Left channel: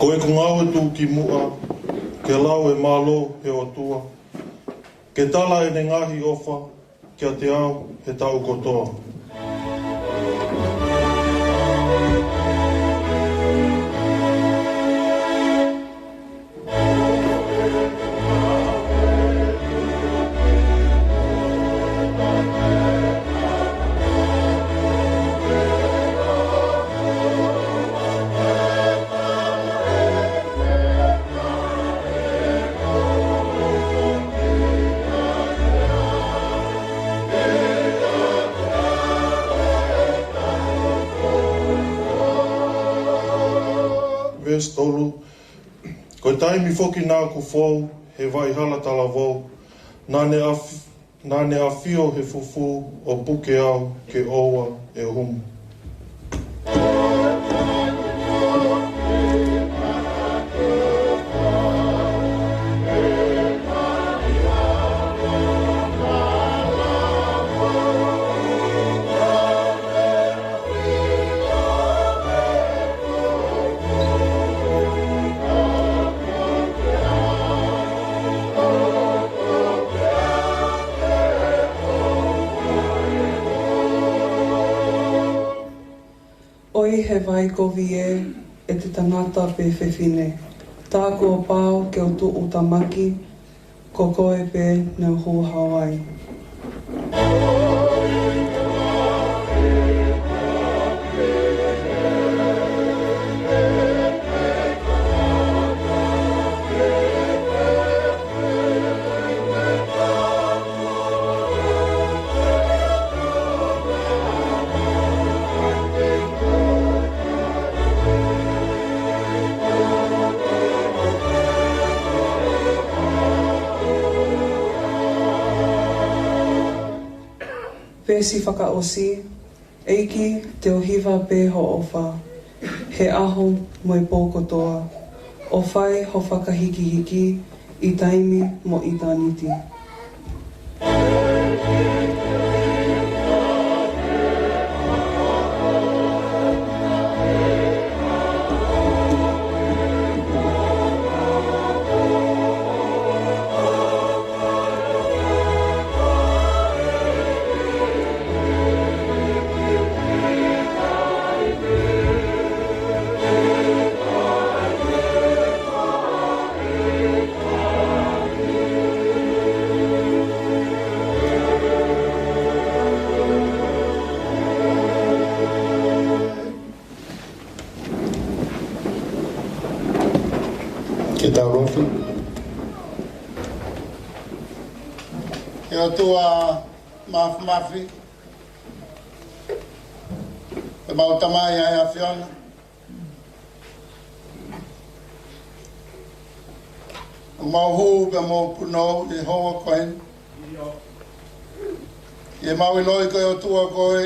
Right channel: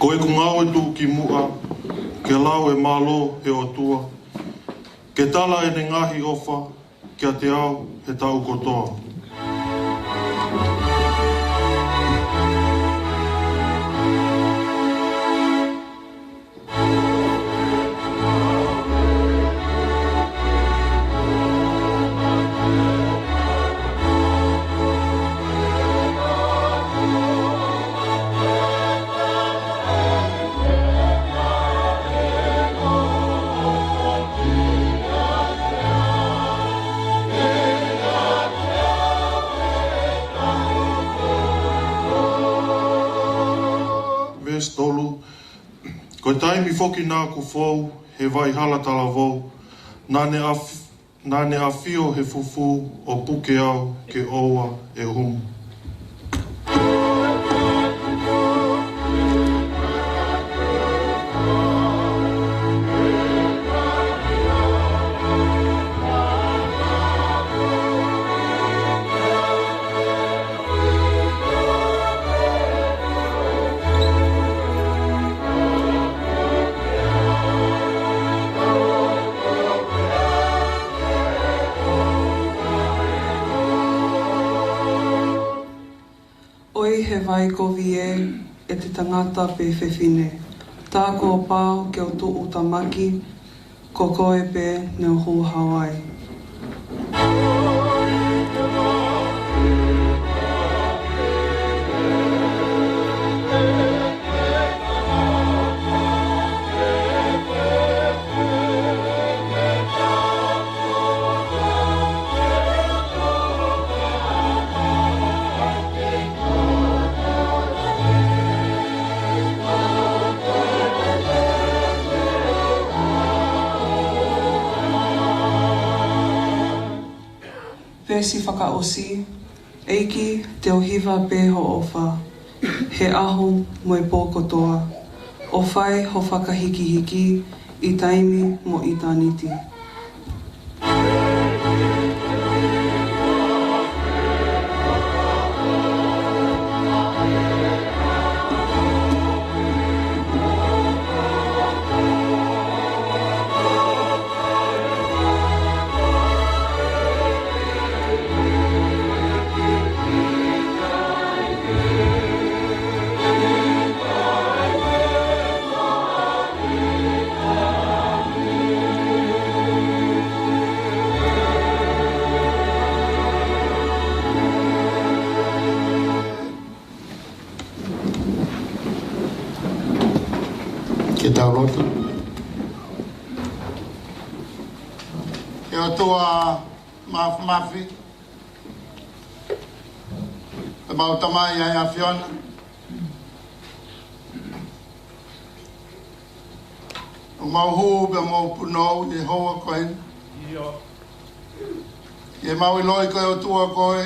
Ko e kungau e tū ki mua, ke lau e malo he o tua, ke tala e ne ngahi ofa, kia te au he tau kotoa. Tolu, ko taimi foki nā ku fōu, he vai hala Talavou, nā ne awhio he fufu o puke au ke oa e humu. Oi he vai ko vie e te tangata pe whewhine. Tā kua pāo ke o tu'u tamaki, ko koe pe neu hū Hawaii. Pēsi whakaosi, Eiki te ohiwa pēho o whā, he aho moi pōkotoa, o whai ho whakahiki-hiki, i taimi mo i tāniti. Rofi. E o tua mafi. E mau tamai ai a Fiona. O mau hu pe mau punou i hoa koen. E mau i loi koe o tua koe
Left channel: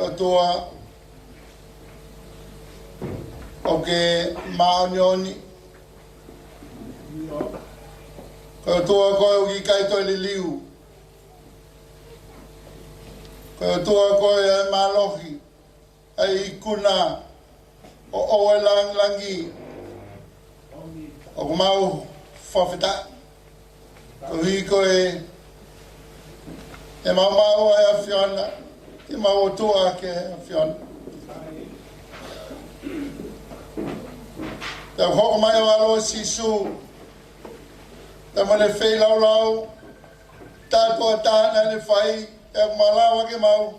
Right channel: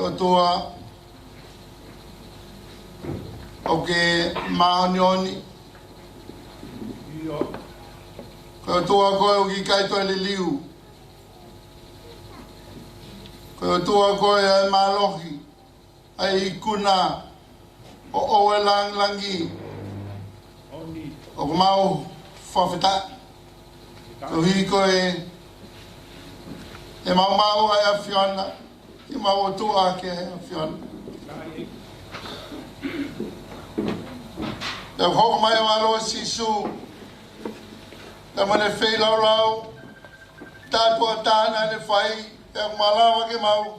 o tua o ke maonioni. Koe tua koe o ikai toi le liu. Koe tua koe ai malohi. Ai ikuna. O oe langi. O mau whawhita. Ko hi koe. E mau ai a Fiona. Ke mau o tua ke a Fiona. Te hoko mai o alo sisu. Te mane whei lau, tātua tāna ne whai, e malawa ke mau.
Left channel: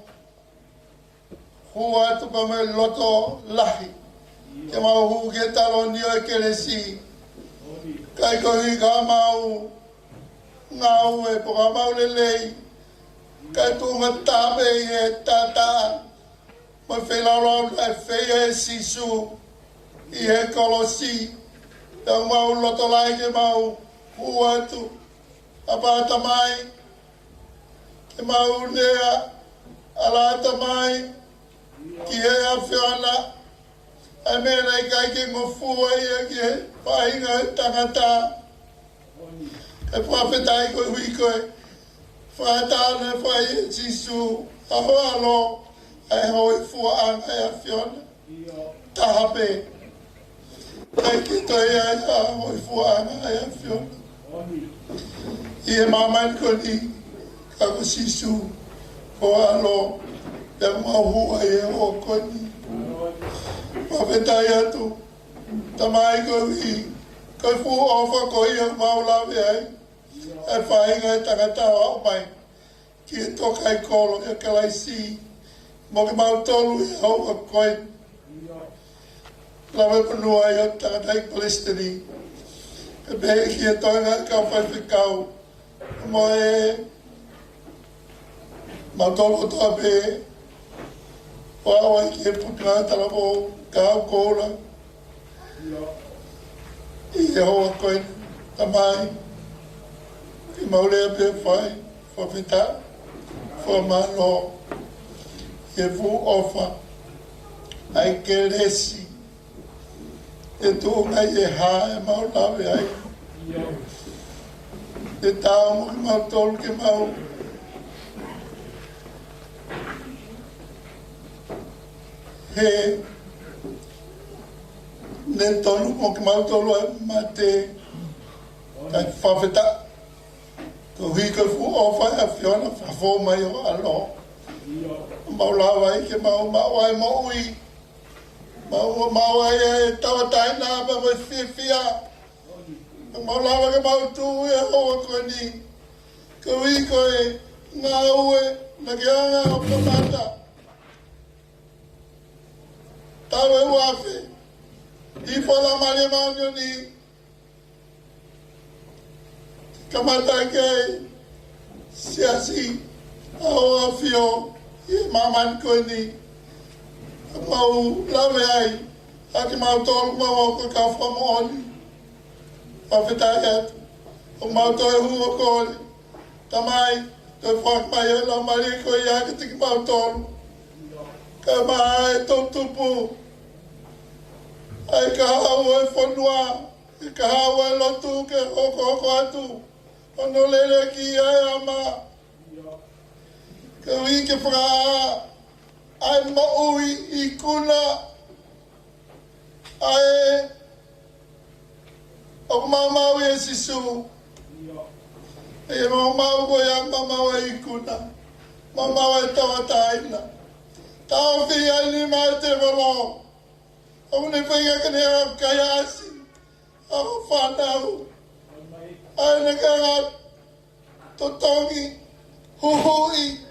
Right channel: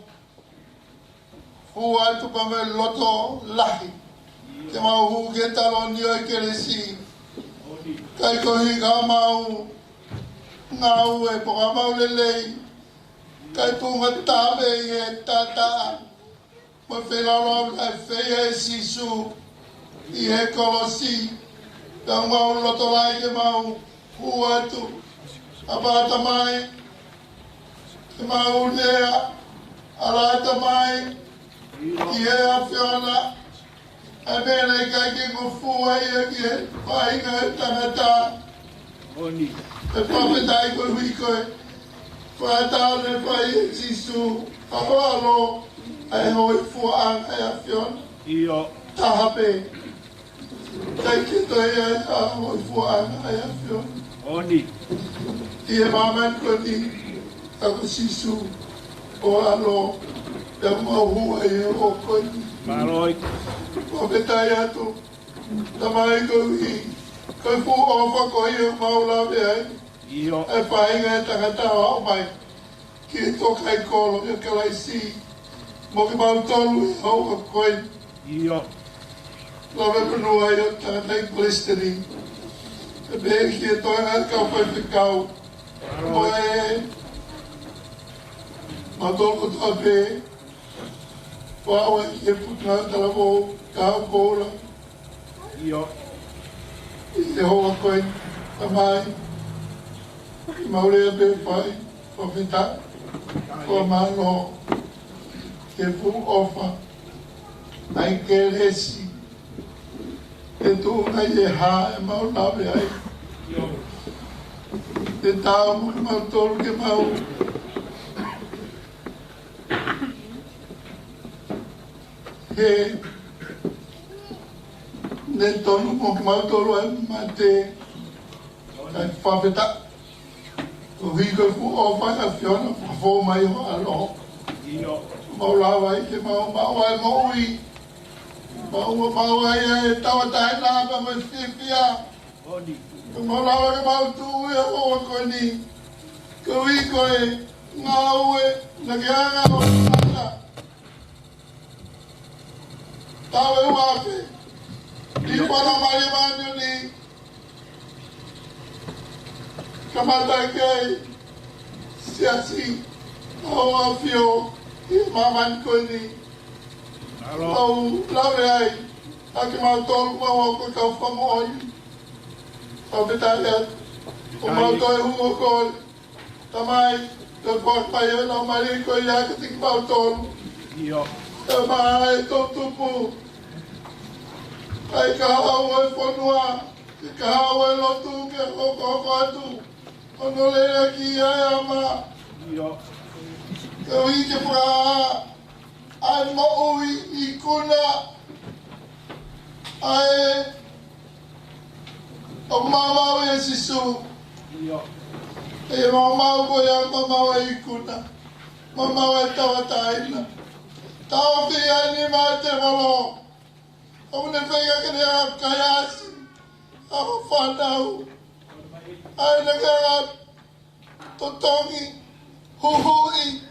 Hu atu pa me loto lahi, ke mau hu ke talo nio Ecclesiastes. Kai kohi ka mau, ngau e poka mau lelei, kai tunga tabe e tata, ma whei lau kai whei e sisu, I he kolosi, e mau loto lai ke mau, hu atu, a bata mai, e mau lea, a lata mai, ki he a whiana, a mea kai ke ko fua ia ki he whainga tangata, e whawhetai koe hui koe, whaatane whai e jisu, a hoalo, e hoi fua anga e a whiana, tahape, kai Ai ki toi e a hoi fuanga e a whiona. Odi. Ie maman koni ka sisu o ano e mahua e o koni. Maroi. Pawetai atu. Tamai kowi. Koi fu ofa koi e maulawe ai. Io. E whaenga e takatawa o mai. Ki Tokaikolo e Kalaisi. Mo ki mautolu e hau a koe. Io. Lawe punua e o takatai Palestini. E pehe ki e toenga e kau whai whikau. Mo e mautolu toa pehe. Pāua e ki e puka Talavou, Kaha'u Koula. Io. I e hoa koe tamai. I maurea pe whai. Whawhita. Whamano. Ke fu ofa. Ai Ecclesiastes. Fetu'u ai e ha e maulawe ai. Io. Te tāu ki mautolu ke mau. He ne tonu mo ki mautolu ai mate. Kai whawhita. Ko hui ko fu ofa e whiona whafo mai o alo. Io. Maulawa ai ke mau ai moui. Mau ai e tawa taina pa mo whiwhia. Odi. Maulawa ke mau tu e hoa koe ni. Ko hui koe ngā ue na ke anga o kamata. Tawe uafe. I whala mare manio ni. Kamata kei. Siasi. Awa fio. I maman koe ni. Mau lawe ai. Aki mau tolu mau ko ka whamu oni. Pawhitai atu. O mau toi hungo koe. Tamai. Toi whak mai e la mari koe i aka tiki mau tolu. Io. E mai tō tupu. Ai Kaha'u e whanua. Ke Kaha'u e Lotu ke hoko atu. Ono lere ki ai ama. Io. Ke ui ke whaka. Ai maui i kuna. Ai o mamau e sisu. Io. E mamau koe a mamau e i kuna. Mamau e tawa taina. Tau whi ai ni mai te walo. Au ne whinga kene a kaiasi. Au whanau. Ai ne kanga totongi. Huhui.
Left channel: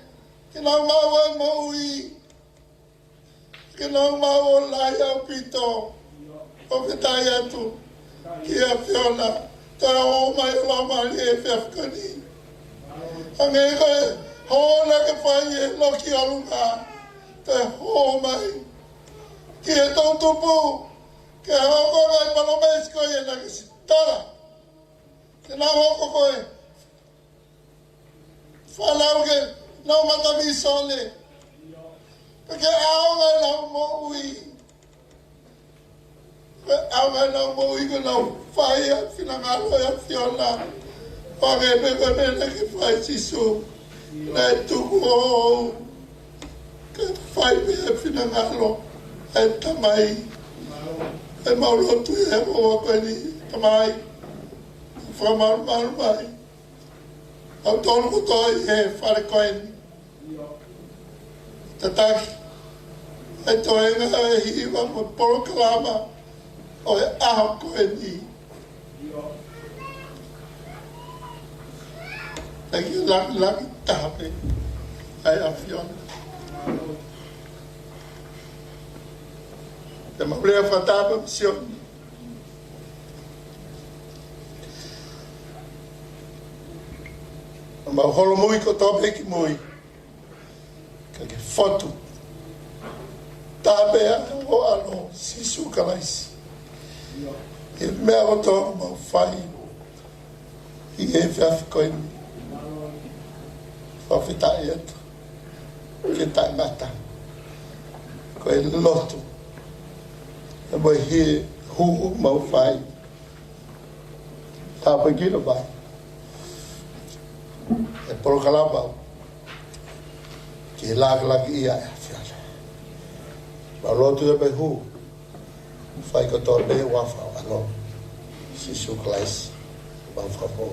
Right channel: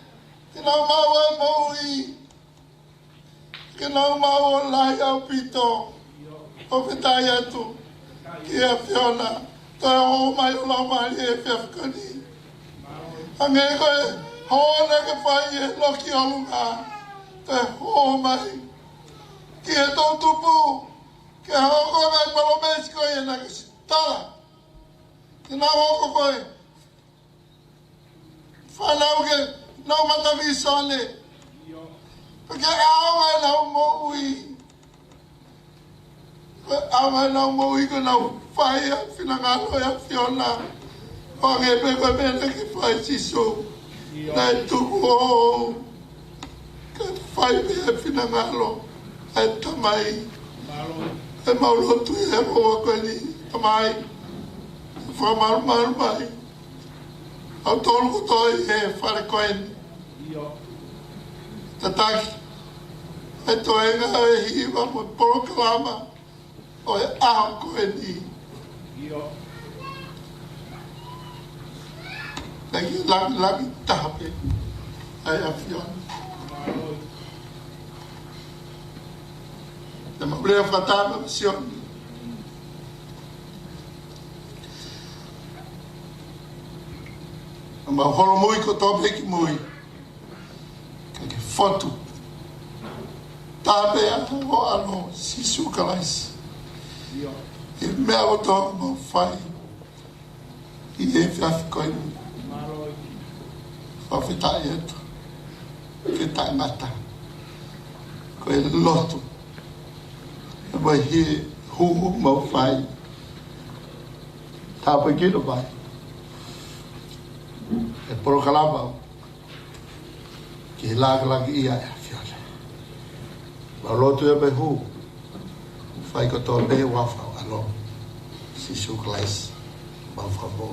Kena mau e maui. Kena mau o lai au pito. O whitai atu. Ki a whiona. Toi ho mai o la mari e whiafkani. Ange koe hoona ke whai e loki o lunga. Toi ho mai. Ki e tō tupu. Ke hoko ngai palomesi koe e nake sitara. Ke nā hoko koe. Whalau ke nau matavi sone. Porque ao mai nau moui. Ao mai nau moui ko nau whai a whinangalo e a whiona. Wange me koe mena ki whai sisu. Nei tuku o. Ka whai me e whinangalo. E tamai. E maulotu e hoa koe ni. Tamai. Whamaru maru mai. Au tonu ko toi e whare koe ni. Io. Tataki. E toenga e hiwa mo Polokalama. O e aho koe ni. Io. Thank you, lami tape. Ai a whiona. Maroi. Te maulea whatapa misioni. Ma holo mui ko tope ki mui. Ke fotu. Tape ana o ano sisu Kalaisi. Io. E mea o tō mau whai. I Efi'afi koe ni. Maroi. Whawhitai eto. Ke taimata. Koe Lotu. E mai hie huhu mau whai. Tāpai kino mai. E Polokalama. Ki he lākalaki ia e a whiona. Ma Lotu e mai hu. Whai kotoa me wawhau alo. Sisu Kalaisi. Wawhau mo.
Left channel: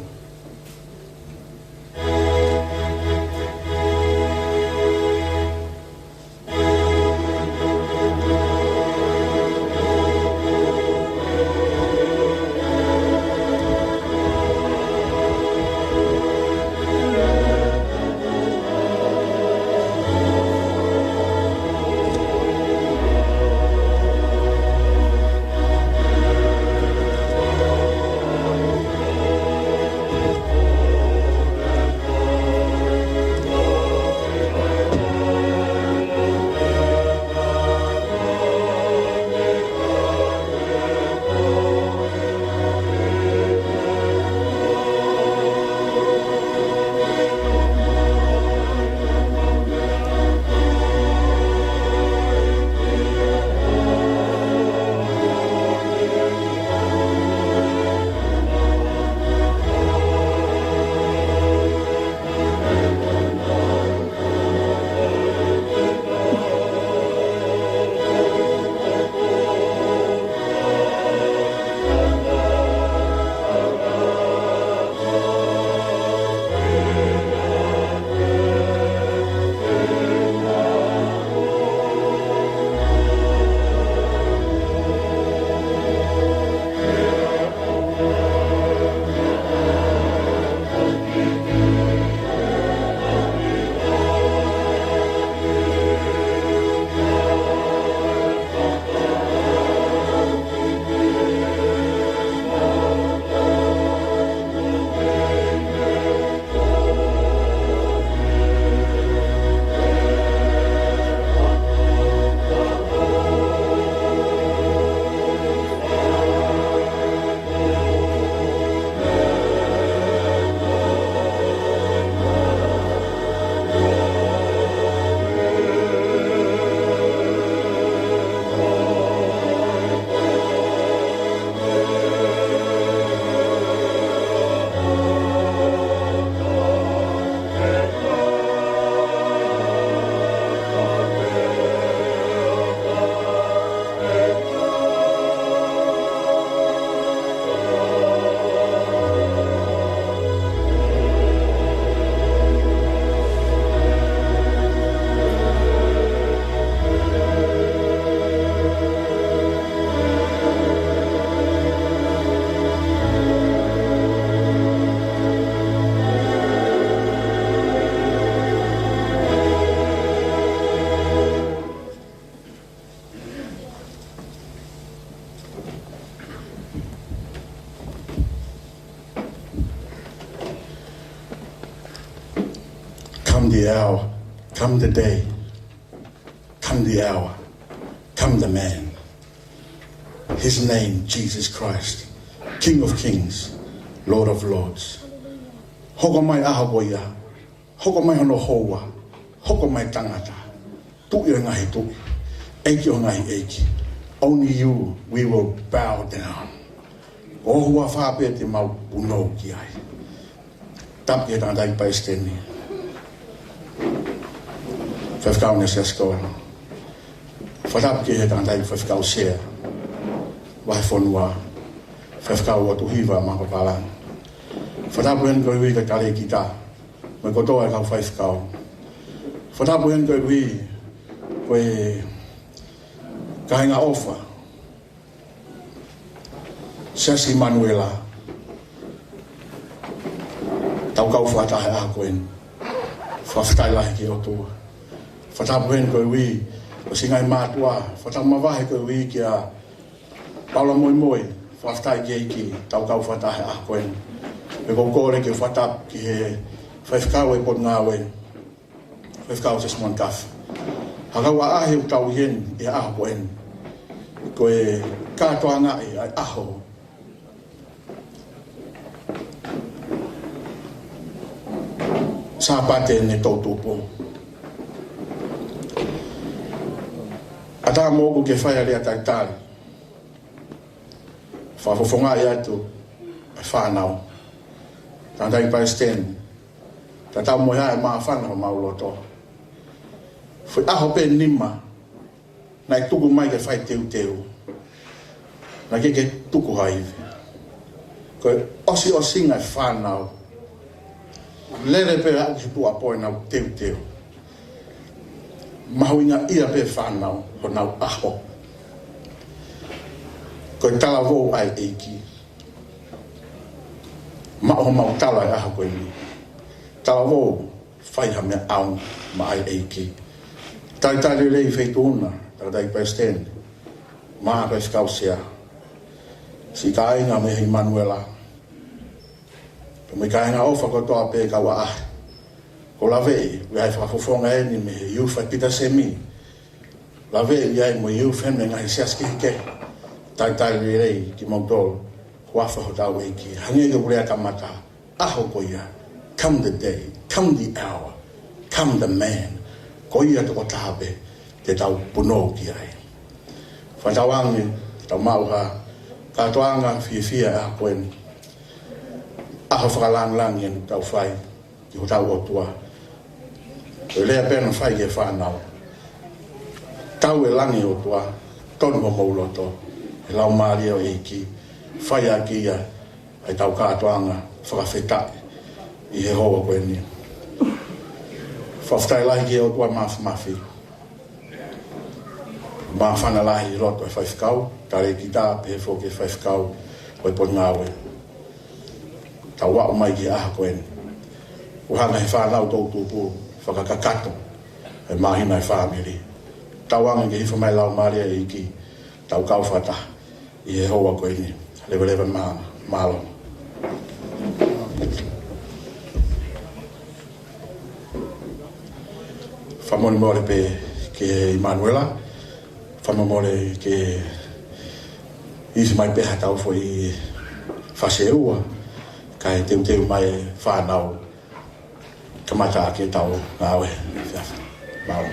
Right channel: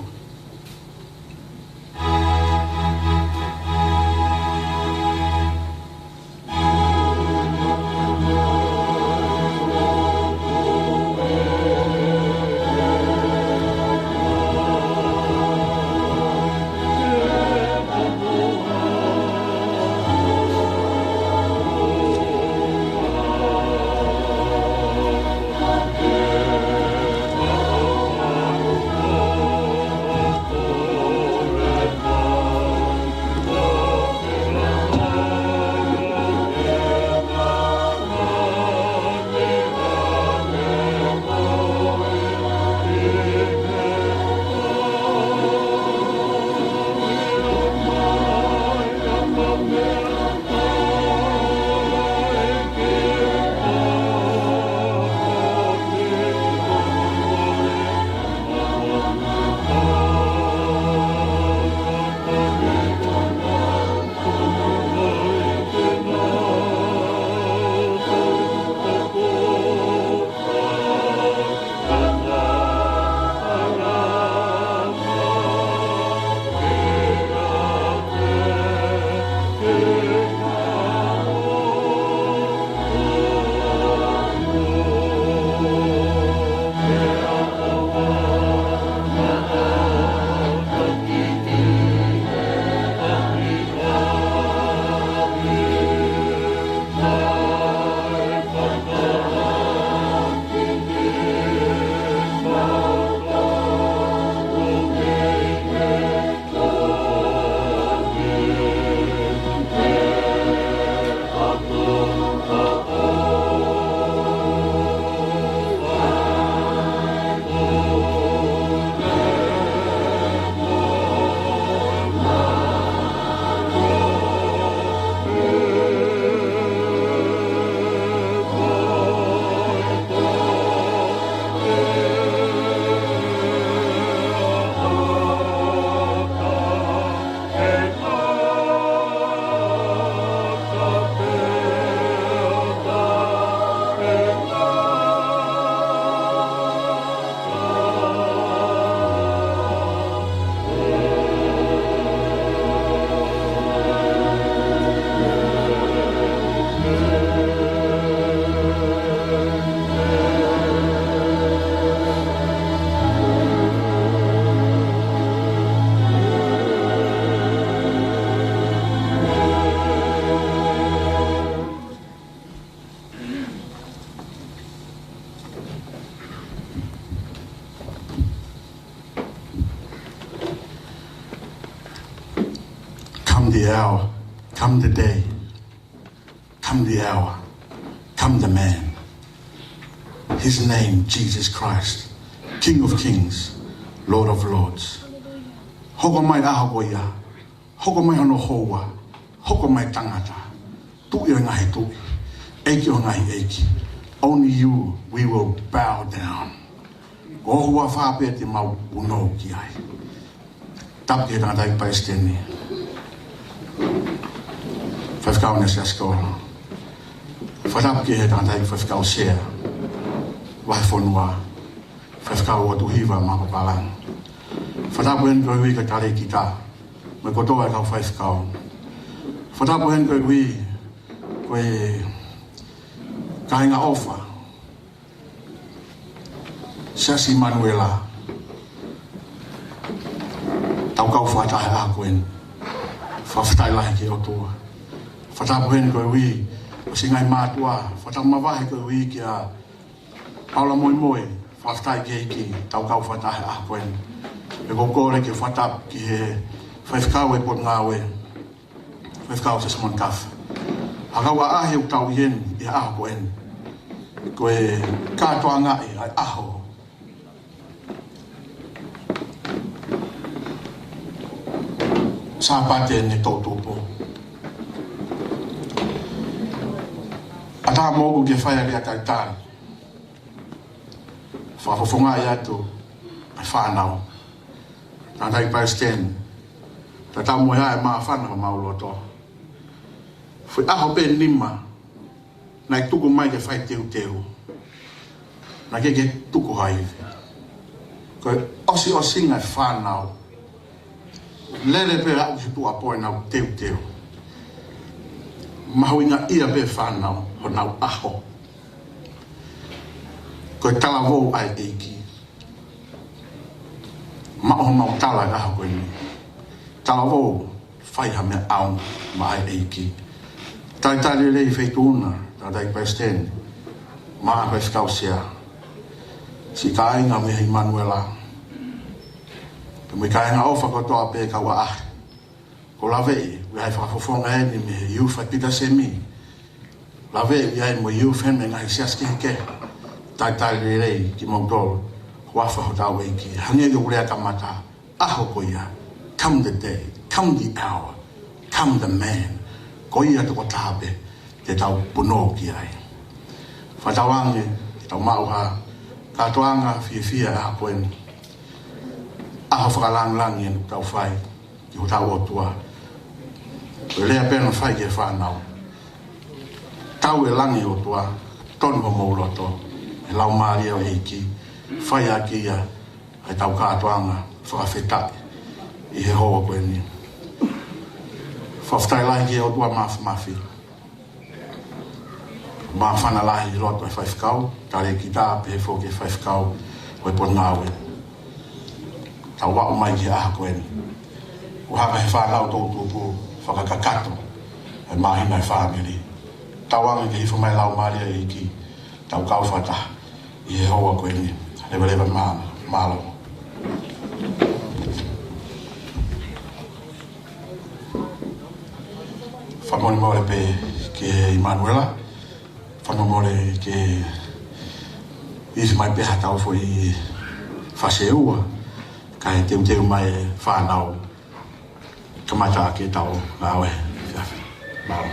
The hour, come the day, come the hour, come the man. His name, Jesus Christ, King of Kings, Lord of Lords. Hoko mai ahagoia, hoko mai hono hoa, hoko mai tangata, tu'i o ngahi tu'i, eiki o ngahi eiki. Only you we will bow down. O hoa whape te mau unou ki ai. Tapke tangata i paisteni. Whawhikau na siya skola. Whatap ki he tangata i whawhikau sea. Wahi whonua. Whawhikau o tuhiwa mako palang. Whatapu hen koe hui ka kare ki ta. Mai kotoa e kau whawhikau. Whatapu hen koe hui koe Kaha'u ofa. Siasi Manuela. Tau kau whatahe a koen. Whawhitai lahi ki o tua. Whatapu hen koe hui o singai mātua. Whatau mawahe koe hui ki a Paula moi moi. Whawhitai ki Eiki. Tau kau whatahe a koen. Me kōkore ki whatap ki he whawhikau e pot ngāwe. Whawhikau te smon kaf. Hakau a ahe u tau ien i a aho koen. Koe kātoa ngai ai aho. Sāpate ne tau tūpo. Ata mōku ke whaia rea tai tāri. Whahofonga i atu ai whanau. Tātai Palestine. Tātau moe hae maa whanau mauloto. Fui aho pe nima. Nai tuku mai ke whai teu teu. na ke tuku haive. Koe osi ngai whanau. Lere pe au ki tu apoe nau teu. Mahuinga ia pe whanau ho nau aho. Koe Talavou ai Eiki. Mao mau tala aho koe ni. Talavou whaiha mea au ma ai Eiki. Tai rei Fetu'u tai Paisten. Maa kai whakausia. Si Kaha'inga me hei Manuela. Mui Kaha'inga ofa kotoa pe kawa ah. Ko lawe, wai whakafofonga e ni me hei youth pita semi. Lawe, wai mo youth hen me ngai siaski hike. Tai rei ki mautolo. Wafa ho tau Eiki. Hangi ke urea kamata. Aho koia. Come the day. Come the hour. Come the man. Koia toko tahape. Te tau puno ki ai. Whatawangi. Tau mauha. Katoanga fia a koen. Aho whakalang ien tau whai. Ki ho tau otua. Koe lea pēna whai ke whanau. Tau e langi otua. Tonu ho mauloto. E lau maari o Eiki. Whai a kia. E tau katoanga. Whakawhetai. I he hoa koe ni. Whawhtai lai ki otua mafi. Ma whana lahi i roto e whaifkau, tare ki tā pēwho ke whaifkau o e pon ngāwe. Tā wao mai ki aha koe ni. O hanga he whanau tōtūpū, whakakakato, e mahina e whamiri. Tā wanga ke hifo mai lau maria e ki, tau kau whata, i he hoa koe ni. Lewa mālo. Whamoni mōre pē ke Manuela. Whamamore ke isi mai peha tau fo i whaseua ka e teu mai whanau kamata ke tau ngāwe Efi'afi. Māo.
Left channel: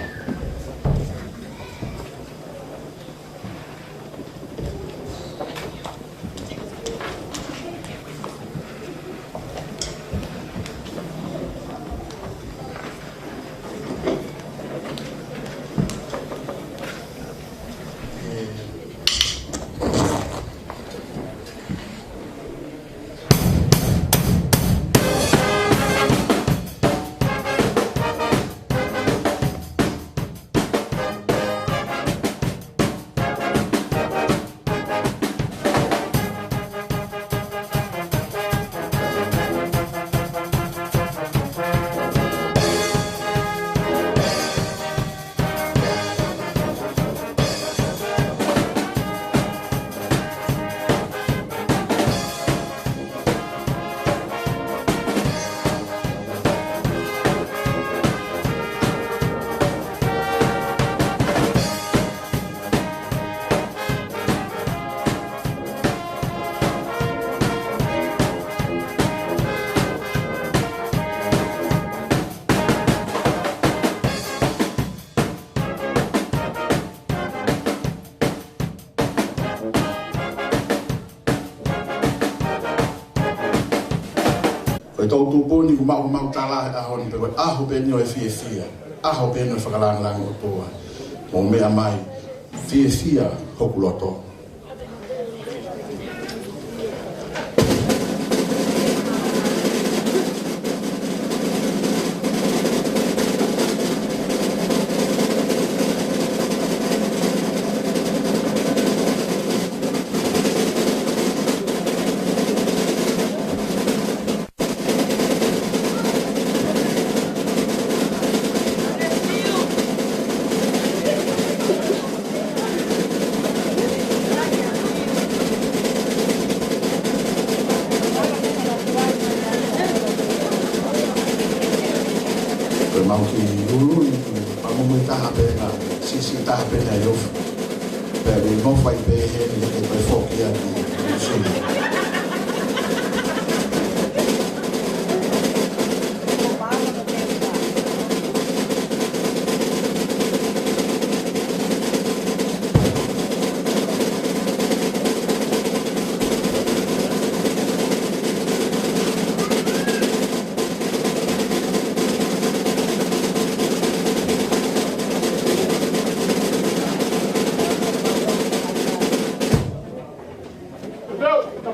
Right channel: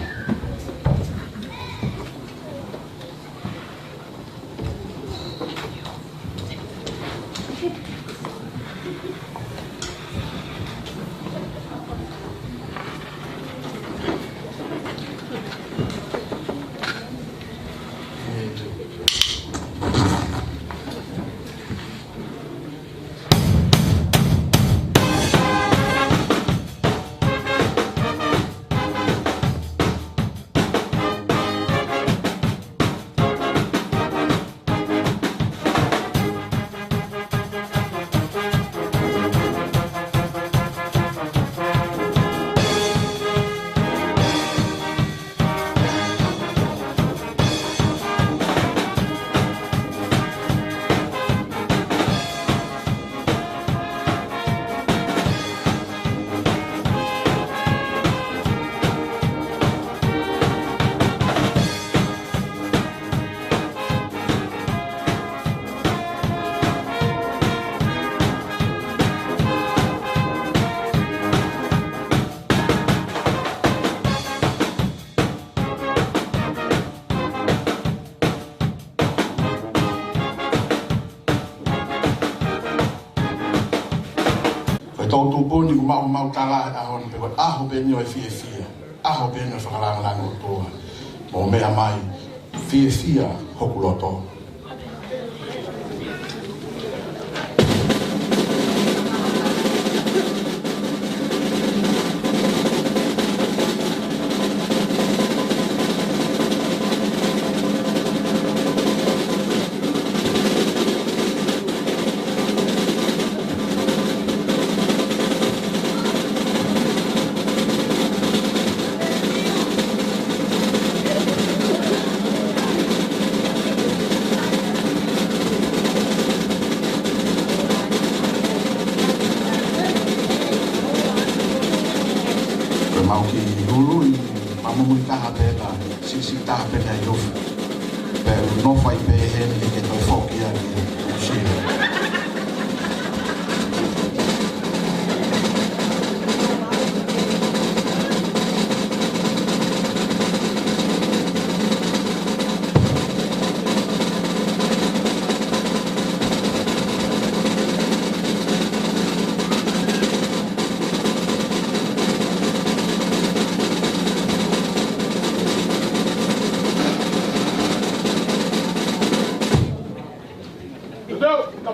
Tōtū pōni ku mau tala a honi pewa aho pēni o e fia. Aho pēni o e whakalangalango o toa. Mō mea mai, fia hoku loto.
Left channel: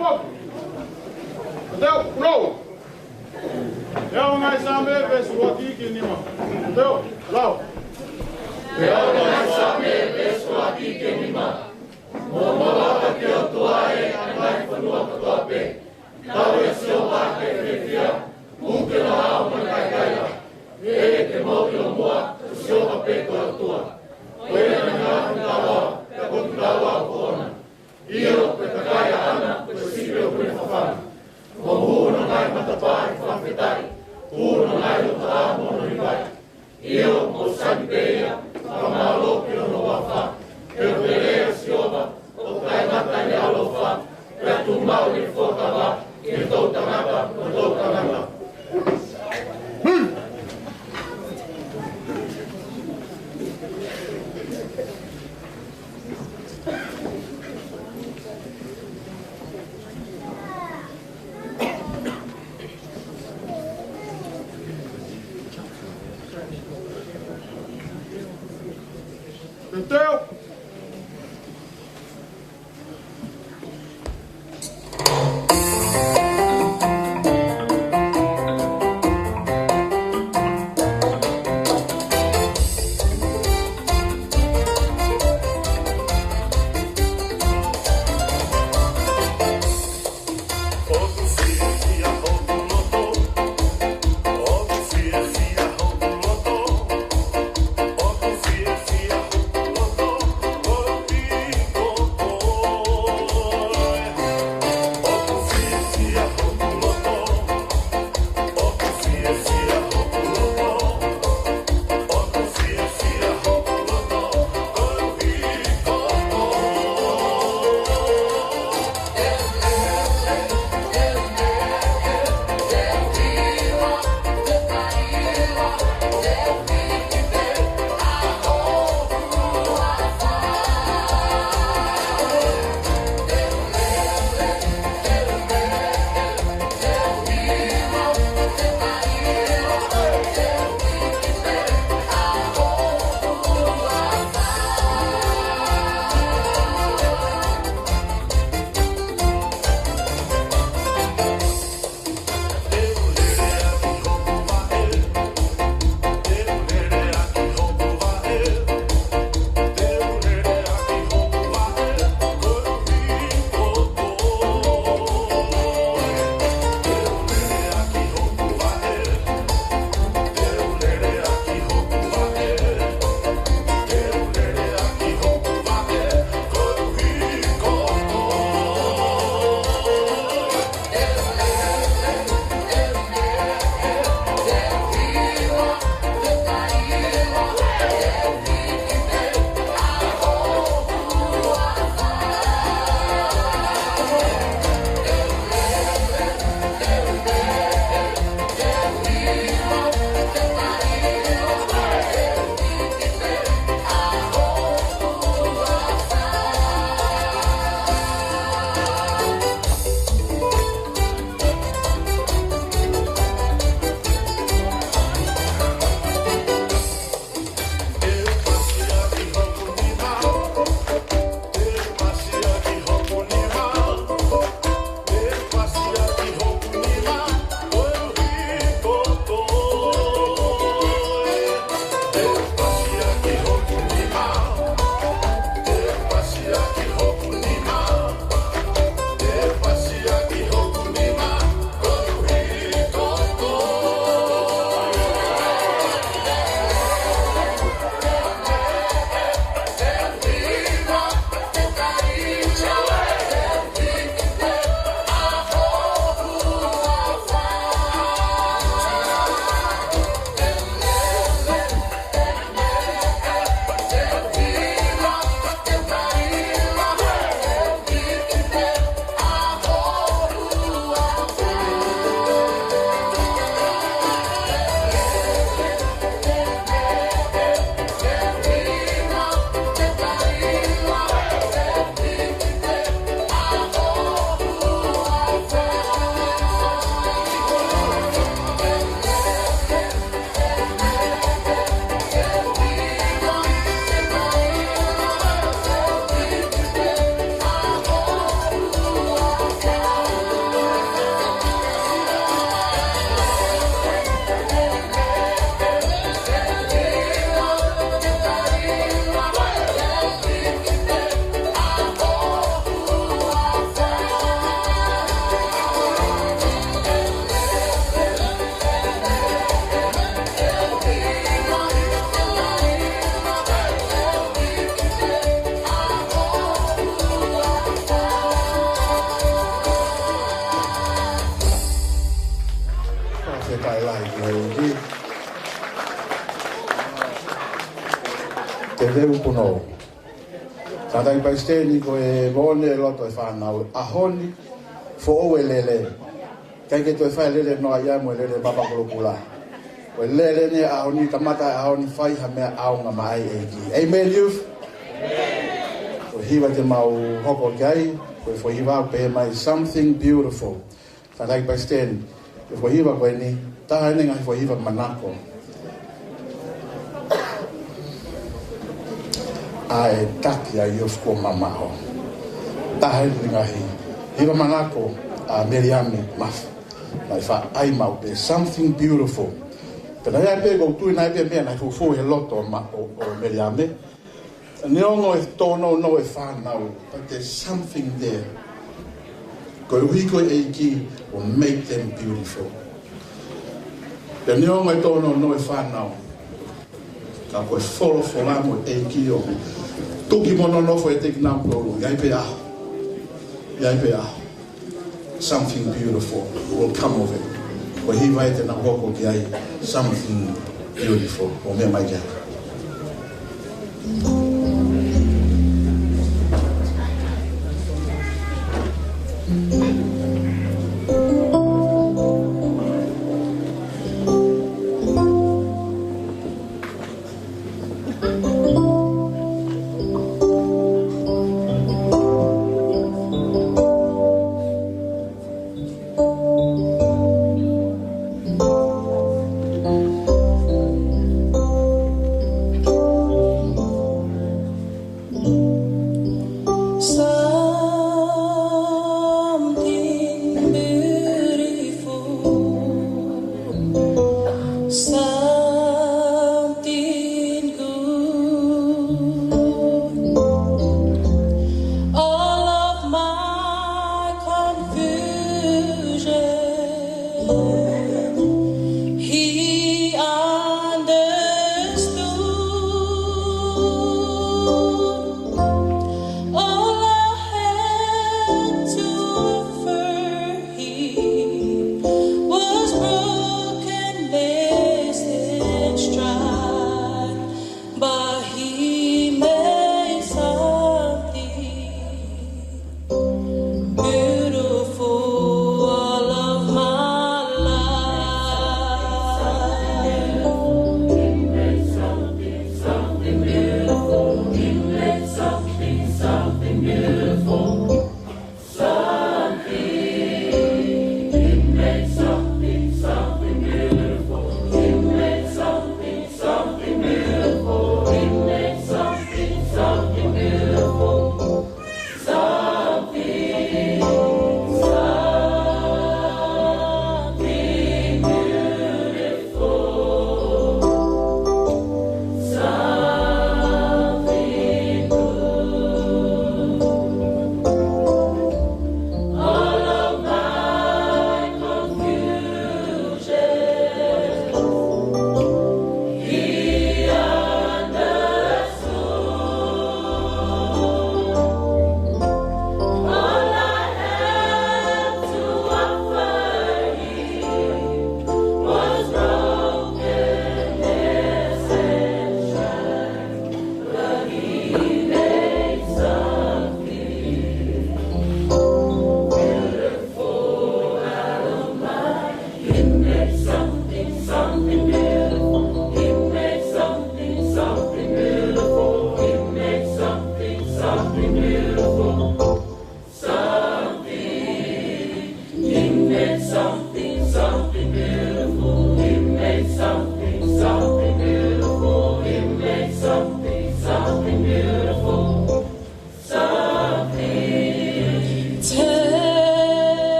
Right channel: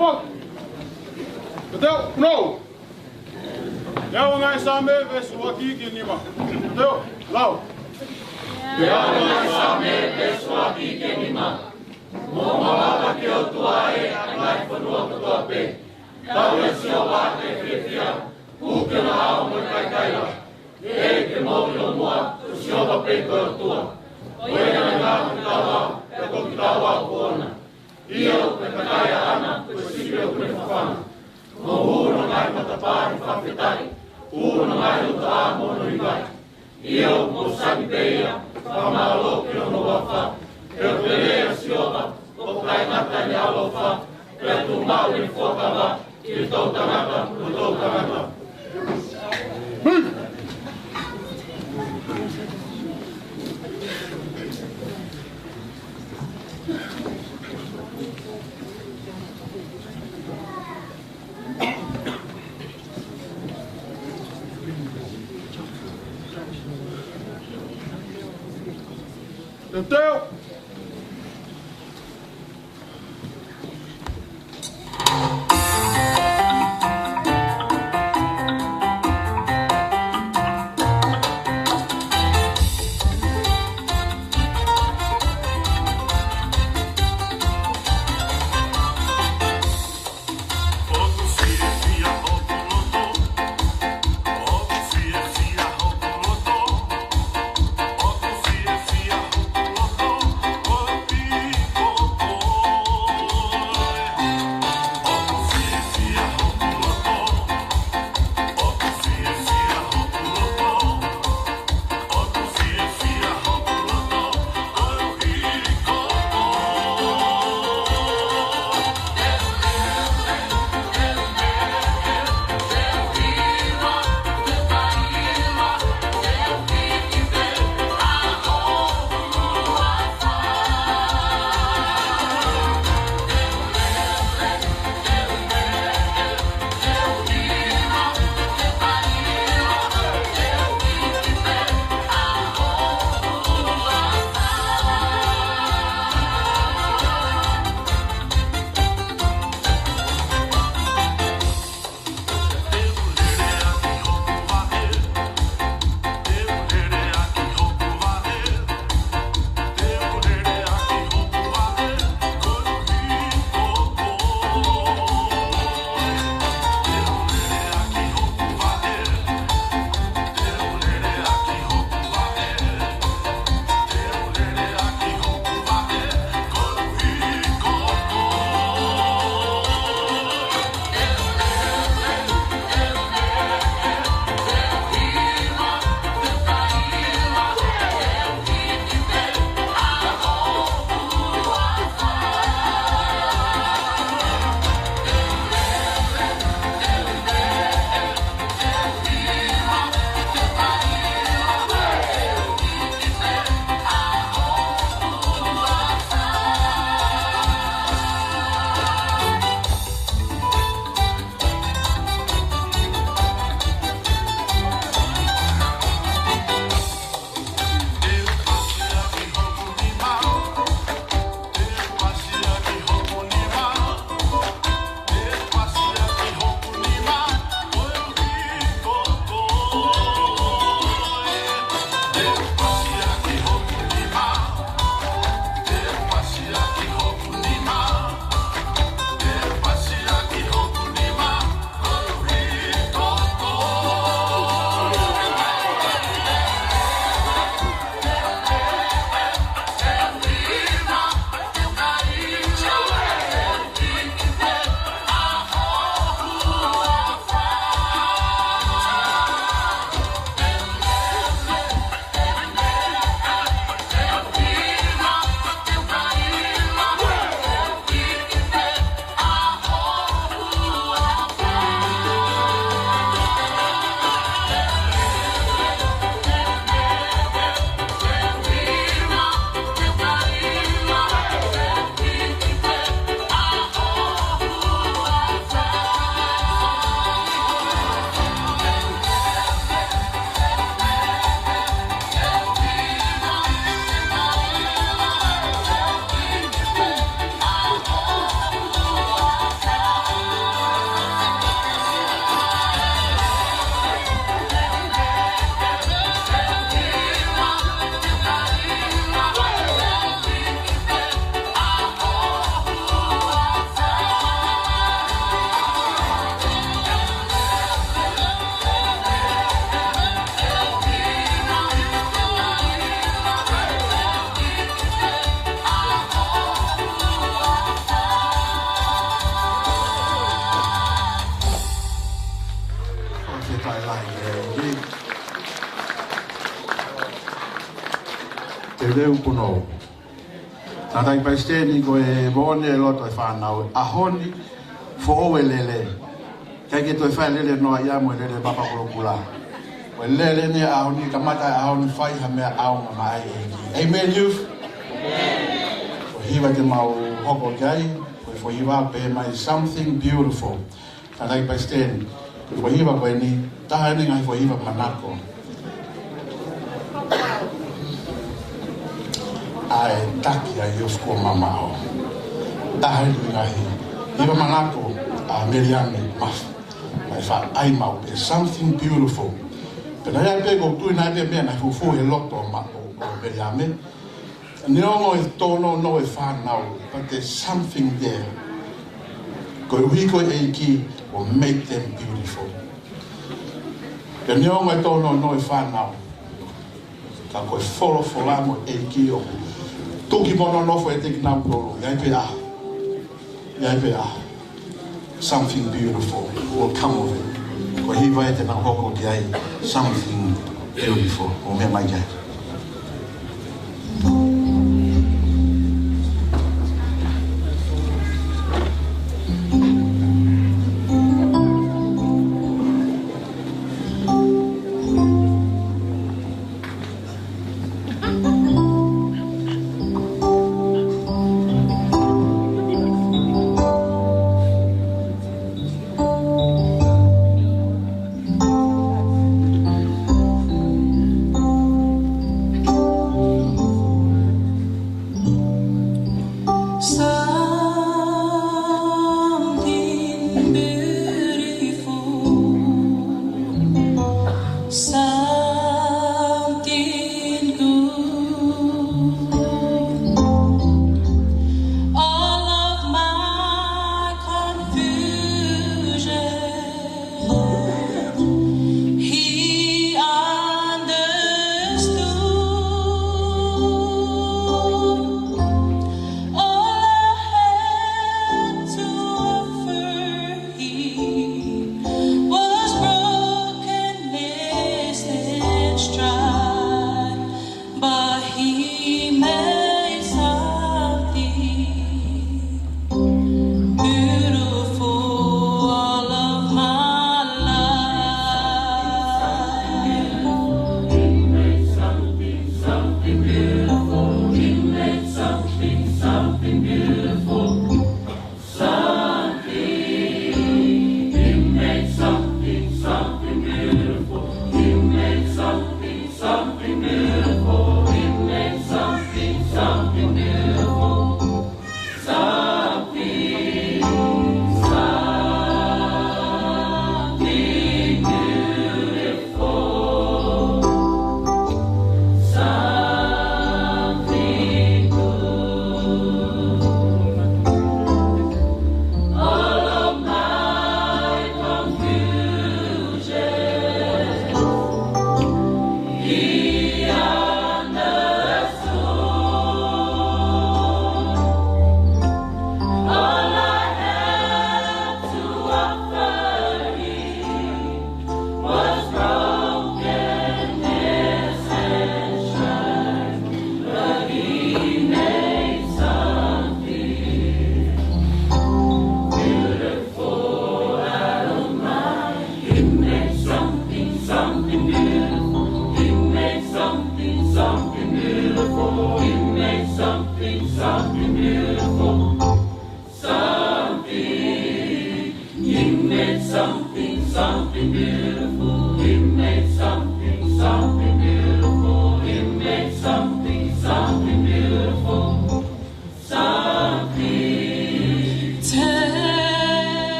foki. Teo, no. Leo ngai Saame vesu wakiki nima. Teo, lau. Leo ngai Saame vesu wakiki nima. Momo waka ki o tuae ngai whanua katoa pe. Tau e sio wake whiwhia. Uke na hao me kaikaila. E ke mōri o mua, tu sio wa pe koe tua. Oe na ngā kawa, e koki kawa o kona. Io pe kakaia ana, pe sipio kune whawhana. Mo hūna ngai matapahi whawhetai. Hūna ngai o ta amo no hikai. Io mo sani peia, whamaloki o no wawha. E o te rea sioba, o kai mata i alofa. E atu mau i whokava, i tau tangata, o tau tangata. Teo. Lotu leu kuno. Tātai pai stēni ko e vone e loto e whanau. Ahoni, fo oe lele. Kai ke toi whai lele noa ia mo lele papa Polokalama. Ko lele ni ahoni, kamata ahoni whai ha mea aunga mai Eiki. Amen, youth? Ko hiwa te mau hoko kai, ko fo hiwa pe mai something beautiful. Tātai pai stēni. Ko hiwa koe ni, taha ene ngai fo hiwa manako. Ai taki a youth ko mamao. Taha ene ngai. Hiwa manako a Meriame maf. Mai fa ai mau pe something beautiful. Pero ai pe go tu na pe me na fu he loto ma o Meriame. Ne ongo e tono no e fa now, but there's something there. Ko we ko Eiki will make them beautiful. Pe ne ongo e tono no e fa now. Ka ko follow mo Eiki o. Tuki mono no fo e take na pro. Ai pe a. Ai pe a. Something beautiful will come of it. Ko hi vai te na hoko ki ai. Something beautiful. O me mai kai.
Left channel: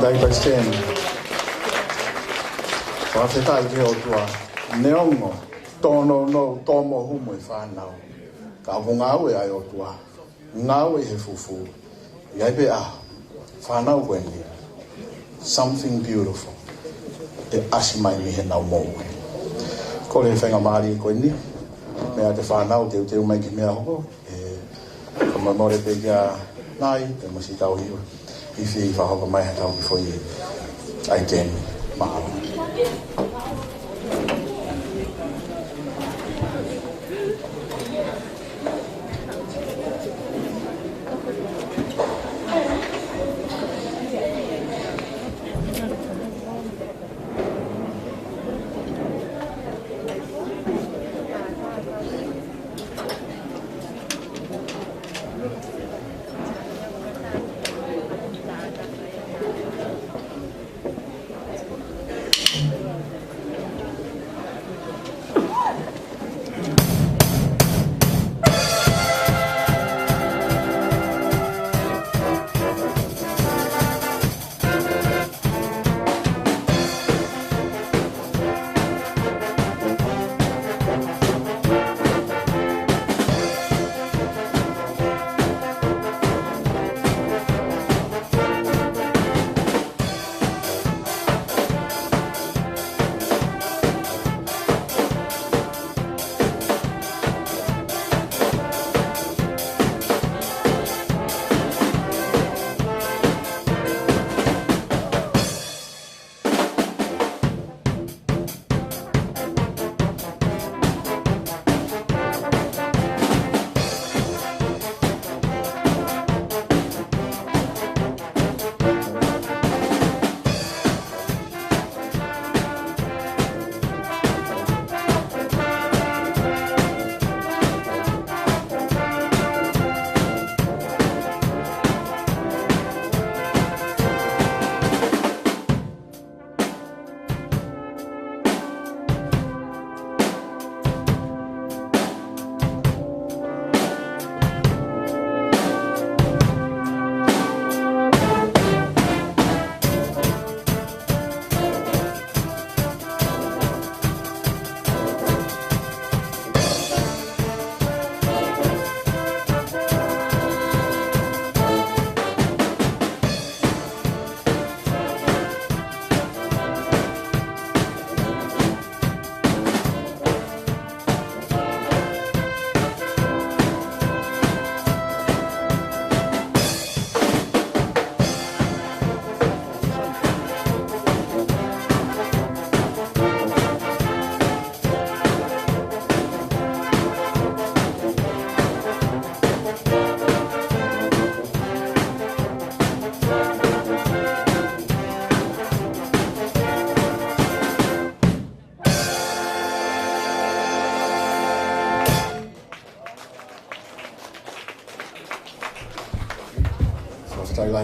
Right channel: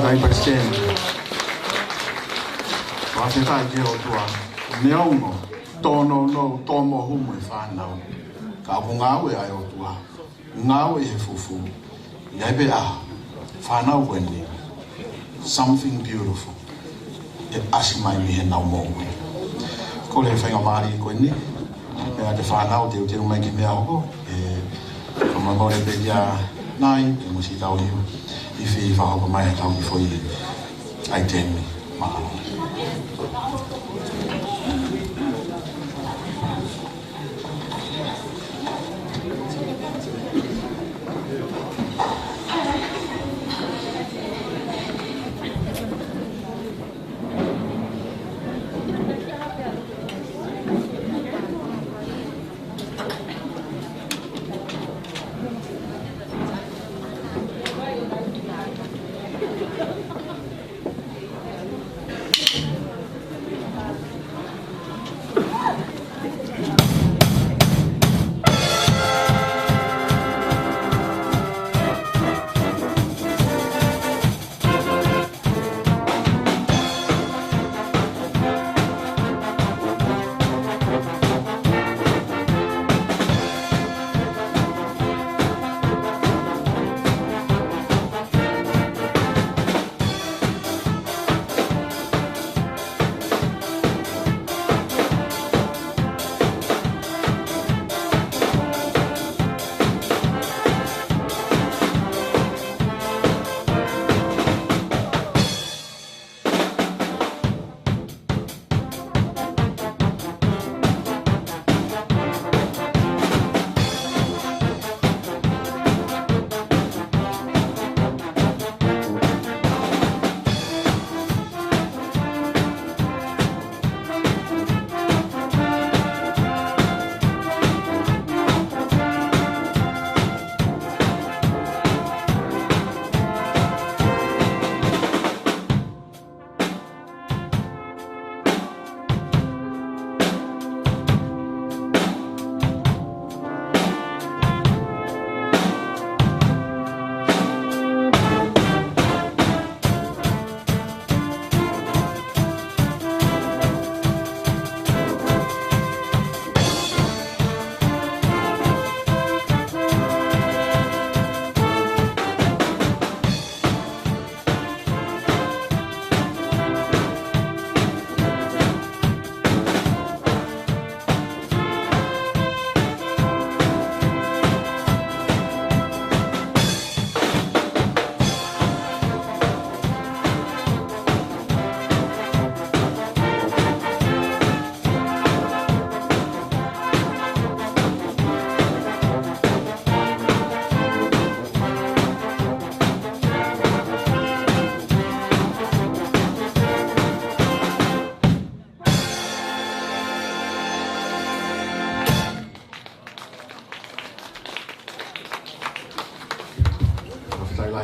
Dai pasten. Sa se tai ke o tua. Neongo. Tono no tomo humo I whanau. Ka o ngau e ai o tua. Ngau e he fufu. Iai pe a. Whanau wende. Something beautiful. E asi mai mi he nau mou. Ko le whenga maari koe ni. Mea te whanau te uteu mai ki mea hoko. Ka mai more pe nia nai. E mo si tau hiu. I whi whahoko mai he tau ki fo I. Ai tēmi. Mahalo.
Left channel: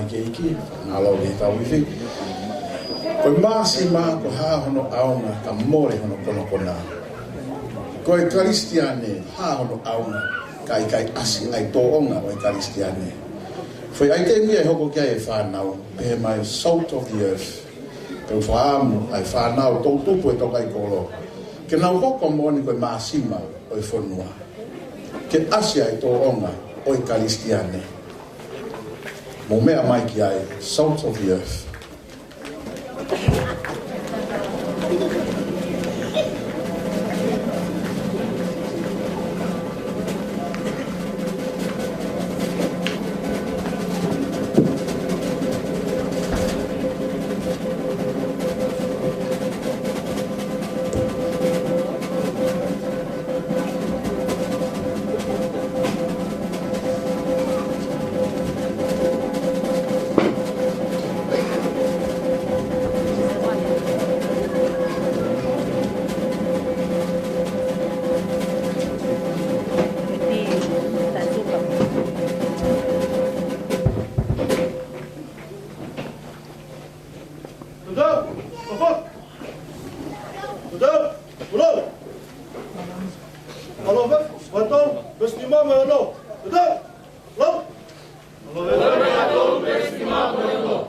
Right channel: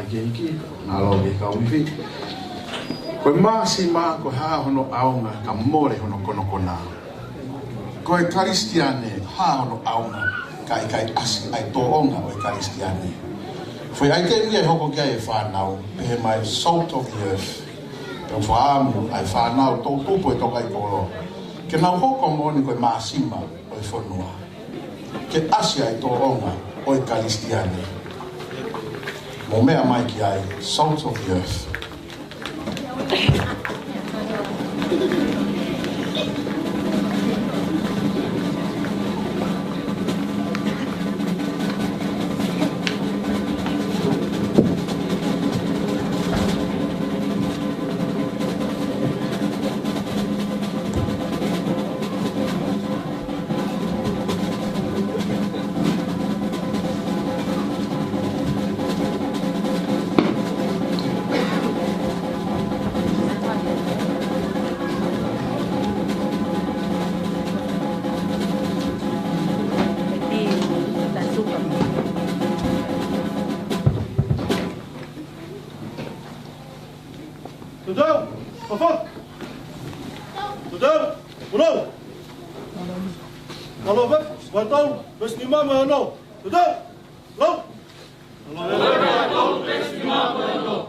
Eiki, alo le tau iwi. Koe maasi maa ko haa hono aunga ka more hono kono kona. Koe karistiane haa hono aunga ka ikai asi ai toonga o karistiane. Foi ai kei mia hoko kia e whanau, pe mai salt of the earth. Pe u whaamu ai whanau tō tupo e Tokaikolo. Ke nau hoko moni koe maasima o e whanua. Ke asi ai toonga o karistiane. Mo mea mai ki ai, salt of the earth. Hello.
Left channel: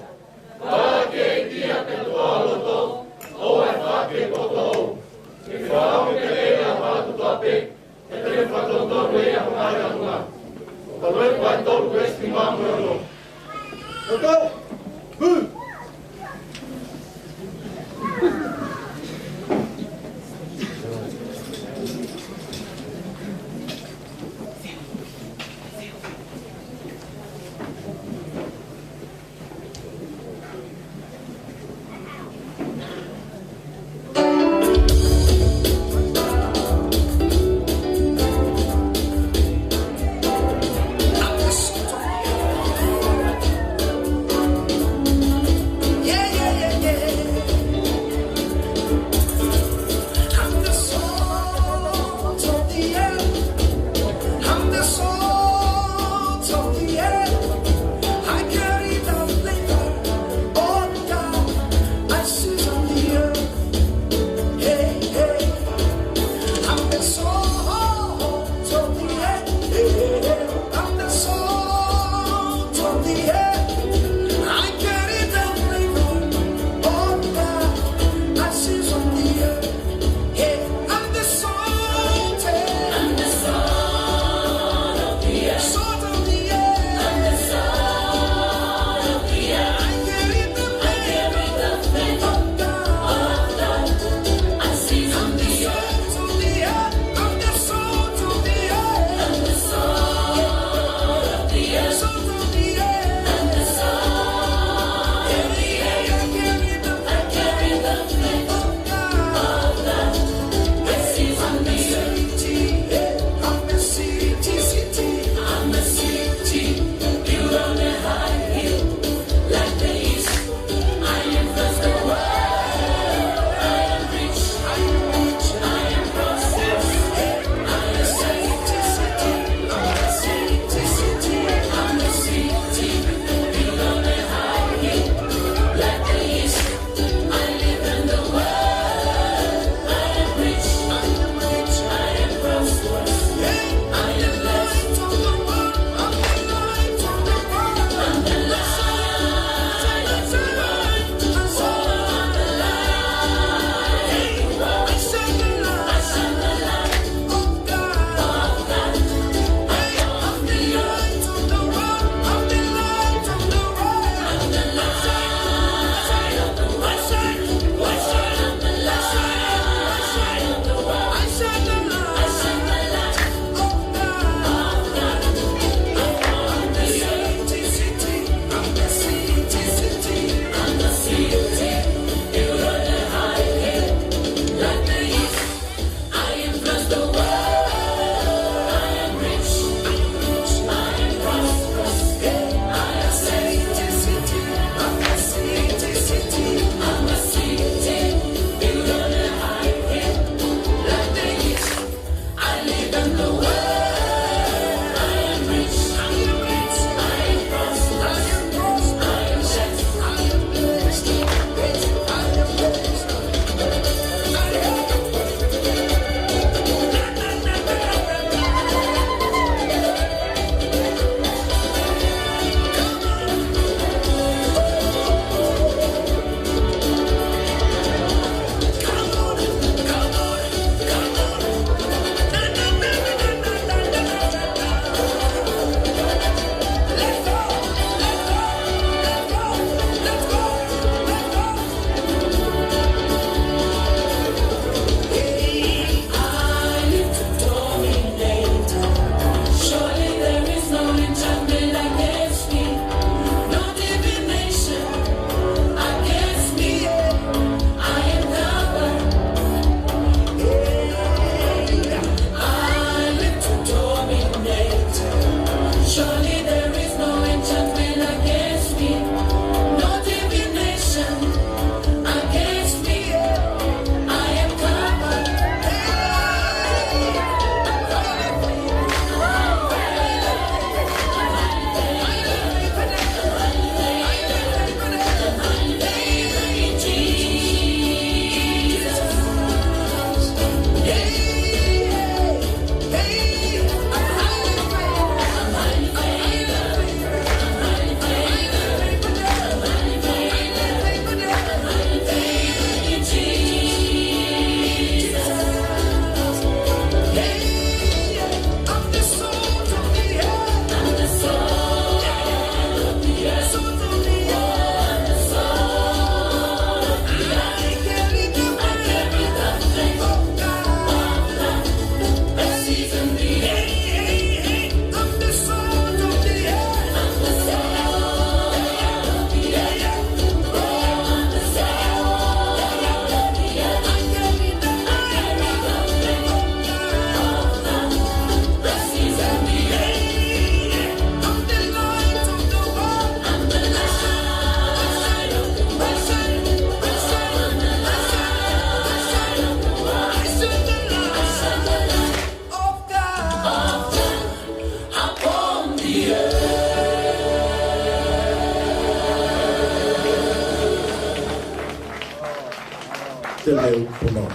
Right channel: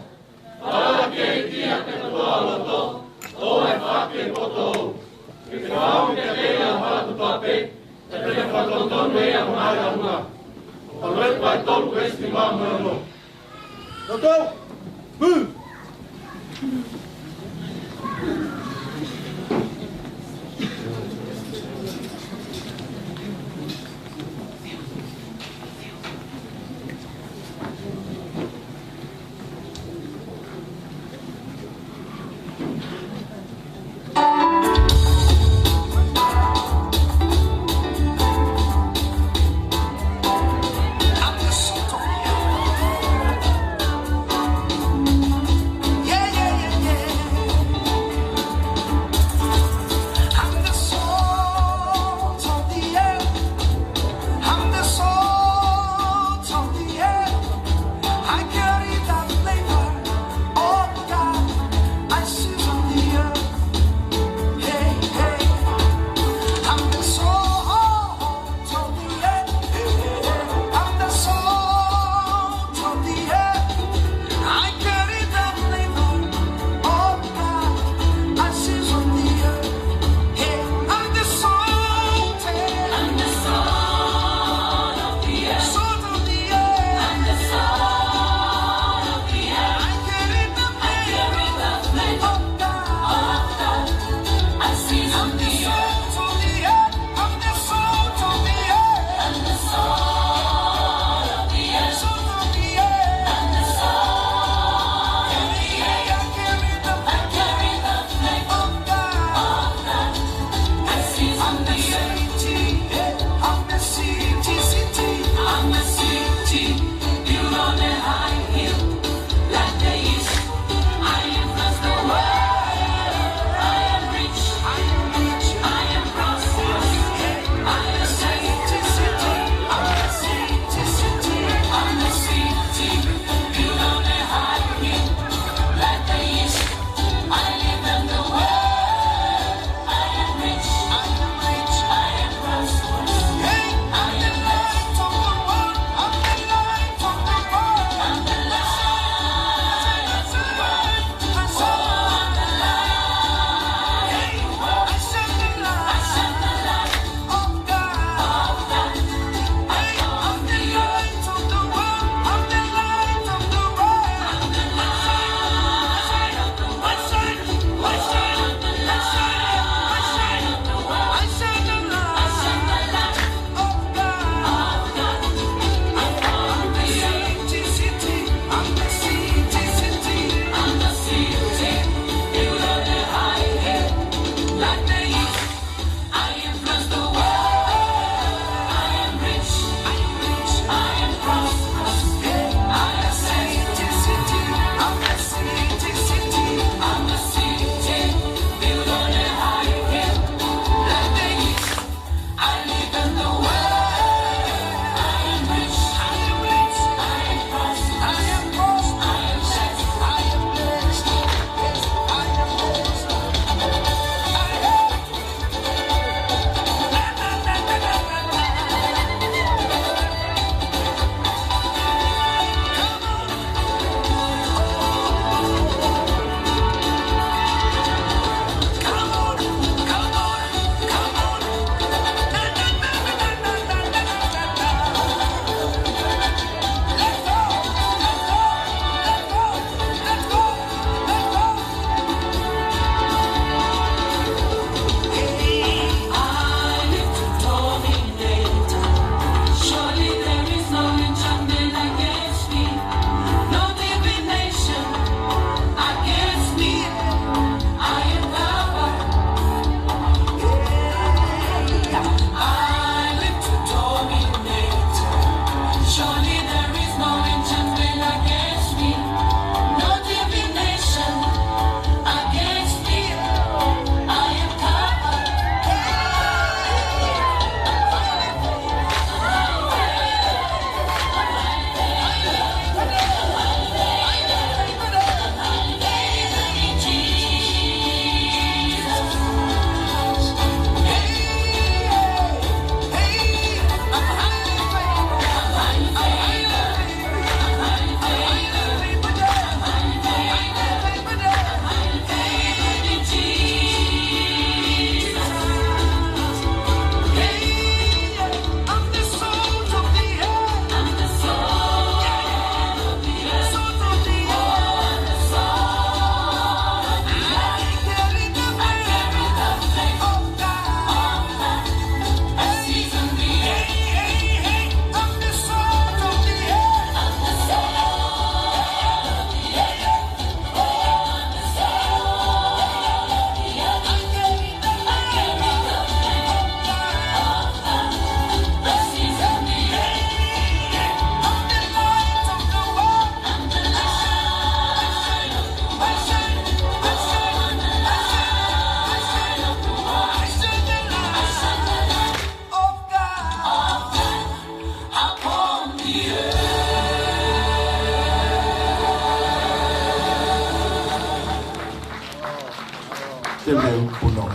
te leu puno.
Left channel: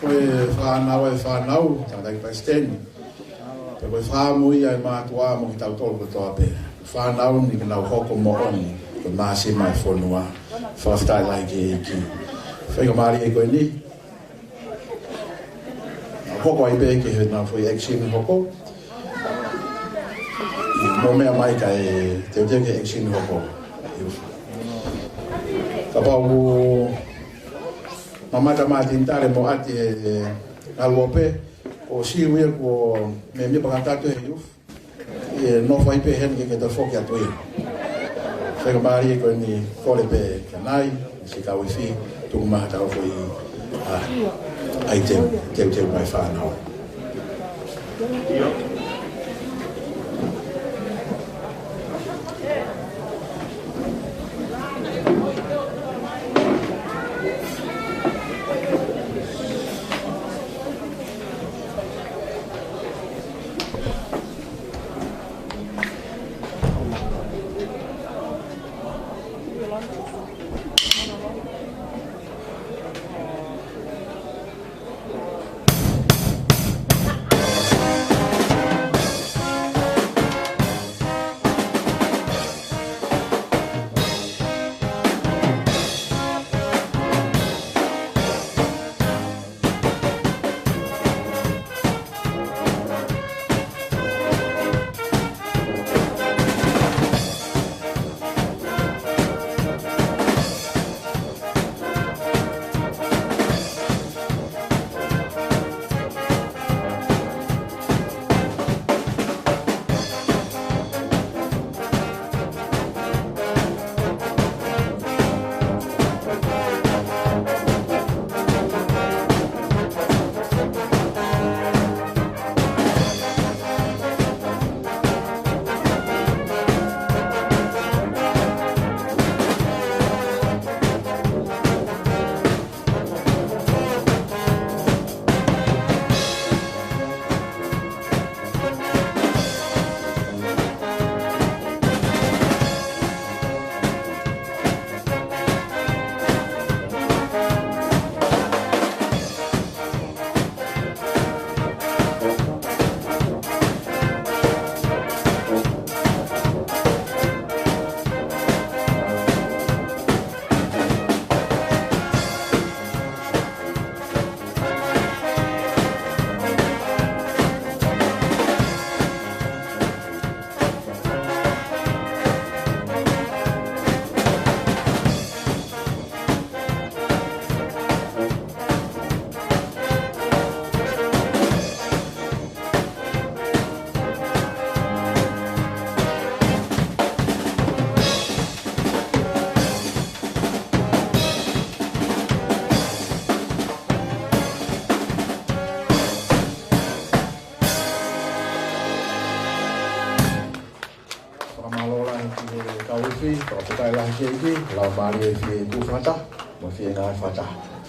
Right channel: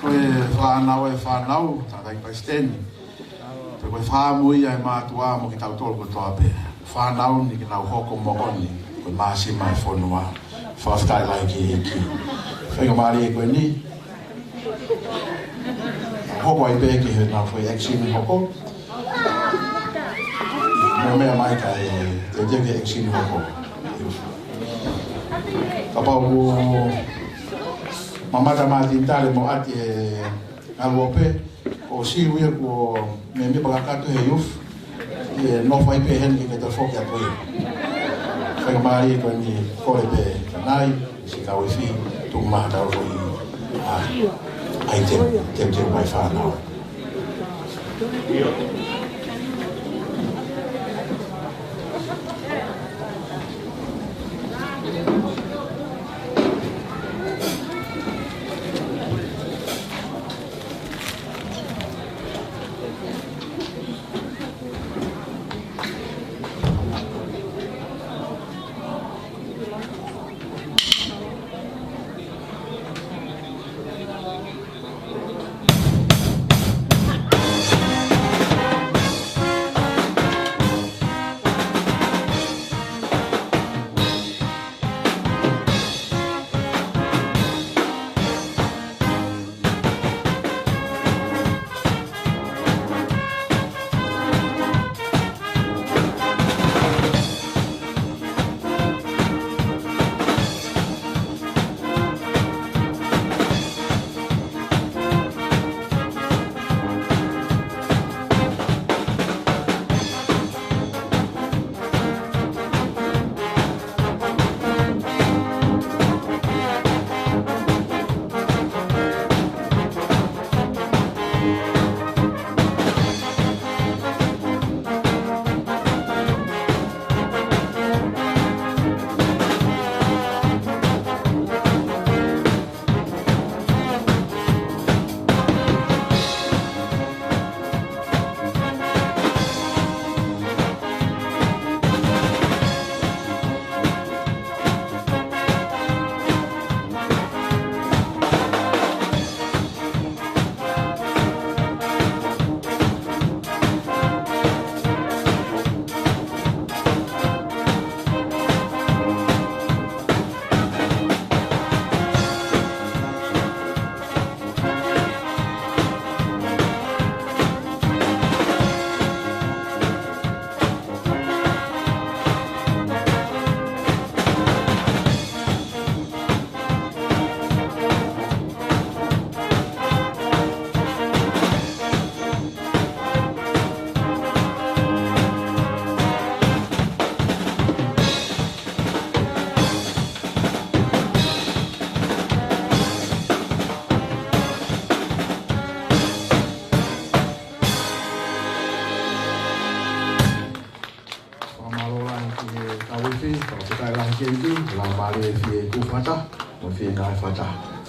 Koe whanau e whanau, tātai kai steni. Te koe whamui ai mātua mo ki tau tolu toa pe. Whanau ni ki nau hoko mo oni, koe māsi mai whonua, whaftai lai ki Eiki. Whenga maari e koe ni. Hoko ai pe ki he nau whui eksini hoko. Koe mea mai ka e te utea ki eksini hoko. Ka pau mamata mati tare mo ati e alope o siwe ko me mi pakatato he yuf e no fai pe hen ke te foki atu i. Whenga maari ko ni kore pe kanai, si ka wifi, tuku maha tau fo i ai te mai whanau.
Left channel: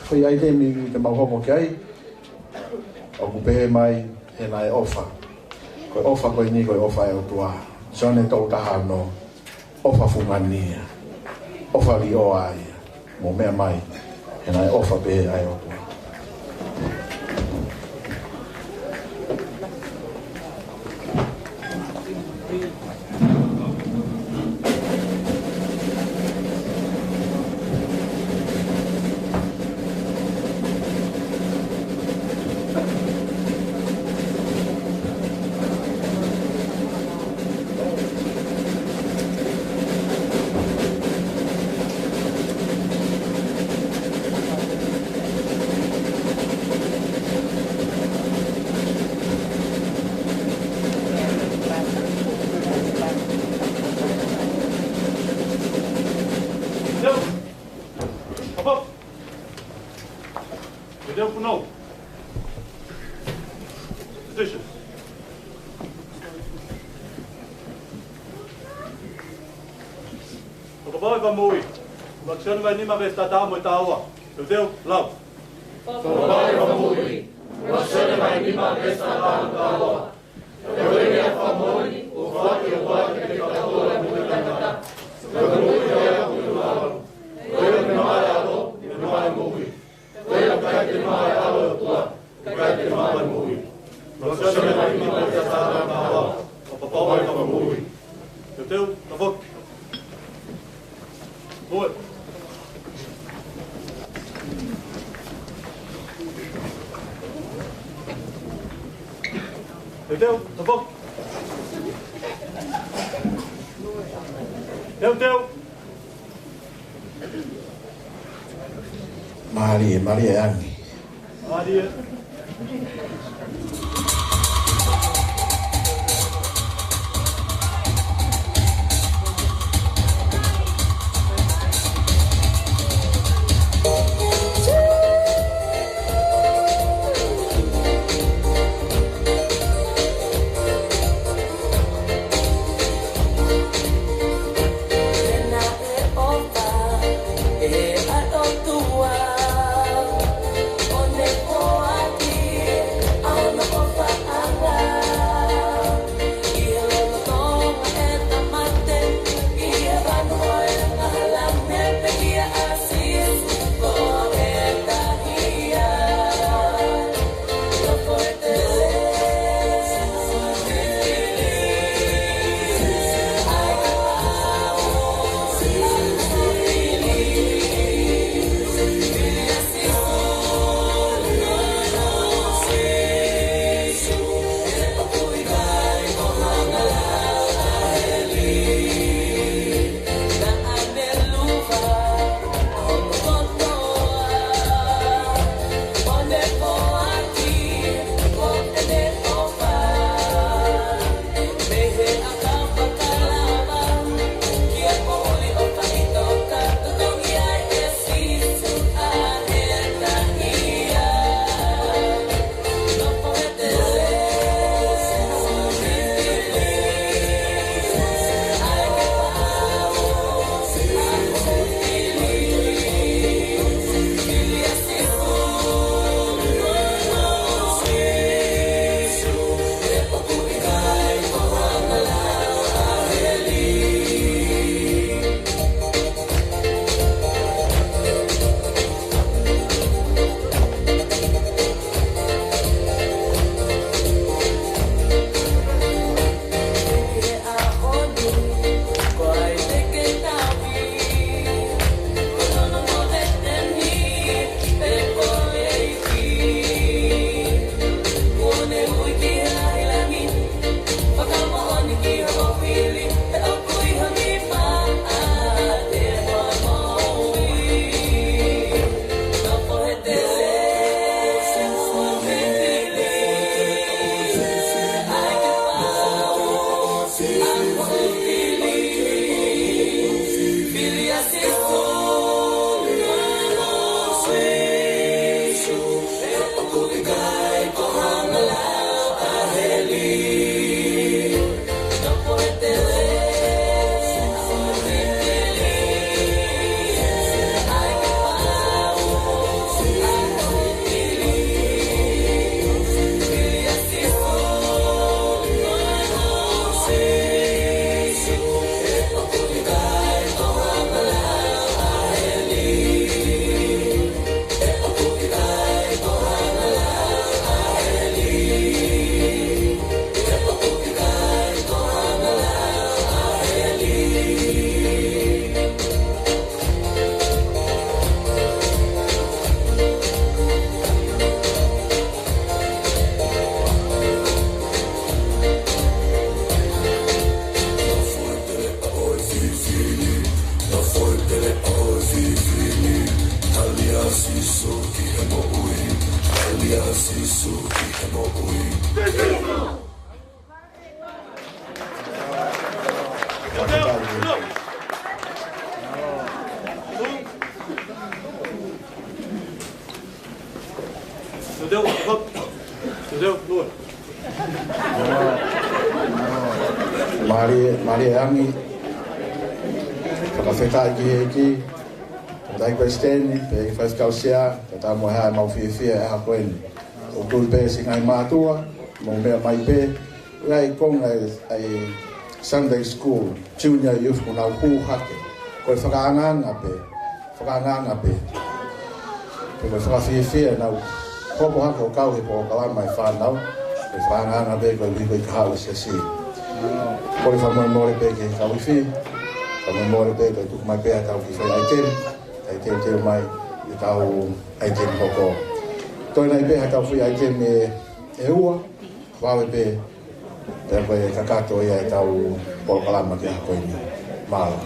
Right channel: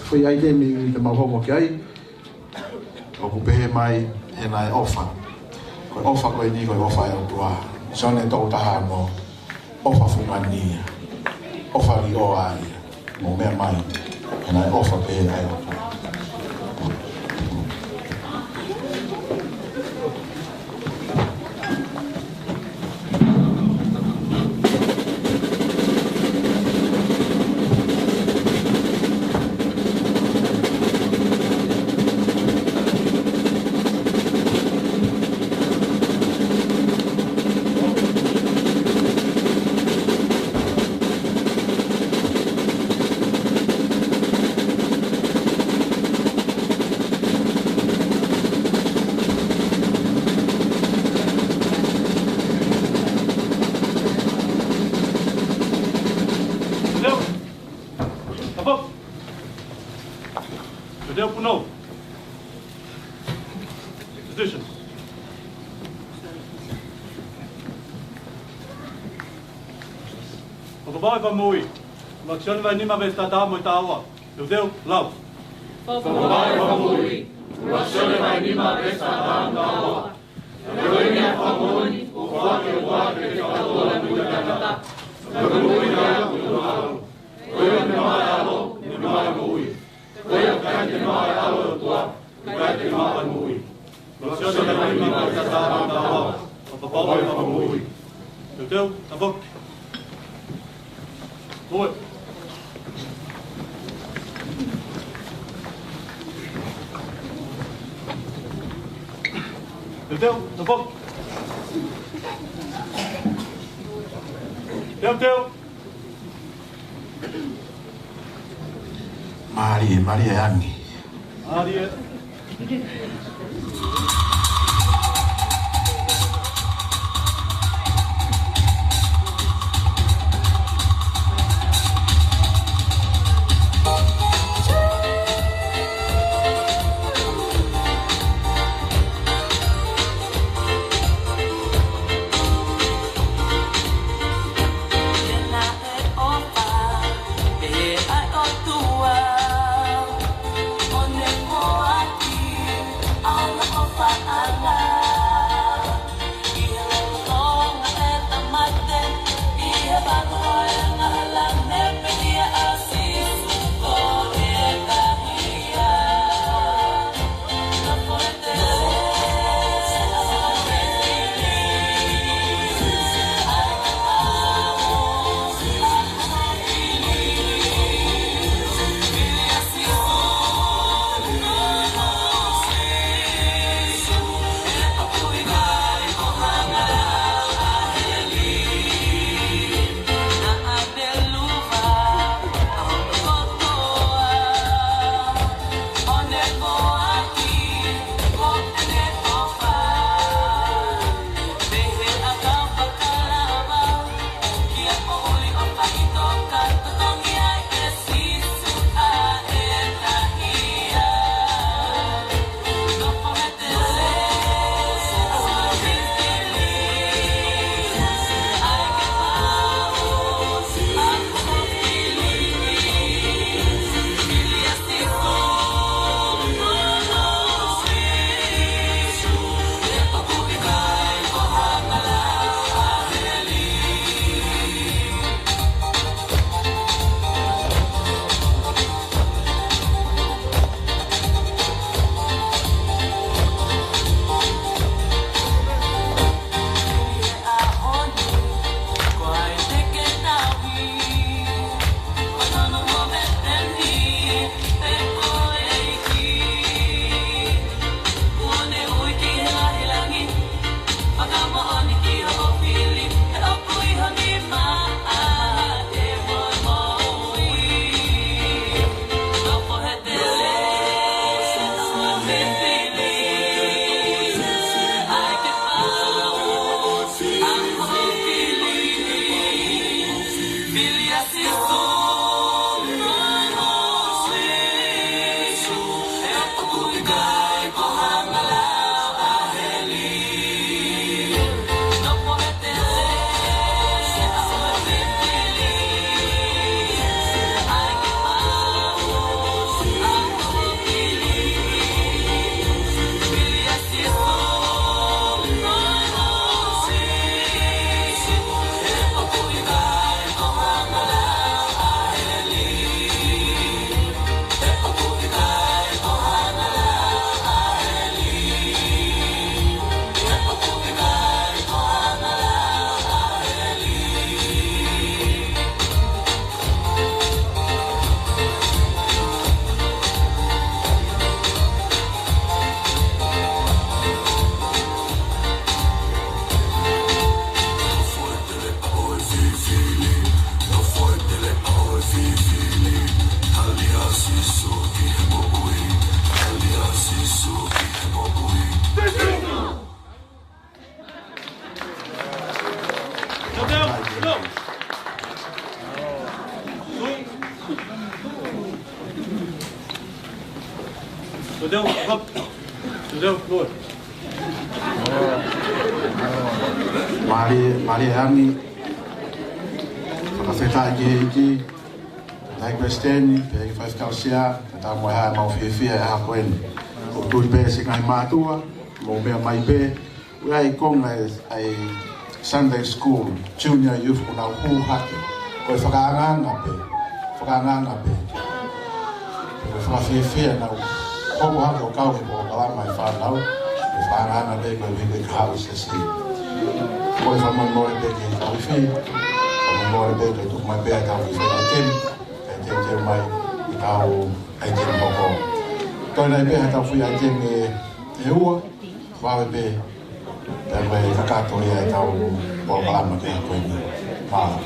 Foi ai te mi te mahongo ki ai o kupehe mai he nai ofa koe ofa koe ni koe ofa e utua sone tau taha no ofa fungania ofa li o ai mo mea mai he nai ofa pehe ai utua Puno. Petition. Fetu'u. Lotu mai ni ma vesta ta mo tawa. Fetu'u, lau. Fetu'u. Lotu mai ni ma vesta ta mo tawa. Fetu'u ni famoni, o fatu wa ke ka to ni ka ta. Fetu'u ni ya ku alo. Fetu'u ni ma ya lo, ni ma mo wi. Oi. Teu, tá bom? Teu. Maria Angi. Maria. Maria Angi. Fakakū ki Eiki. Dai Kristeni, pe faz kausia, kata mo ha mau Efi'afi a koen. O tu pe singai matua, mo me mai pe. Ngai kong ai Sunday school, junior youth mo na hu hake. Ko fakanga pe. Pe Efi'afi na ko mo hake o kau he Polokalama mai whanau. Pe fakanga pe ko wi Kaha'u Siasi. Ko fa mo pe ki Kaveinga. Pamamora pe to tu mai pe ka fi ai tem mai I tau ai tem koko. Toi nai pe tau fi ai tem e ua wa pe pe fakakū ia tau Polokalama ke ko ni mala.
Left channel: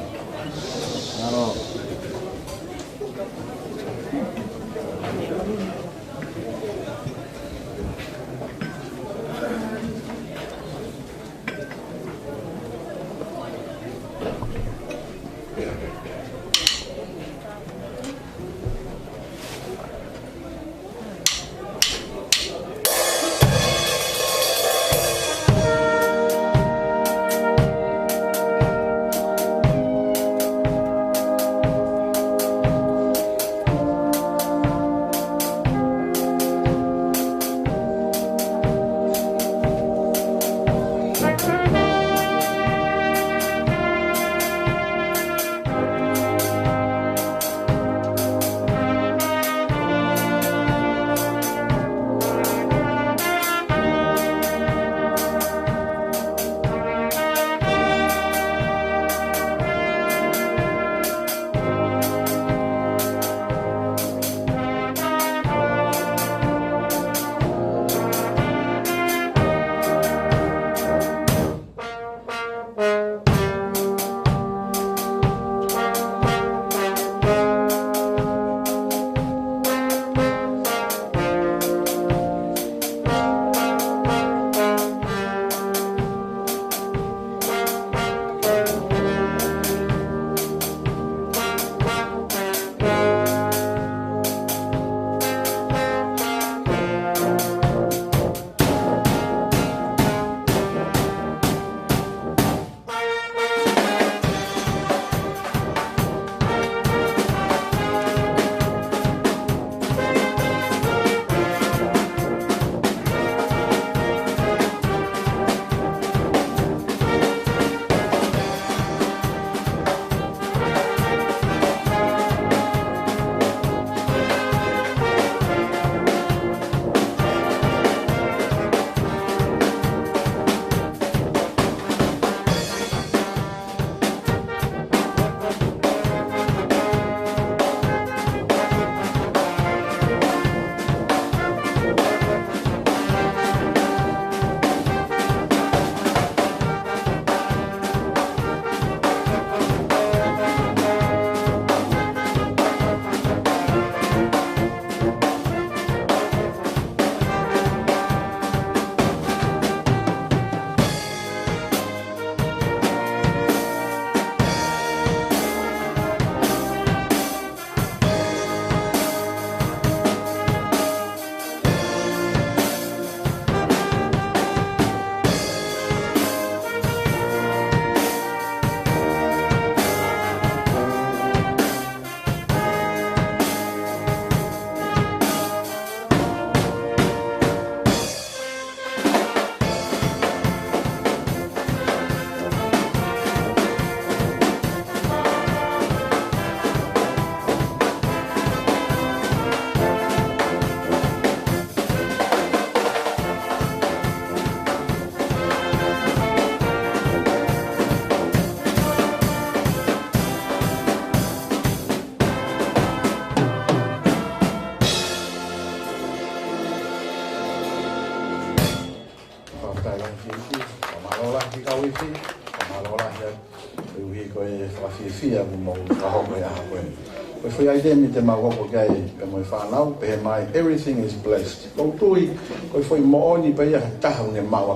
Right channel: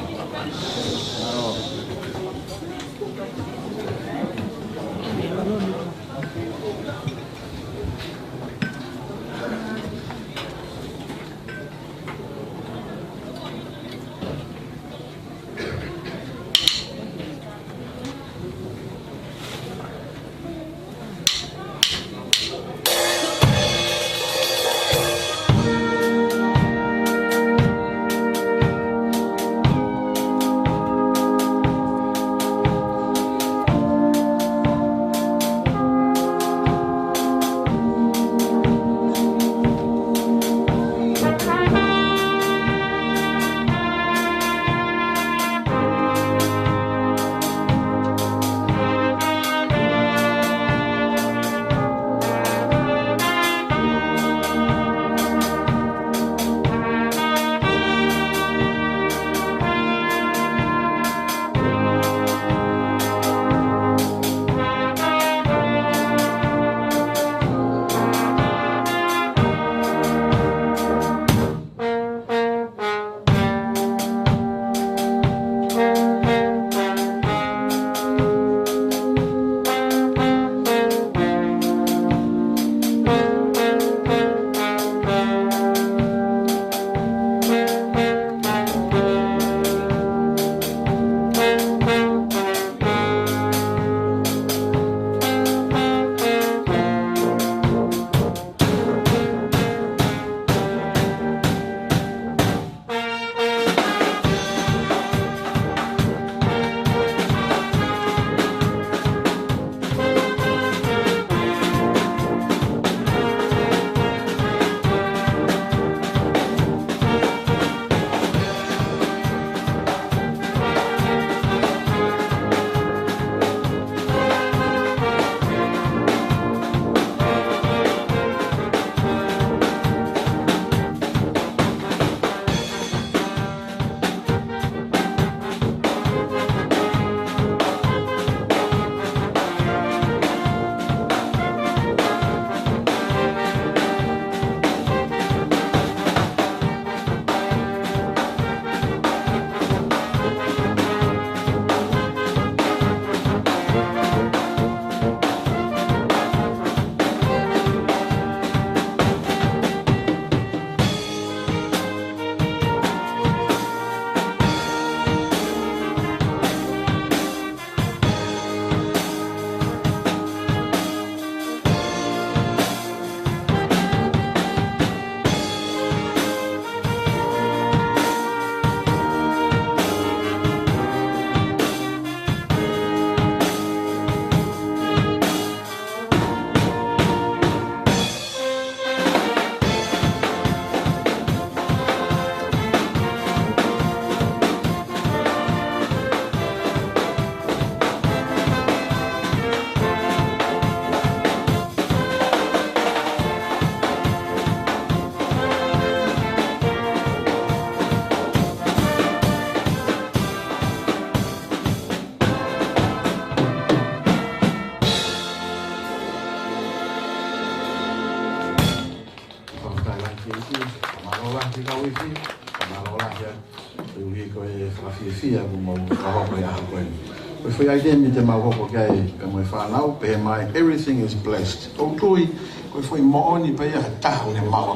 Everything is blessed.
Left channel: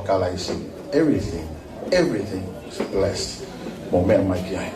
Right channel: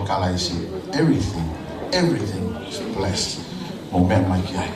Kalaisi. Everything is blessed. Moment my guy.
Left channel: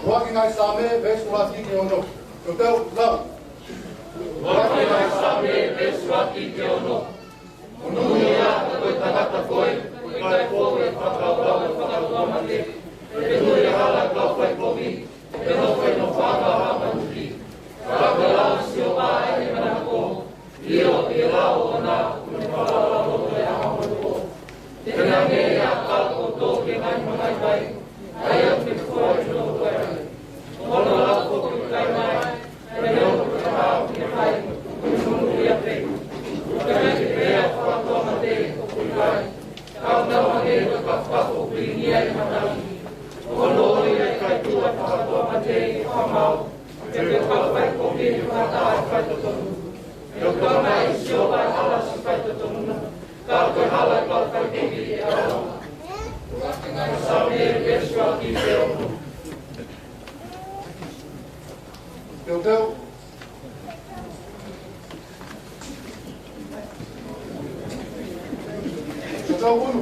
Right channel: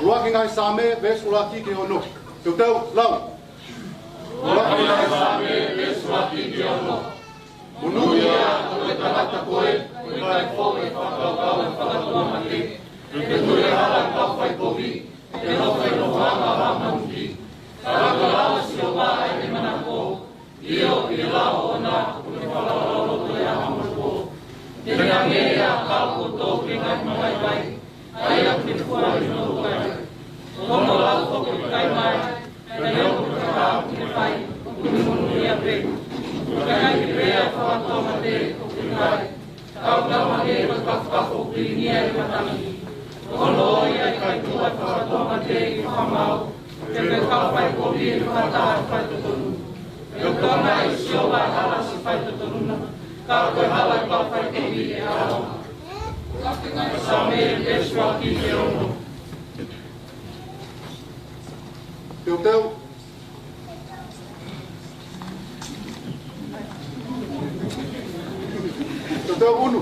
Ruaki ngai Saame, Vesulati ke Hono. Tuteu, lau. Ruaki ngai Saame, Vesulati ke Hono. Munuia, koe tangata koe, kai koe whakakau, whakakau mate. Te koe hala kau whai komi, te hawhai no whanga hamanuki. Kakalao sio maa e manako, io e lao o nā, kune whakararo koe hamanuko. Te rea mea kau koto ke ngai mangai vai, ai a te koe no koe. Hono lau koku kai mai, te reo te hao kine vai, kuni ia pe. Te kai rea whakatoa mate koku kai, kau na mate koe kakako pinia i matangi. Hono ia kai tua whakatoa mate i whamau, te pe kau whai koki i whataha whai totonu. E o tōna e sioa hala si whai totonu, kau koe hala kau whai koki e aonga. Saame e peswa ki te ono. Teu. Teu Hono.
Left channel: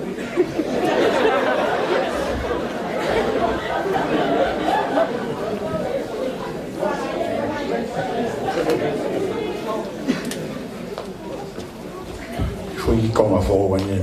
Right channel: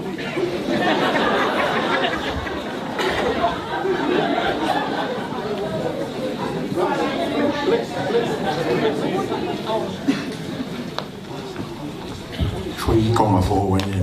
Foi com a voa, né?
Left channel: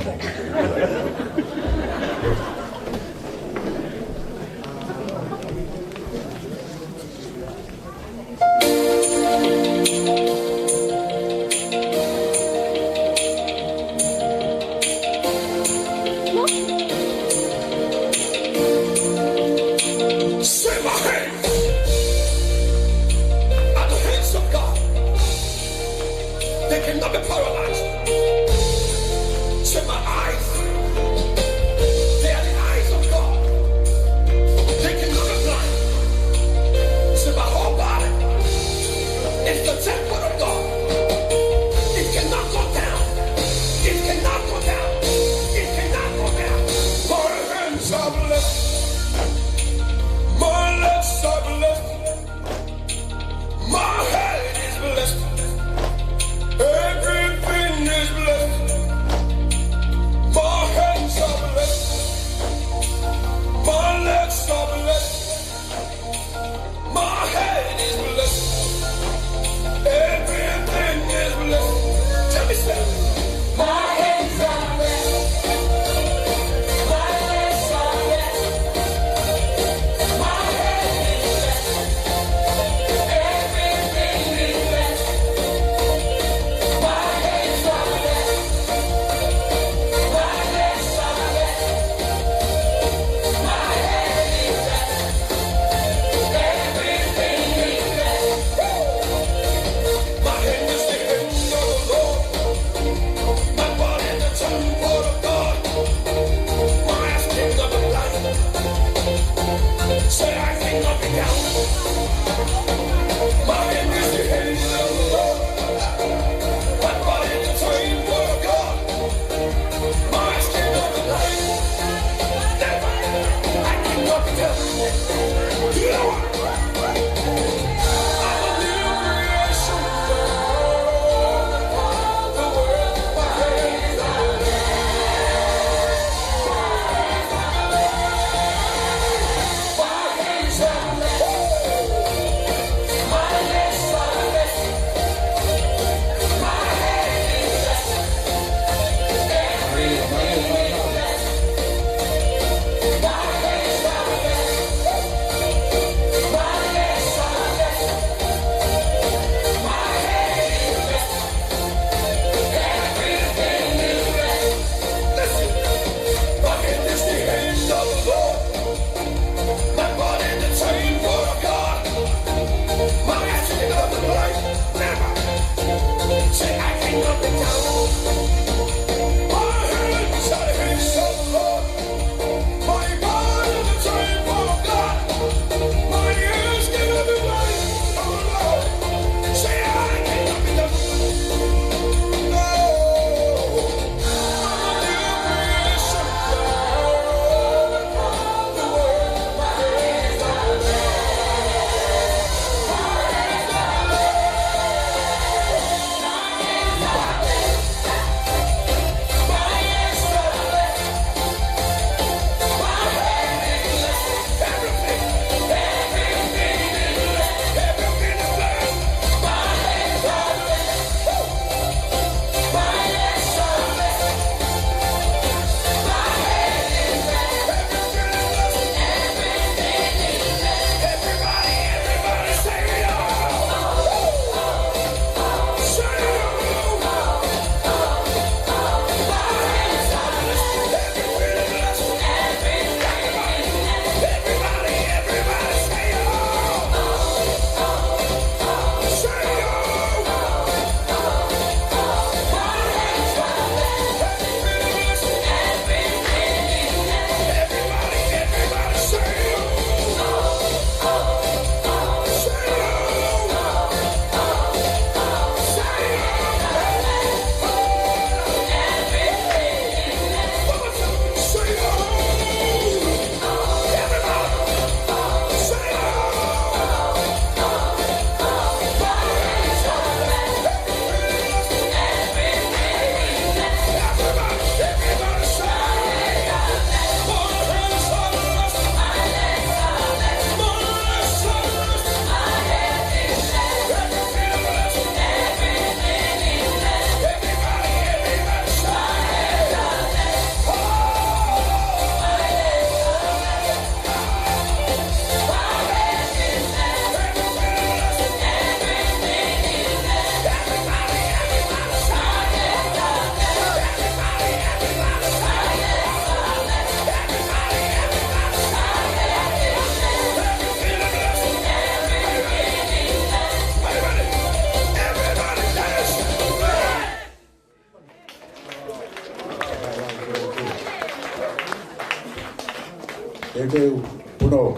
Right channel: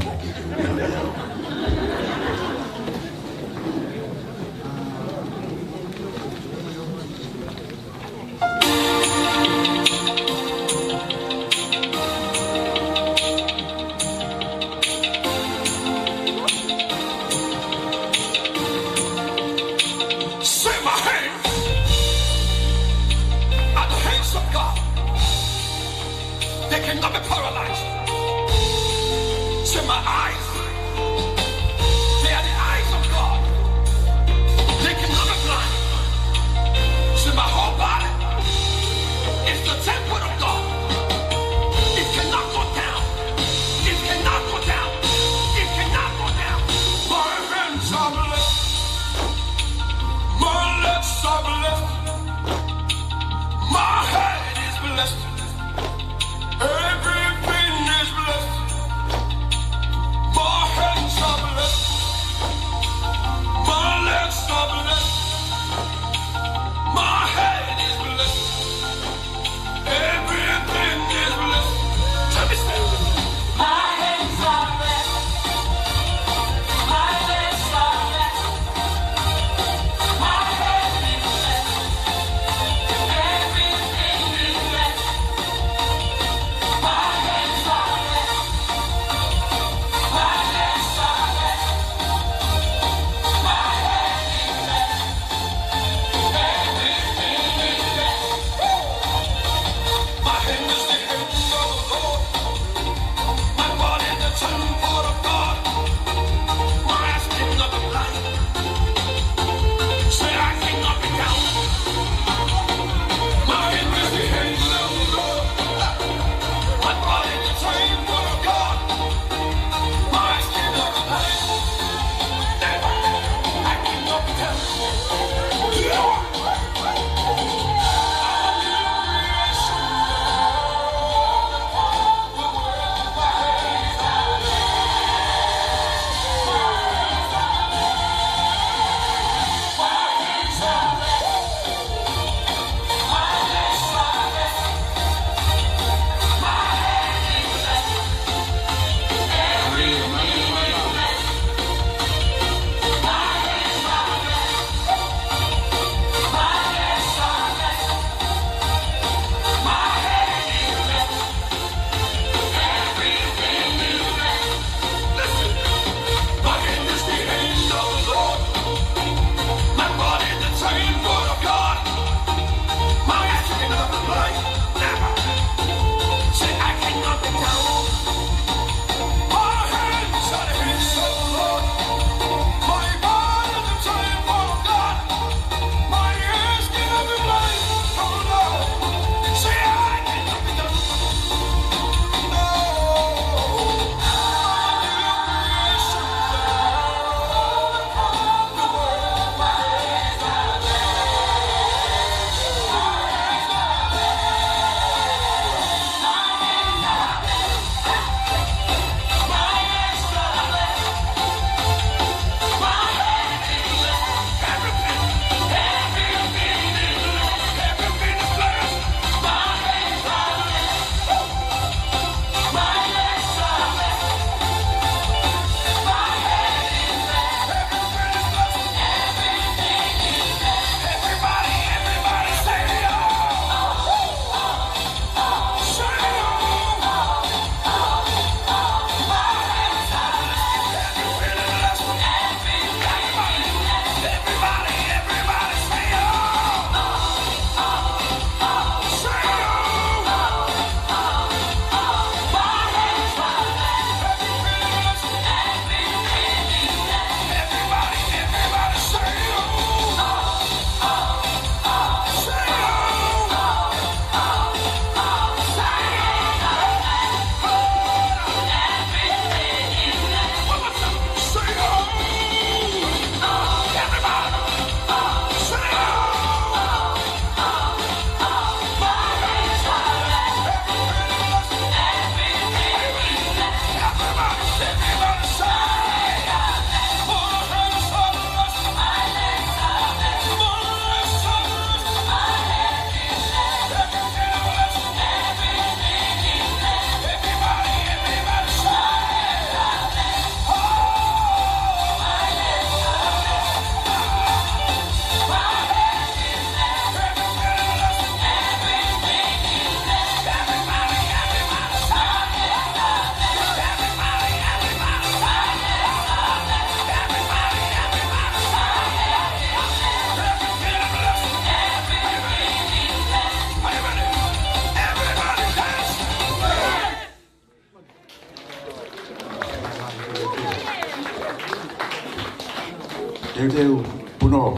Fetu'u, Hono,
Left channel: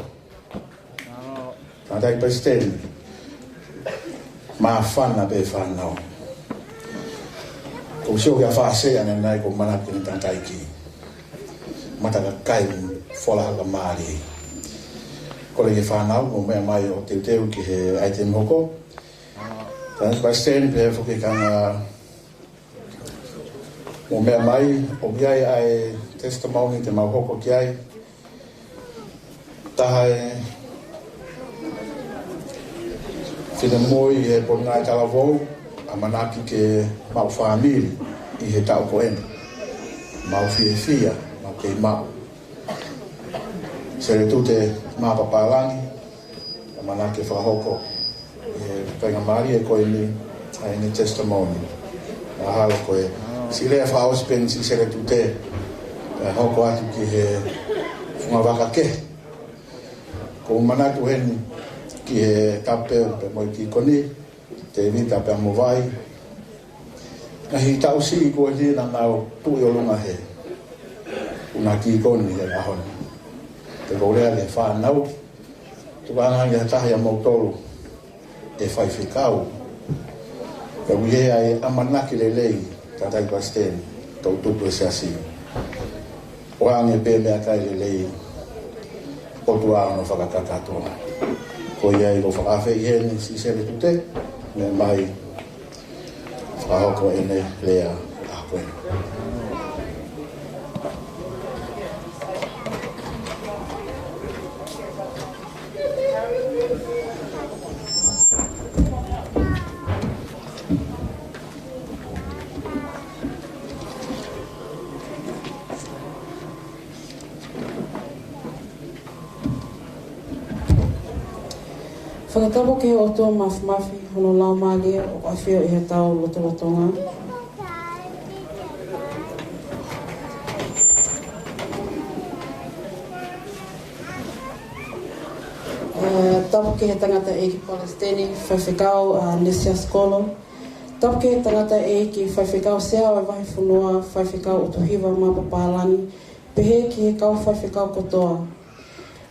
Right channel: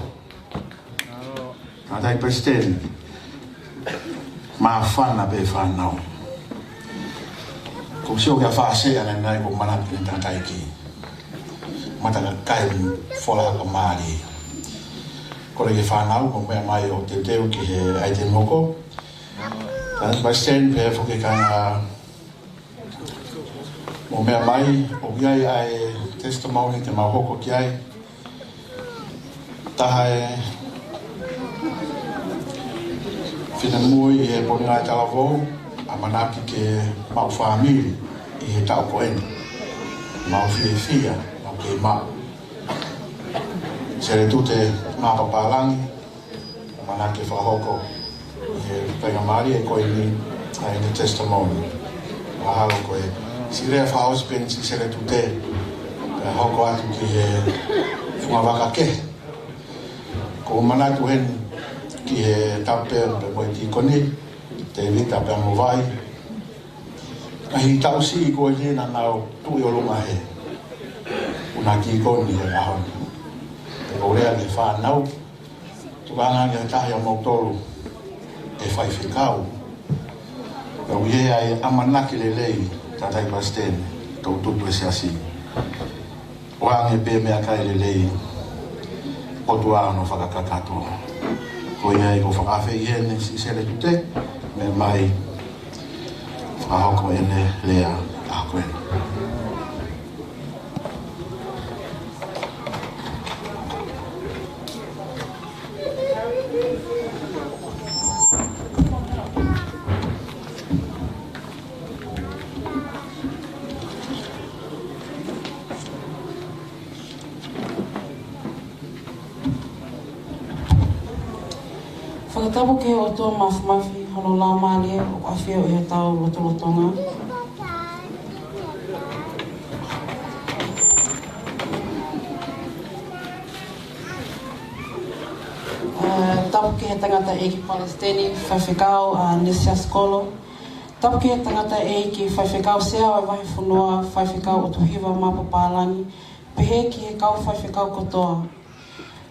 Tatai Pastel, Mafana be whanau. Ko sio kia whaasea nei ko manaki ni Tatai ki. Mataka kai whola ka maari. Ko reki whanau, ko mea mai o te teu ki he aite moko. Tatai Pastel pe whoki kanga o mea mai, o kiai ai testimony te mauhoko ki ai. Taha Finemui e Pongipongi Talavou, a manaki ke mau whaamiri i he tau poeni. Mau whiawhia, mau kei mau. Sere tute mapapalangi, a manaki whahoko i he pengamari e koe ni a ni testimony. A halo koe, si rea whaospen si sere tute, e hoko atu ki he whungawaka ke. Ko manaki hen ki he tape pe moi tikoni, te vita pe amovai. Ka hi tau si i koe lina nao tui o lunga he. Una ki koni he ahoni. Te kourea ni whanau. Tuka anangi he tahi a mautolu e whaiwhikau. Ka uihea e amanaki le lei tatai pastene, tau tutu e siasi. O ange pe mea kai le lei o tua ano whakakakatoa. Ko ia i ko whakawhi i hene i sere tute, me mai whahoko ene lea a koe. Whakatapo ke o tō mawhi hono lau mālia o awhio i he tau lotolotonga. Tapu ke he tangata Eiki Palestini, whaiwhikau a Siasi Tokaikolo. Tapu ke he tangata Eiki, whaiwhikau sea o wahi whunua, whaiwhikau o tuhiwa mapapalangi, pehe ki he kau whaiwhikau kotoa.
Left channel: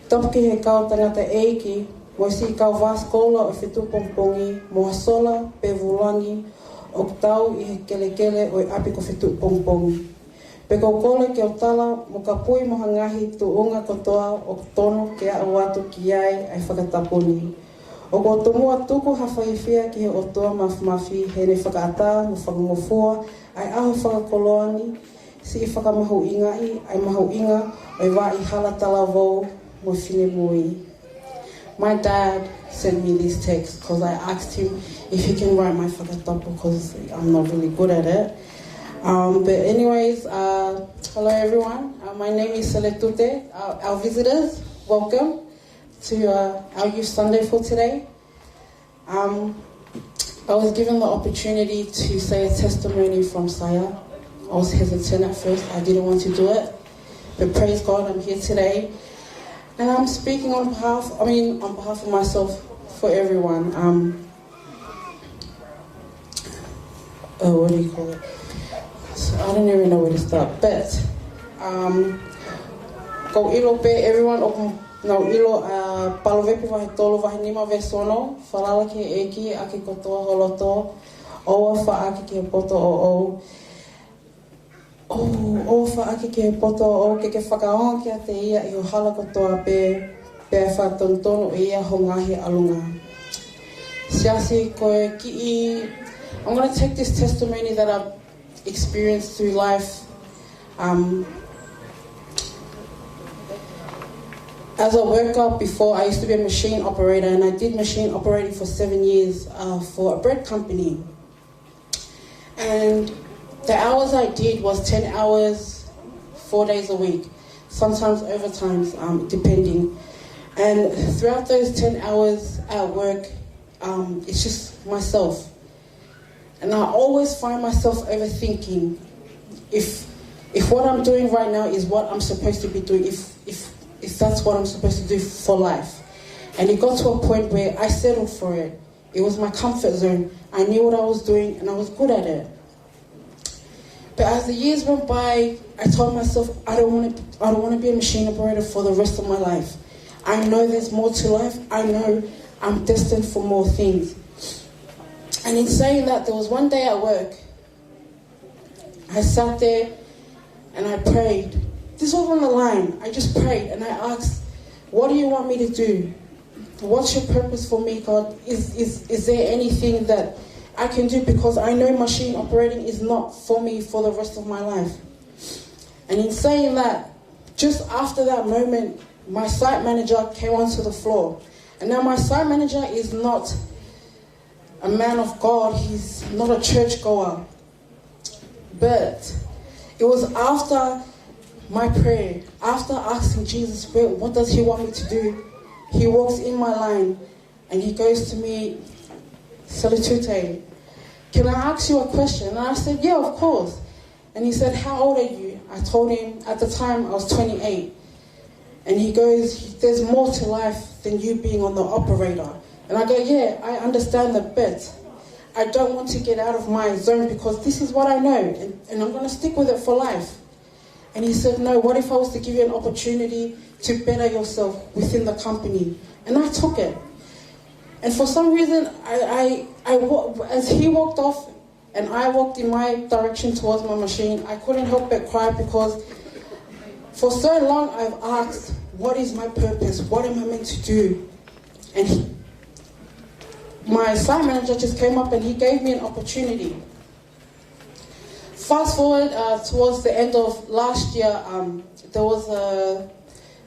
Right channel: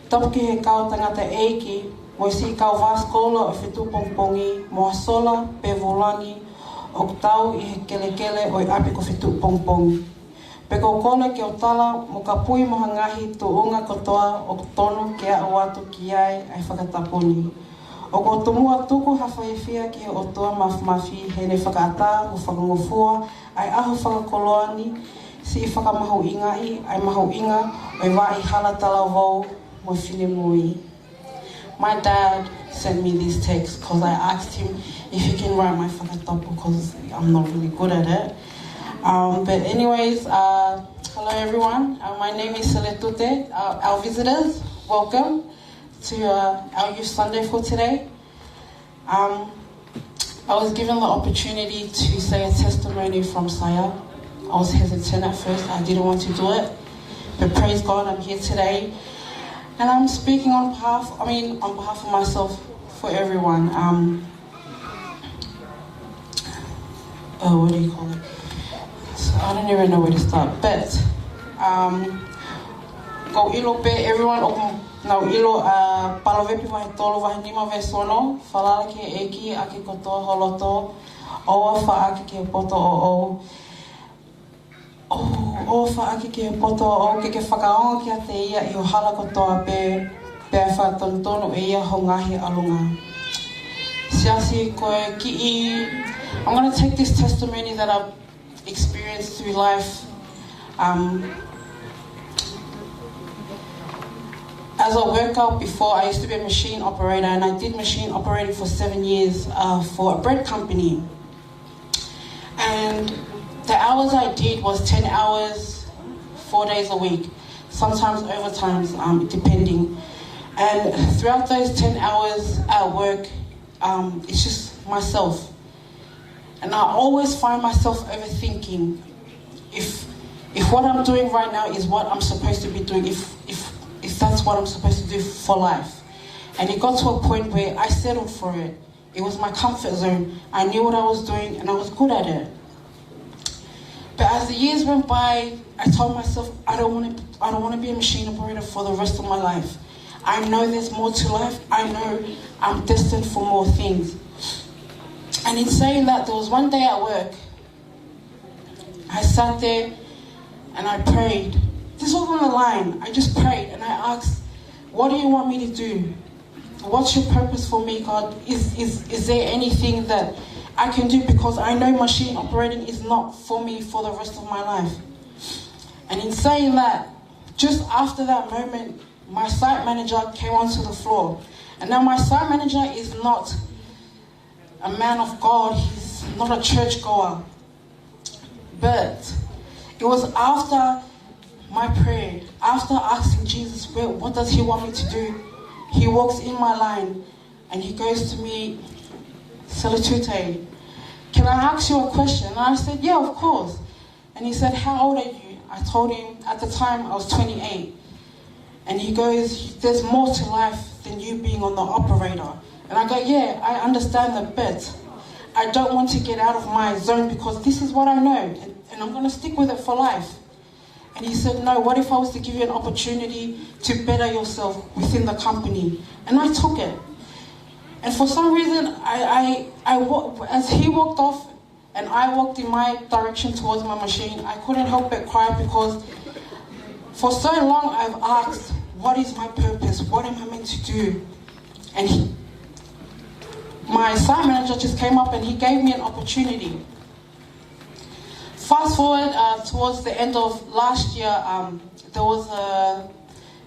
Tapu ke he kau tangata Eiki, mo si kau vaskola o Fetu'u Pongipongi, mo sola pe volangi, o tau i he kelekele o i api ko Fetu'u Pongipongi. Pe kau kole ke o tala, mo ka pui moha ngahi tu unga kotoa o tono ke a watu ki ai ai whakatapuni. O ko tomua tuku hawhaiwhia ki he o tua mawhi he ne whakaata, mo whakangofua, ai aho whakakoloani, si i whakamahu ingai, ai mahu inga, o i wā i hala Talavou, mo Finemui. My dad sent me these texts because I asked him if he can write my fakakū because I'm not really good at it. But anyways, hello everyone. My name is Lotu. Our visitors, welcome to our Youth Sunday for today. I was given the opportunity to say a testimony from Saya. I was hesitant at first. I didn't want to do it. But praise God, I'm here today. And I'm speaking on behalf of myself, for everyone. What do you call it? So I don't even know where to start. But, ko ilo pe everyone, no ilo palovepi wahi tolu wahi nima vesono, falala ke Eiki, aki kotoa holoto, oa wha aki ke poto o. O whaaki ke poto o ke whakaonga ki a te ia I o hala kotoa pe whatontono e ia ho ngahi alunga. Siasi koe ki I... I'm going to take this testimony that I've experienced through life. As a worker before, I used to be a machine operator and I did machine operating for 7 years for a bread company. And the hours I did was 10 hours, 4 days a week, sometimes overtimes, depending. And throughout those 10 hours at work, it's just myself. And I always find myself overthinking if what I'm doing right now is what I'm supposed to be doing, if that's what I'm supposed to do for life. And it got to a point where I settled for it. It was my comfort zone. I knew what I was doing and I was good at it. But as the years went by, I told myself, I don't want to be a machine operator for the rest of my life. I know there's more to life. I know I'm destined for more things. And in saying that, there was one day at work, I sat there and I prayed. This was on the line. I just prayed and I asked, what do you want me to do? What's your purpose for me, God? Is there anything that I can do? Because I know machine operating is not for me for the rest of my life. And in saying that, just after that moment, my site manager came onto the floor. And now my site manager is not a man of God. He's not a churchgoer. But it was after my prayer, after asking Jesus, what does he want me to do? He walks in my line and he goes to me, Salatute, can I ask you a question? And I said, yeah, of course. And he said, how old are you? I told him at the time I was 28. And he goes, there's more to life than you being on the operator. And I go, yeah, I understand the bit. I don't want to get out of my zone because this is what I know and I'm going to stick with it for life. And he said, no, what if I was to give you an opportunity to better yourself within the company? And I took it. And for some reason, as he walked off and I walked in my direction towards my machine, I couldn't help but cry because for so long I've asked, what is my purpose? What am I meant to do? And my site manager just came up and he gave me an opportunity. Fast forward towards the end of last year, there was a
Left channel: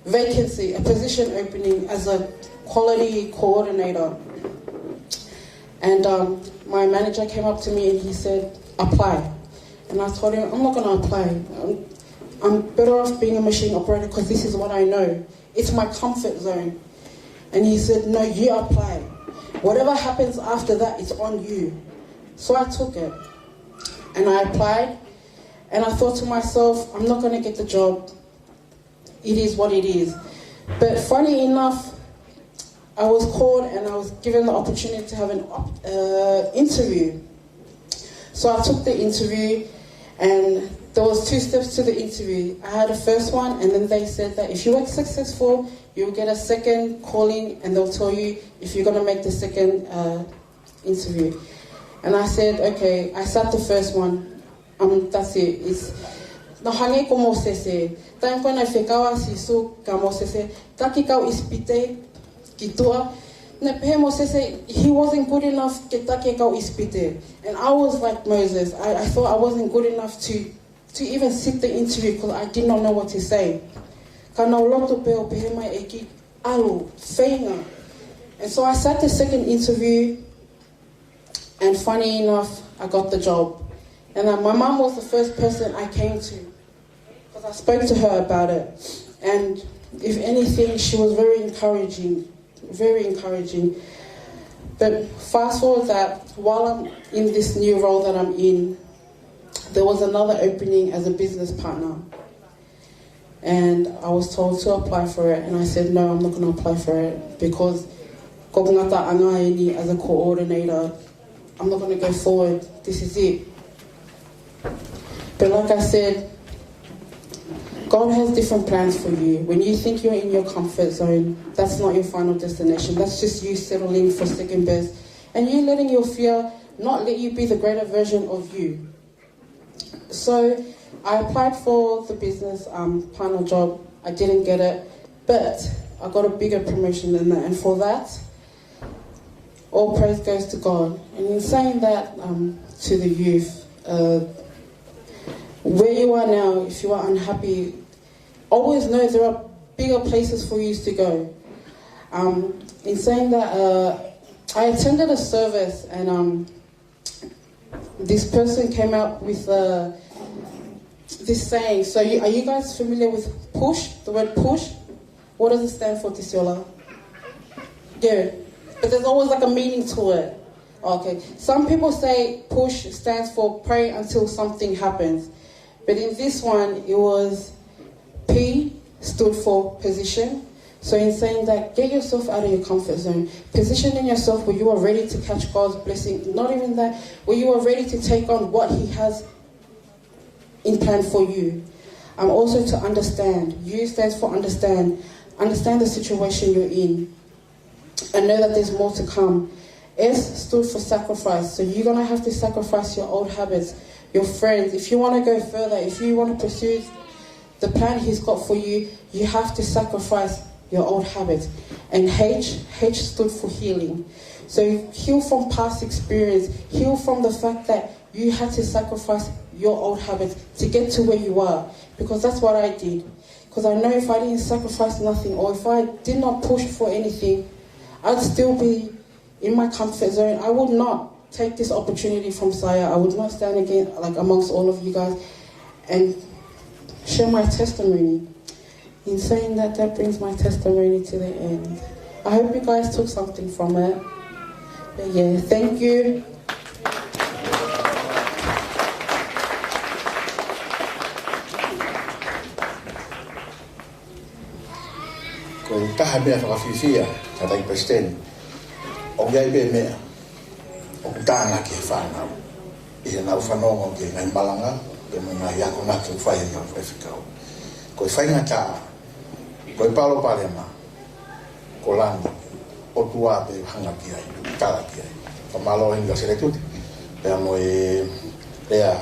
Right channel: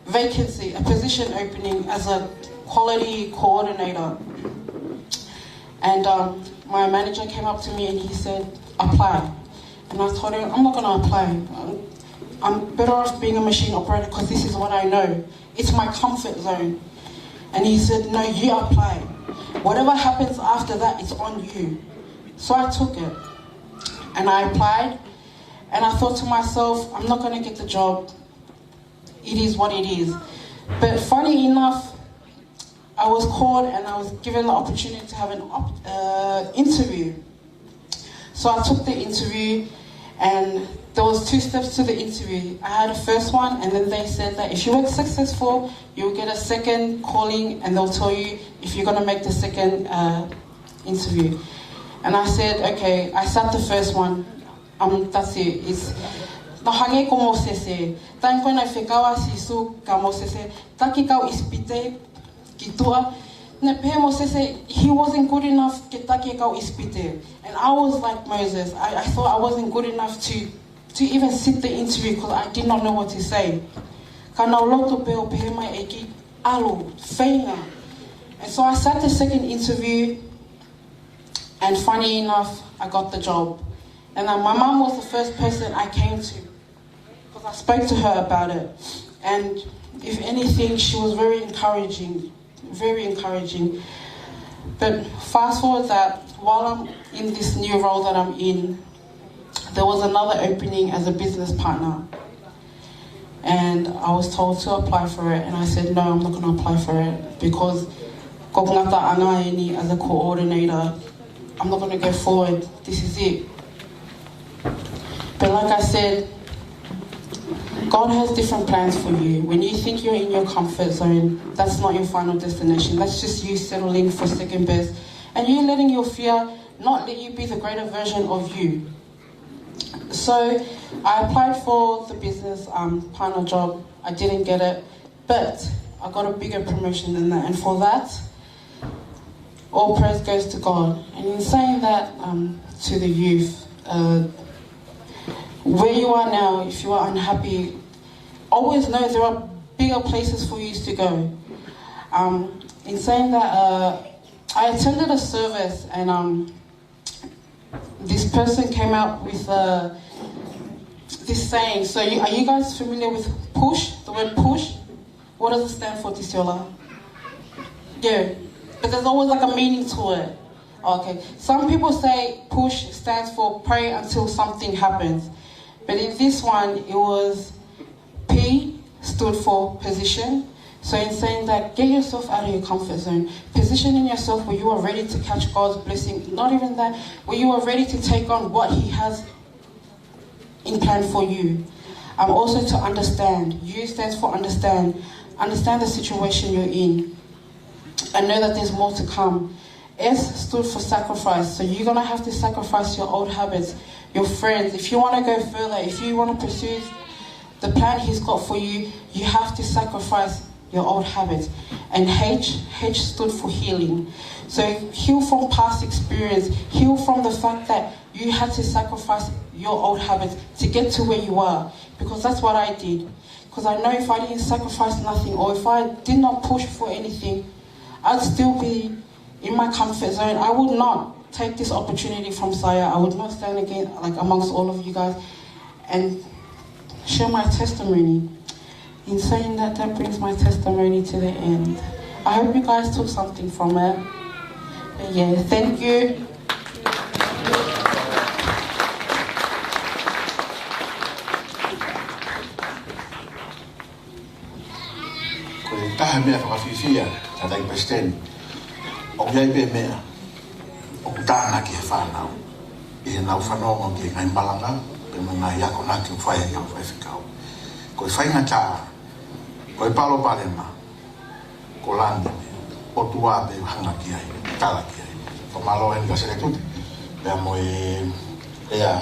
vacancy, a position opening as a quality coordinator. And my manager came up to me and he said, apply. And I told him, I'm not going to apply. I'm better off being a machine operator because this is what I know. It's my comfort zone. And he said, no, you apply. Whatever happens after that, it's on you. So I took it. And I applied, and I thought to myself, I'm not going to get the job. It is what it is. But funny enough, I was called and I was given the opportunity to have an interview. So I took the interview, and there was 2 steps to the interview. I had a first one, and then they said that if you were successful, you will get a second calling, and they'll tell you if you're going to make the second interview. And I said, okay, I sat the first one. That's it. It's the hange como se. Tan kona fekawa sisu como se. Taki kau ispite kitua. Ne pemo se he wasn't good enough to taki kau ispite. And I was like Moses. I thought I wasn't good enough to even sit the interview because I did not know what to say. Kana Lotu peo pehe mai Eiki alu Kaveinga. And so I sat the second interview. And funny enough, I got the job. And my mum was the first person I came to because I spoke to her about it. And if anything, she was very encouraging. But fast forward that, while I'm in this new role that I'm in, there was another opening as a business partner. And I was told to apply for it. And I said, no, I'm not going to apply for it because kokungata anaini as a coordinator, I'm not going to go forward. This is it. But like I said, God has different plans for you. When you think you're in your comfort zone, that's not your final destination. That's just you settling for second best. And you letting your fear not let you be the greater version of you. So I applied for the business partner job. I didn't get it. But I got a bigger promotion than that. And for that, all praise goes to God. And in saying that to the youth, where you are now, if you are unhappy, always know there are bigger places for you to go. In saying that, I attended a service and this person came out with this saying. So are you guys familiar with push, the word push? What does it stand for, Tisiola? Yeah. But there's always like a meaning to it. Okay. Some people say push stands for pray until something happens. But in this one, it was P stood for position. So in saying that, get yourself out of your comfort zone. Positioning yourself where you are ready to catch God's blessing. Not even that, where you are ready to take on what He has in plan for you. Also to understand. U stands for understand. Understand the situation you're in. And know that there's more to come. S stood for sacrifice. So you're going to have to sacrifice your old habits, your friends. If you want to go further, if you want to pursue the plan He's got for you, you have to sacrifice your old habits. And H stood for healing. So heal from past experience. Heal from the fact that you had to sacrifice your old habits to get to where you are. Because that's what I did. Because I know if I didn't sacrifice nothing, or if I did not push for anything, I'd still be in my comfort zone. I would not take this opportunity from Saya. I would not stand again, like amongst all of you guys, and share my testimony. In saying that, that brings my testimony to the end. I hope you guys took something from it. But yeah, thank you. Taha mea whakawhiwhia, ta tai pesteni. O gai be mea, o tāna ke whanau. I he nau whanonga ki ngai malanga, e mga iako nake whai iau whai whikau. Ko i whainga tā, ko i palo palema, ko landi, o tua be hanga ki ai, tala ki ai. O malo henga sere tuti, pea mo e rea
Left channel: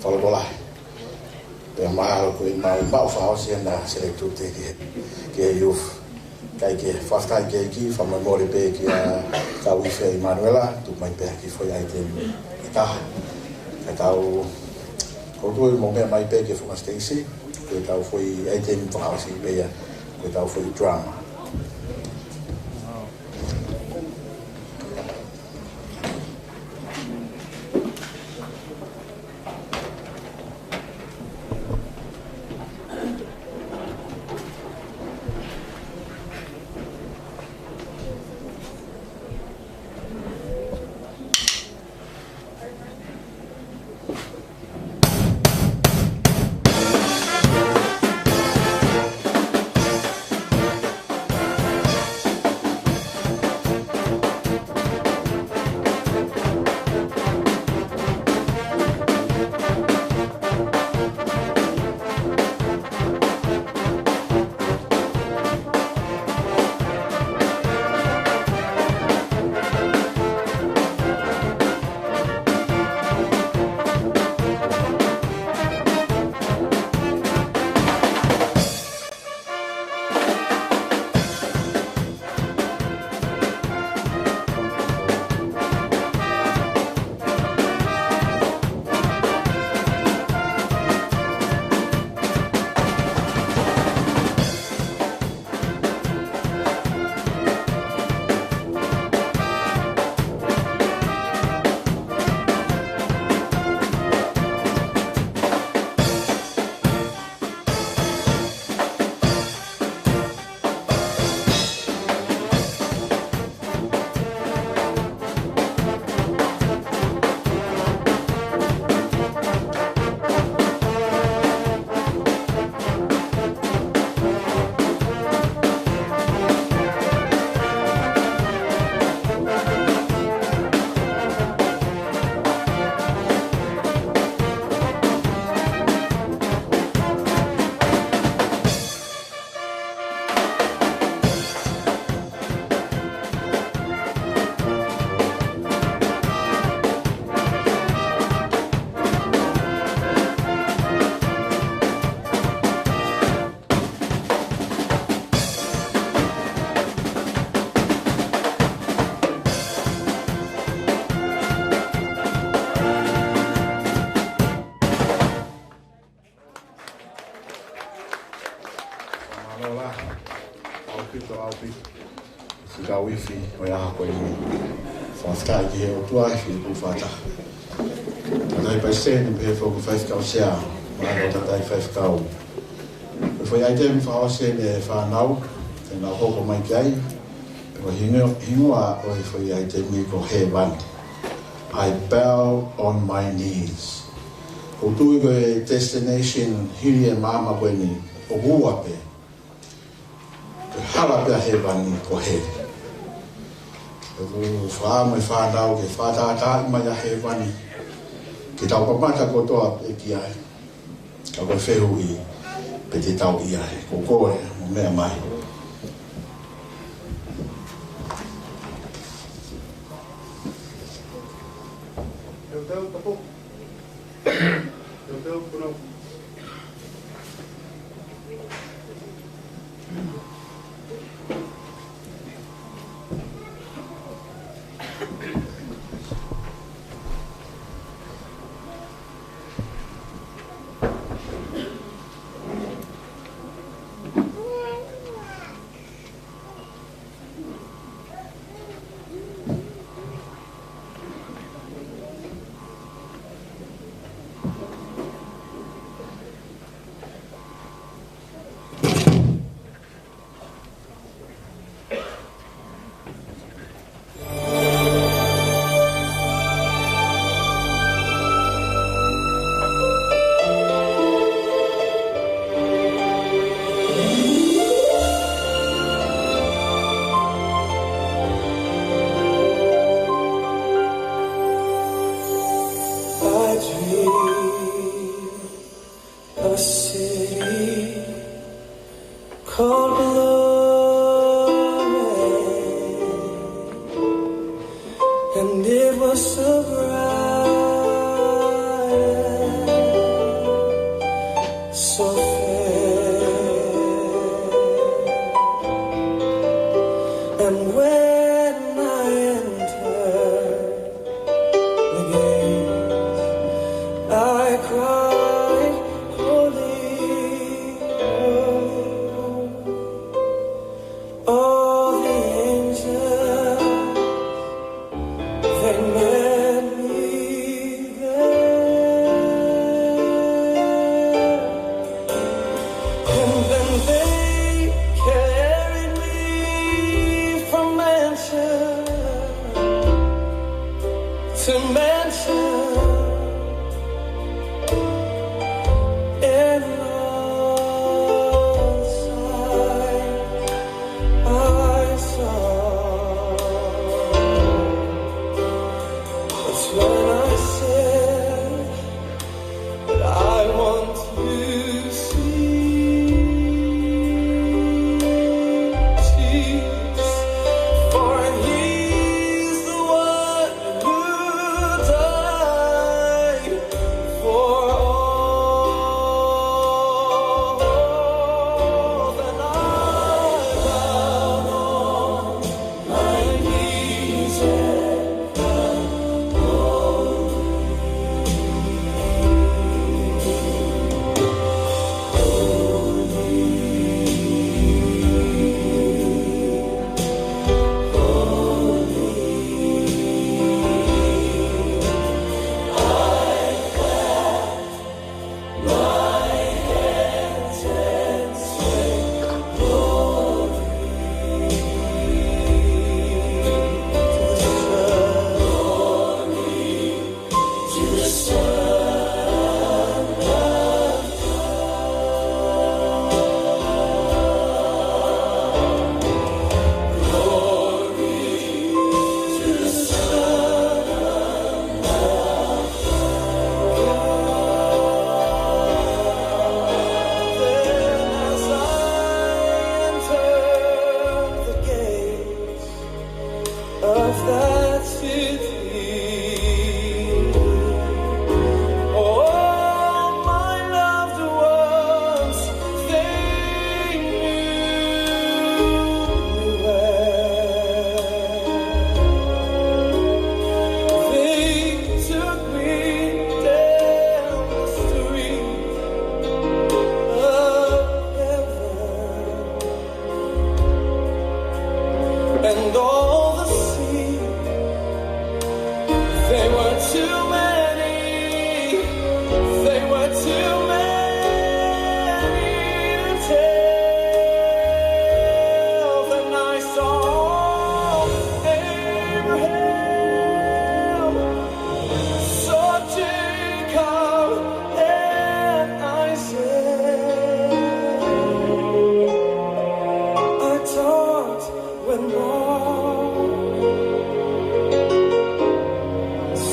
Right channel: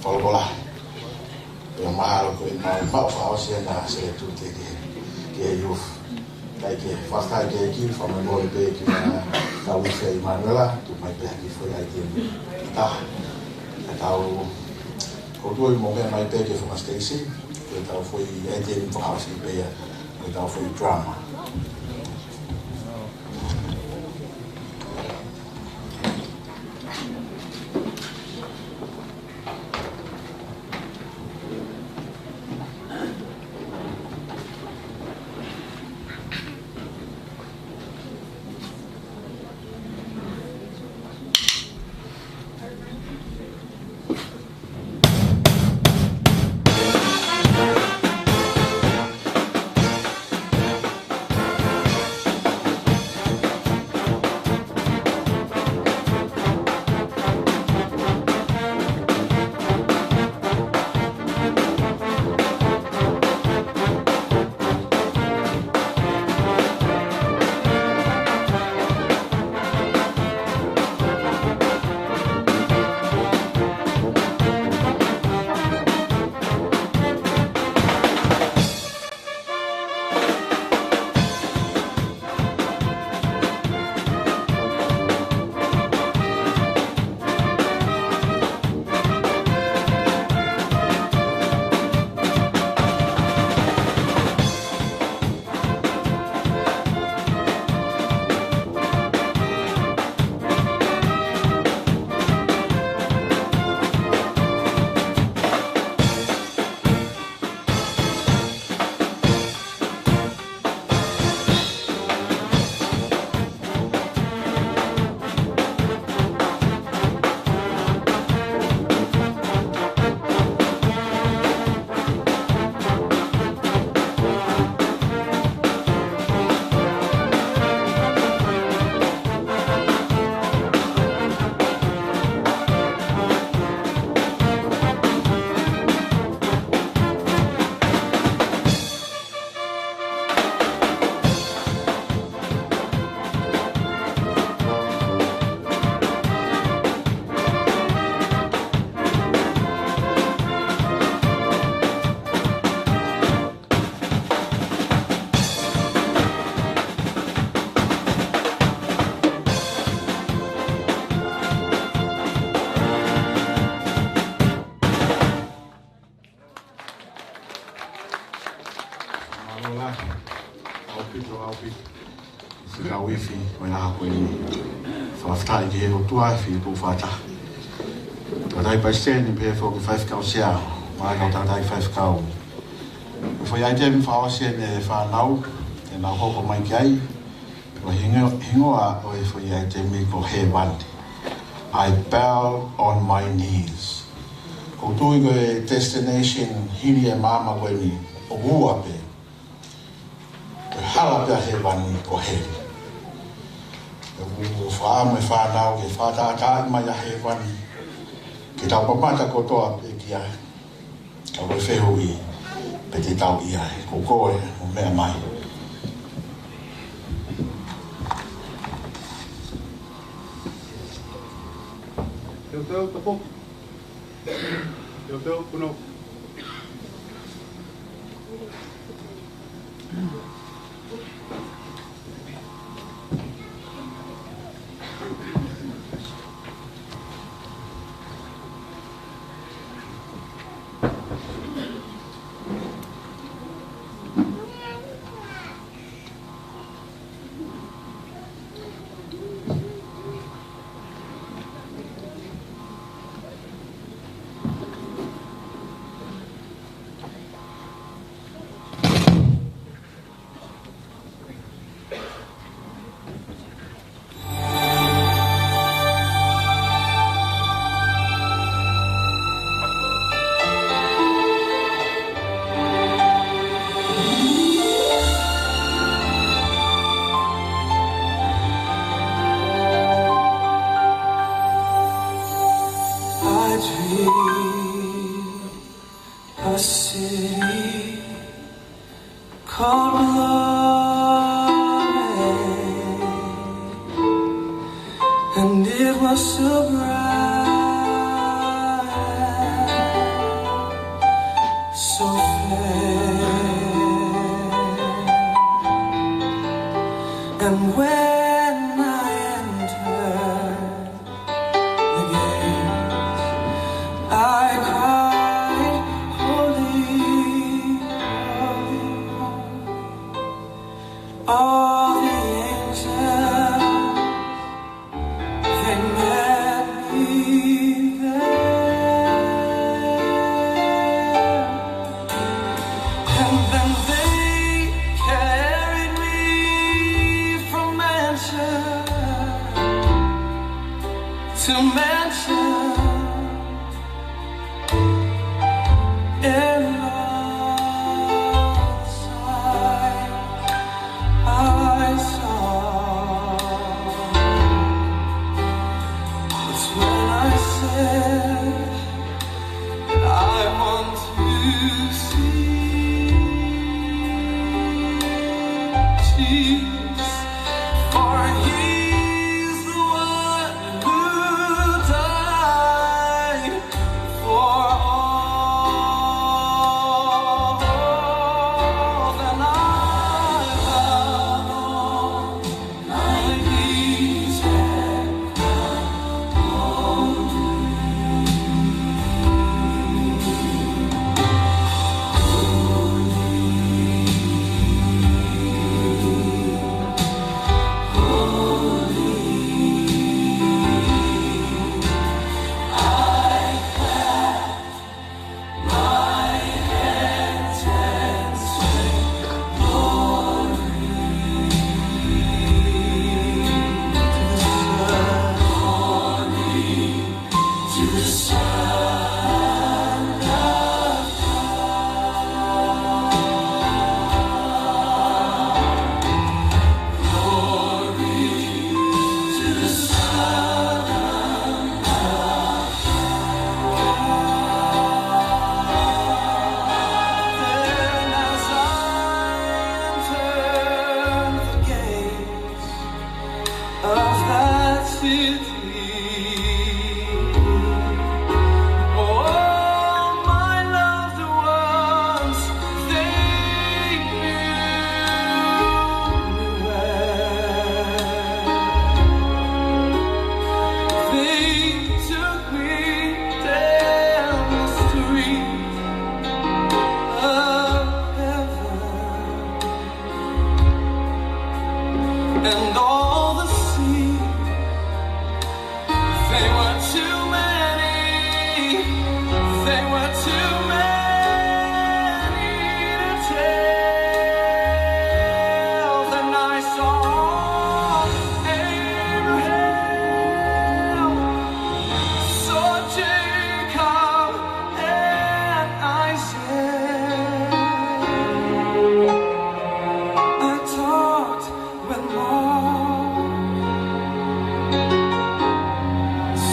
whalokola. Pea mahalo ko i mau whaosi enda sere tuti ki e iufu. Kai ke whaskai ke Eiki, whamamore pe ki a Kawise i Manuela, tu mai pe ki whai ai te i taha. Kai tau, koutua i mo mea mai pe ki whakasteisi, koe tau whai ai te whakawasi pe ia, koe tau whai drama. Wifi, o ia ko ni whaftai ki he o tua e whipu whata. Tatai paisteni pe he whoku whaifkau sea, mai o tatai whaifkau. E whai aitemi whaosia me whanau, te nā hoko mai ki ai, o hingoa o e whai aitemi ko he wani. I bow on my knees. O tui ko e destination hini e māma koe ni, o hua pe. E hara pia he wani ko he. O whaama e whanau ke whātātāi mai a he wani. Ki tau pamata kotoa e ki ai. Ka koe whehu i. pe te tau ia e ko koe o mea mai. Eu tenho um pouco. Eu tenho um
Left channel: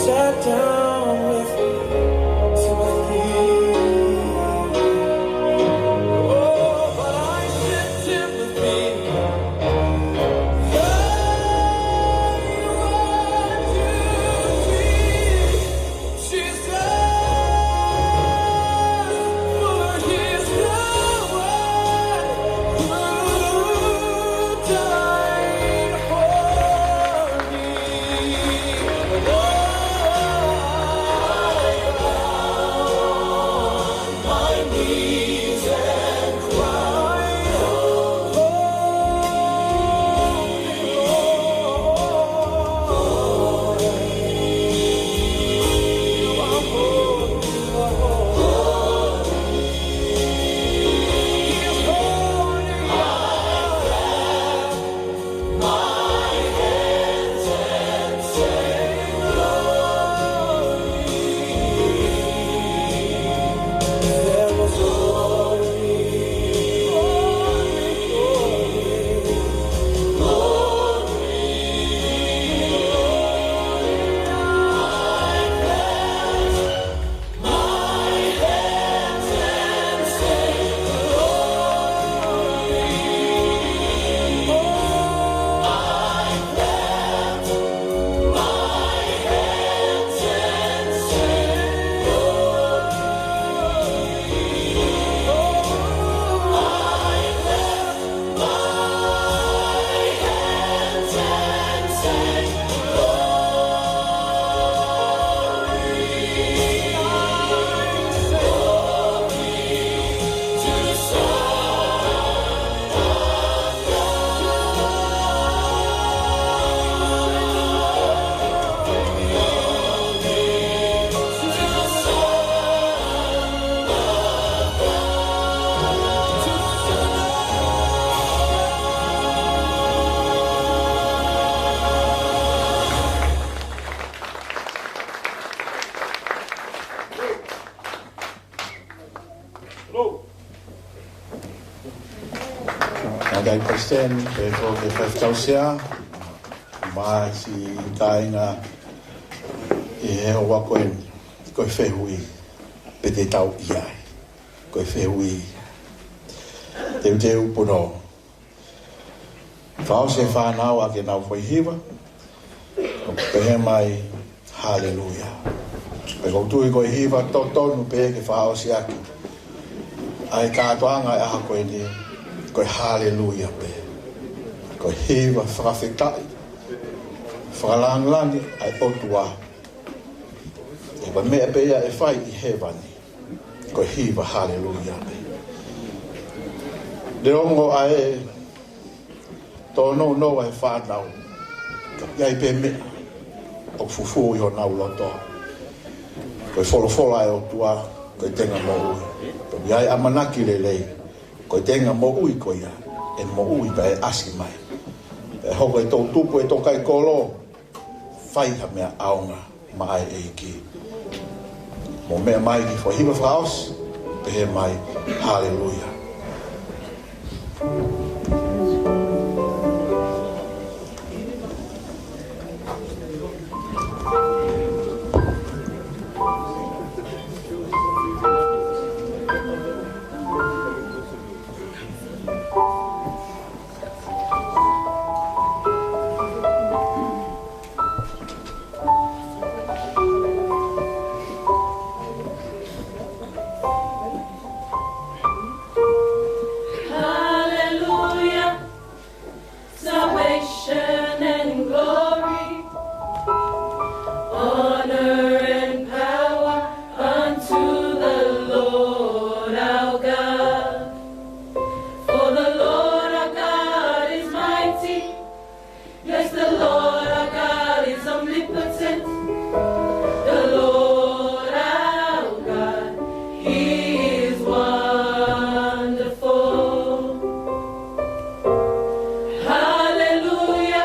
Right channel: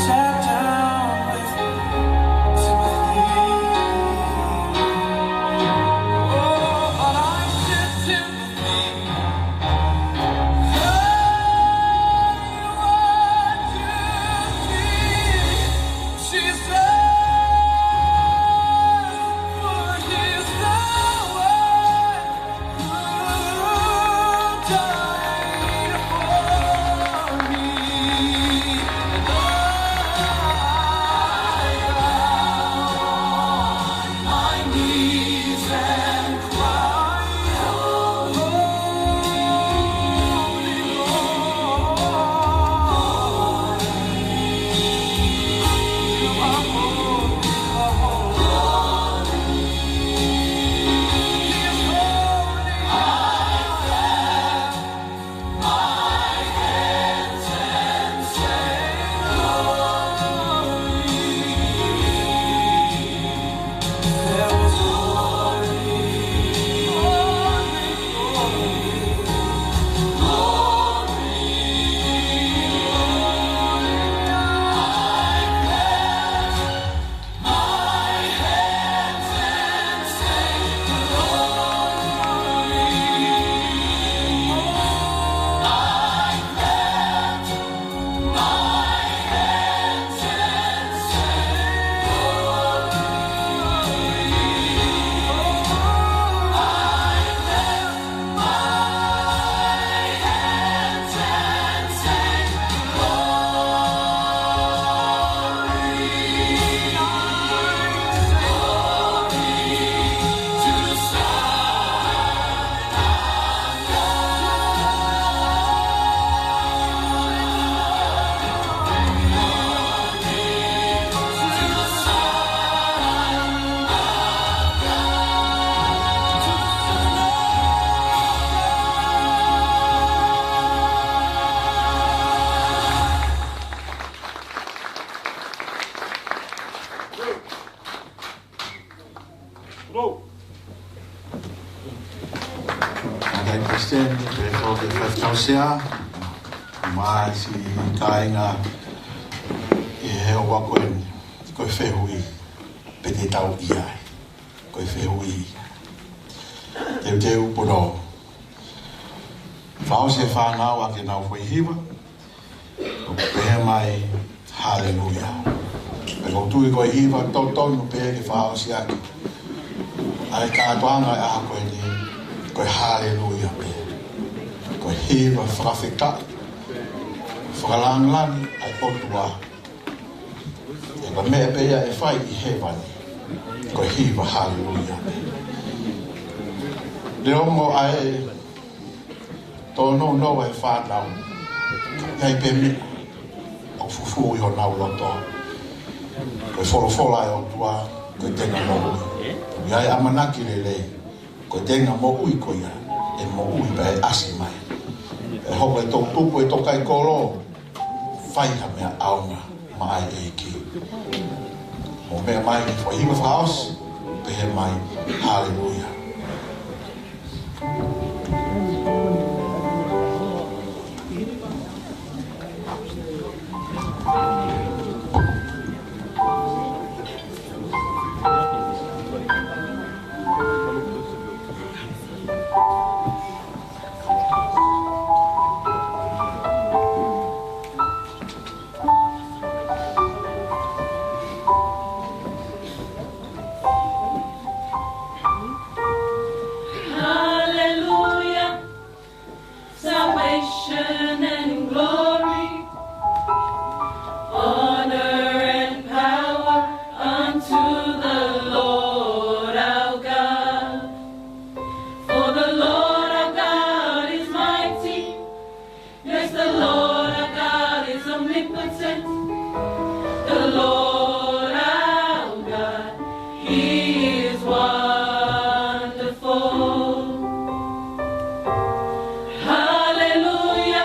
sat down. Palestine, pe ko ke whaitausia, mai si Kaha'u, I he hoa koe Fetu'u, pe te tau ikai, koe Fetu'u. Teu puno. Whao se whanau a ke nau whaihiwa, o pehe mai, hallelujah. Pe koutui koe hiwa tonu pehe ke whao si aki. Ai kātoanga e aha koe ni, koe hallelujah pehe. Koe hiwa whakawhetai, whakalanglani ai otua. E koe mea pehe e whai I hewani, koe hiwa hallelujah pehe. Le ongo ai tono no e whanau. Iai pe mea. O fufu I ho nau loto. Koe wholofola e o tua. Koe tenga mo ui. Iai amanaki le lei. Koe tenga mo ui koe ia. E mo ui pa e asi mai. E hoko e tau tupu e Tokaikolo. Whaiha mea aunga. Mai Eiki. Mo mea mai ni whahiwa whaos. Pehe mai. Hallelujah. Hallelujah.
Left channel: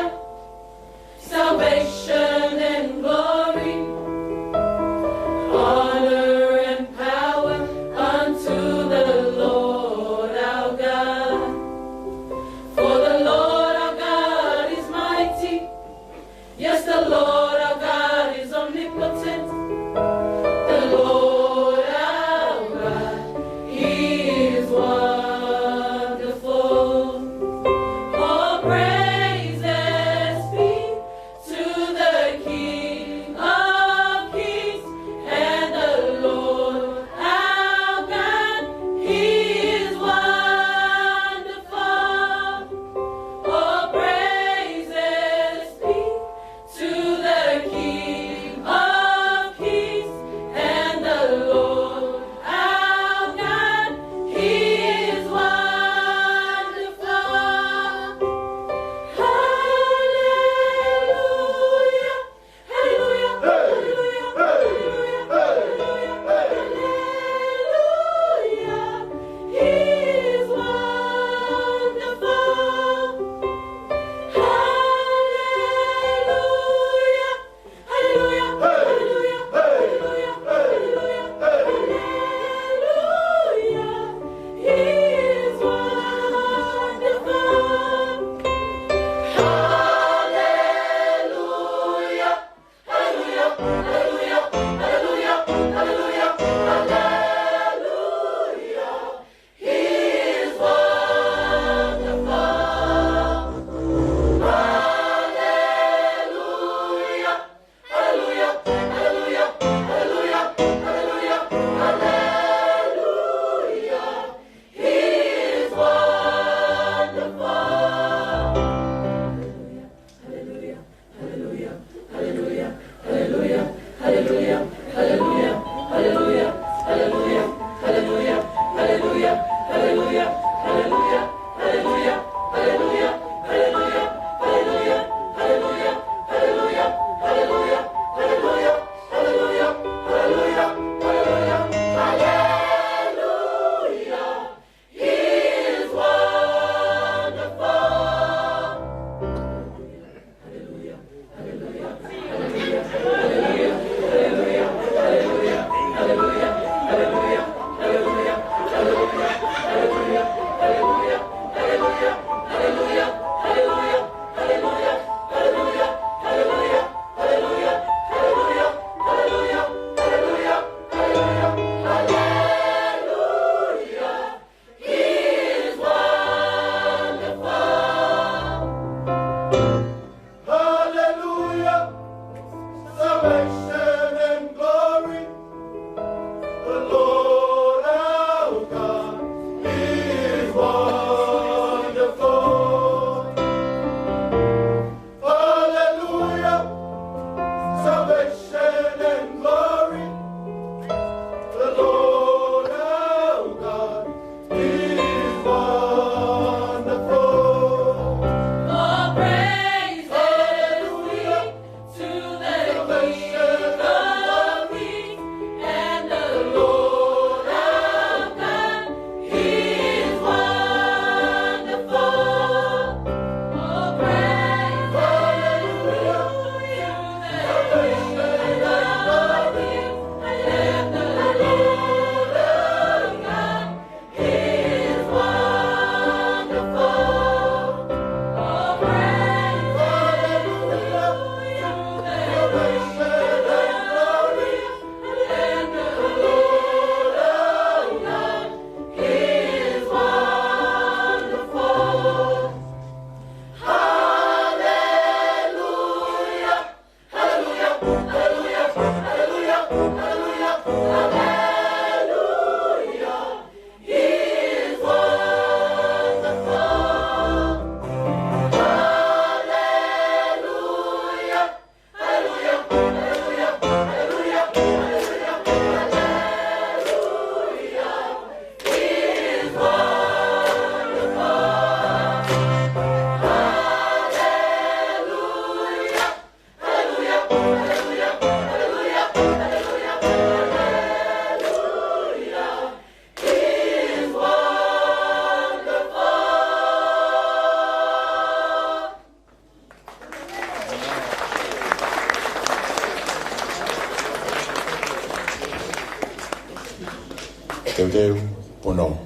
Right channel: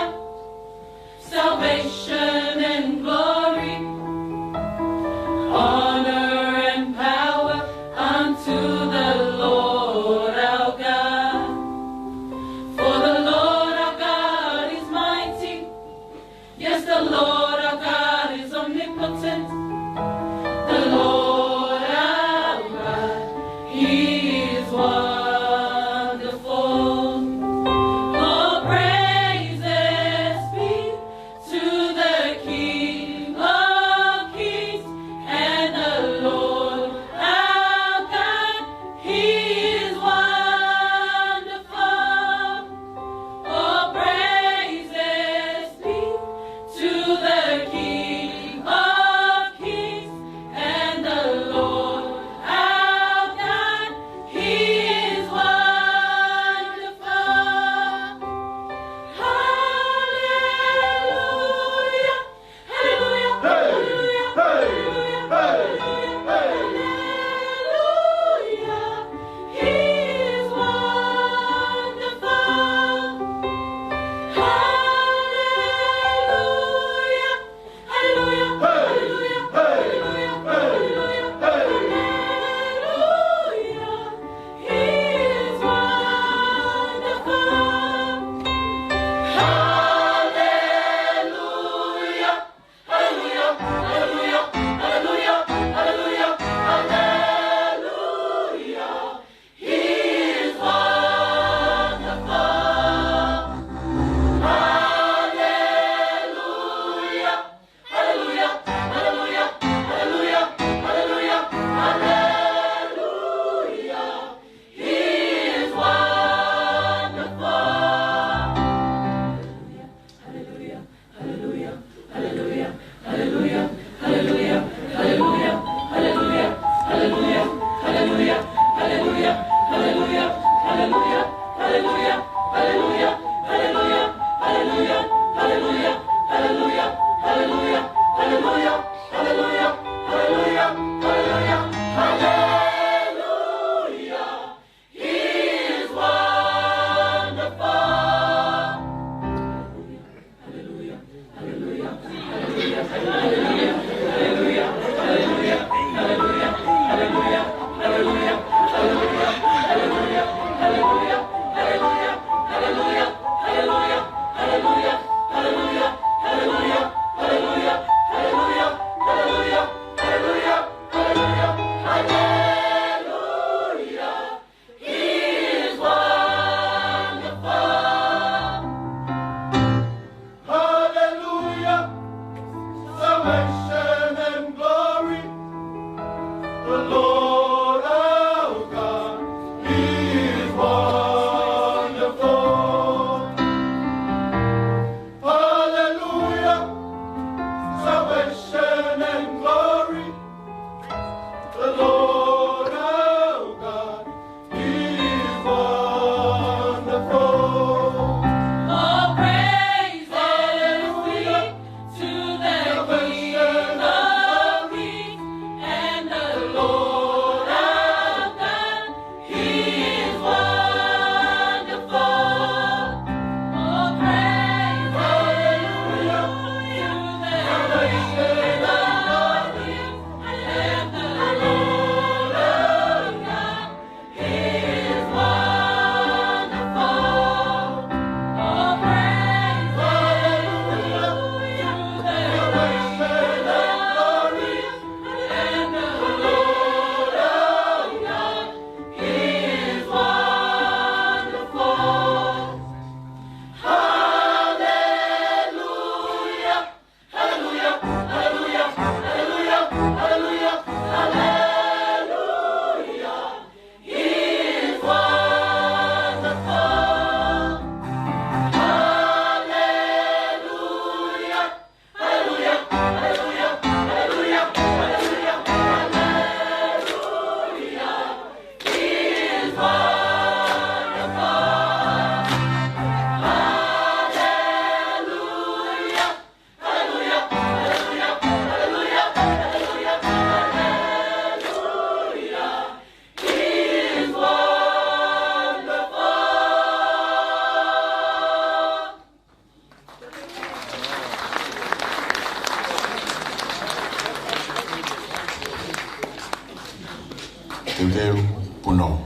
Teu pono.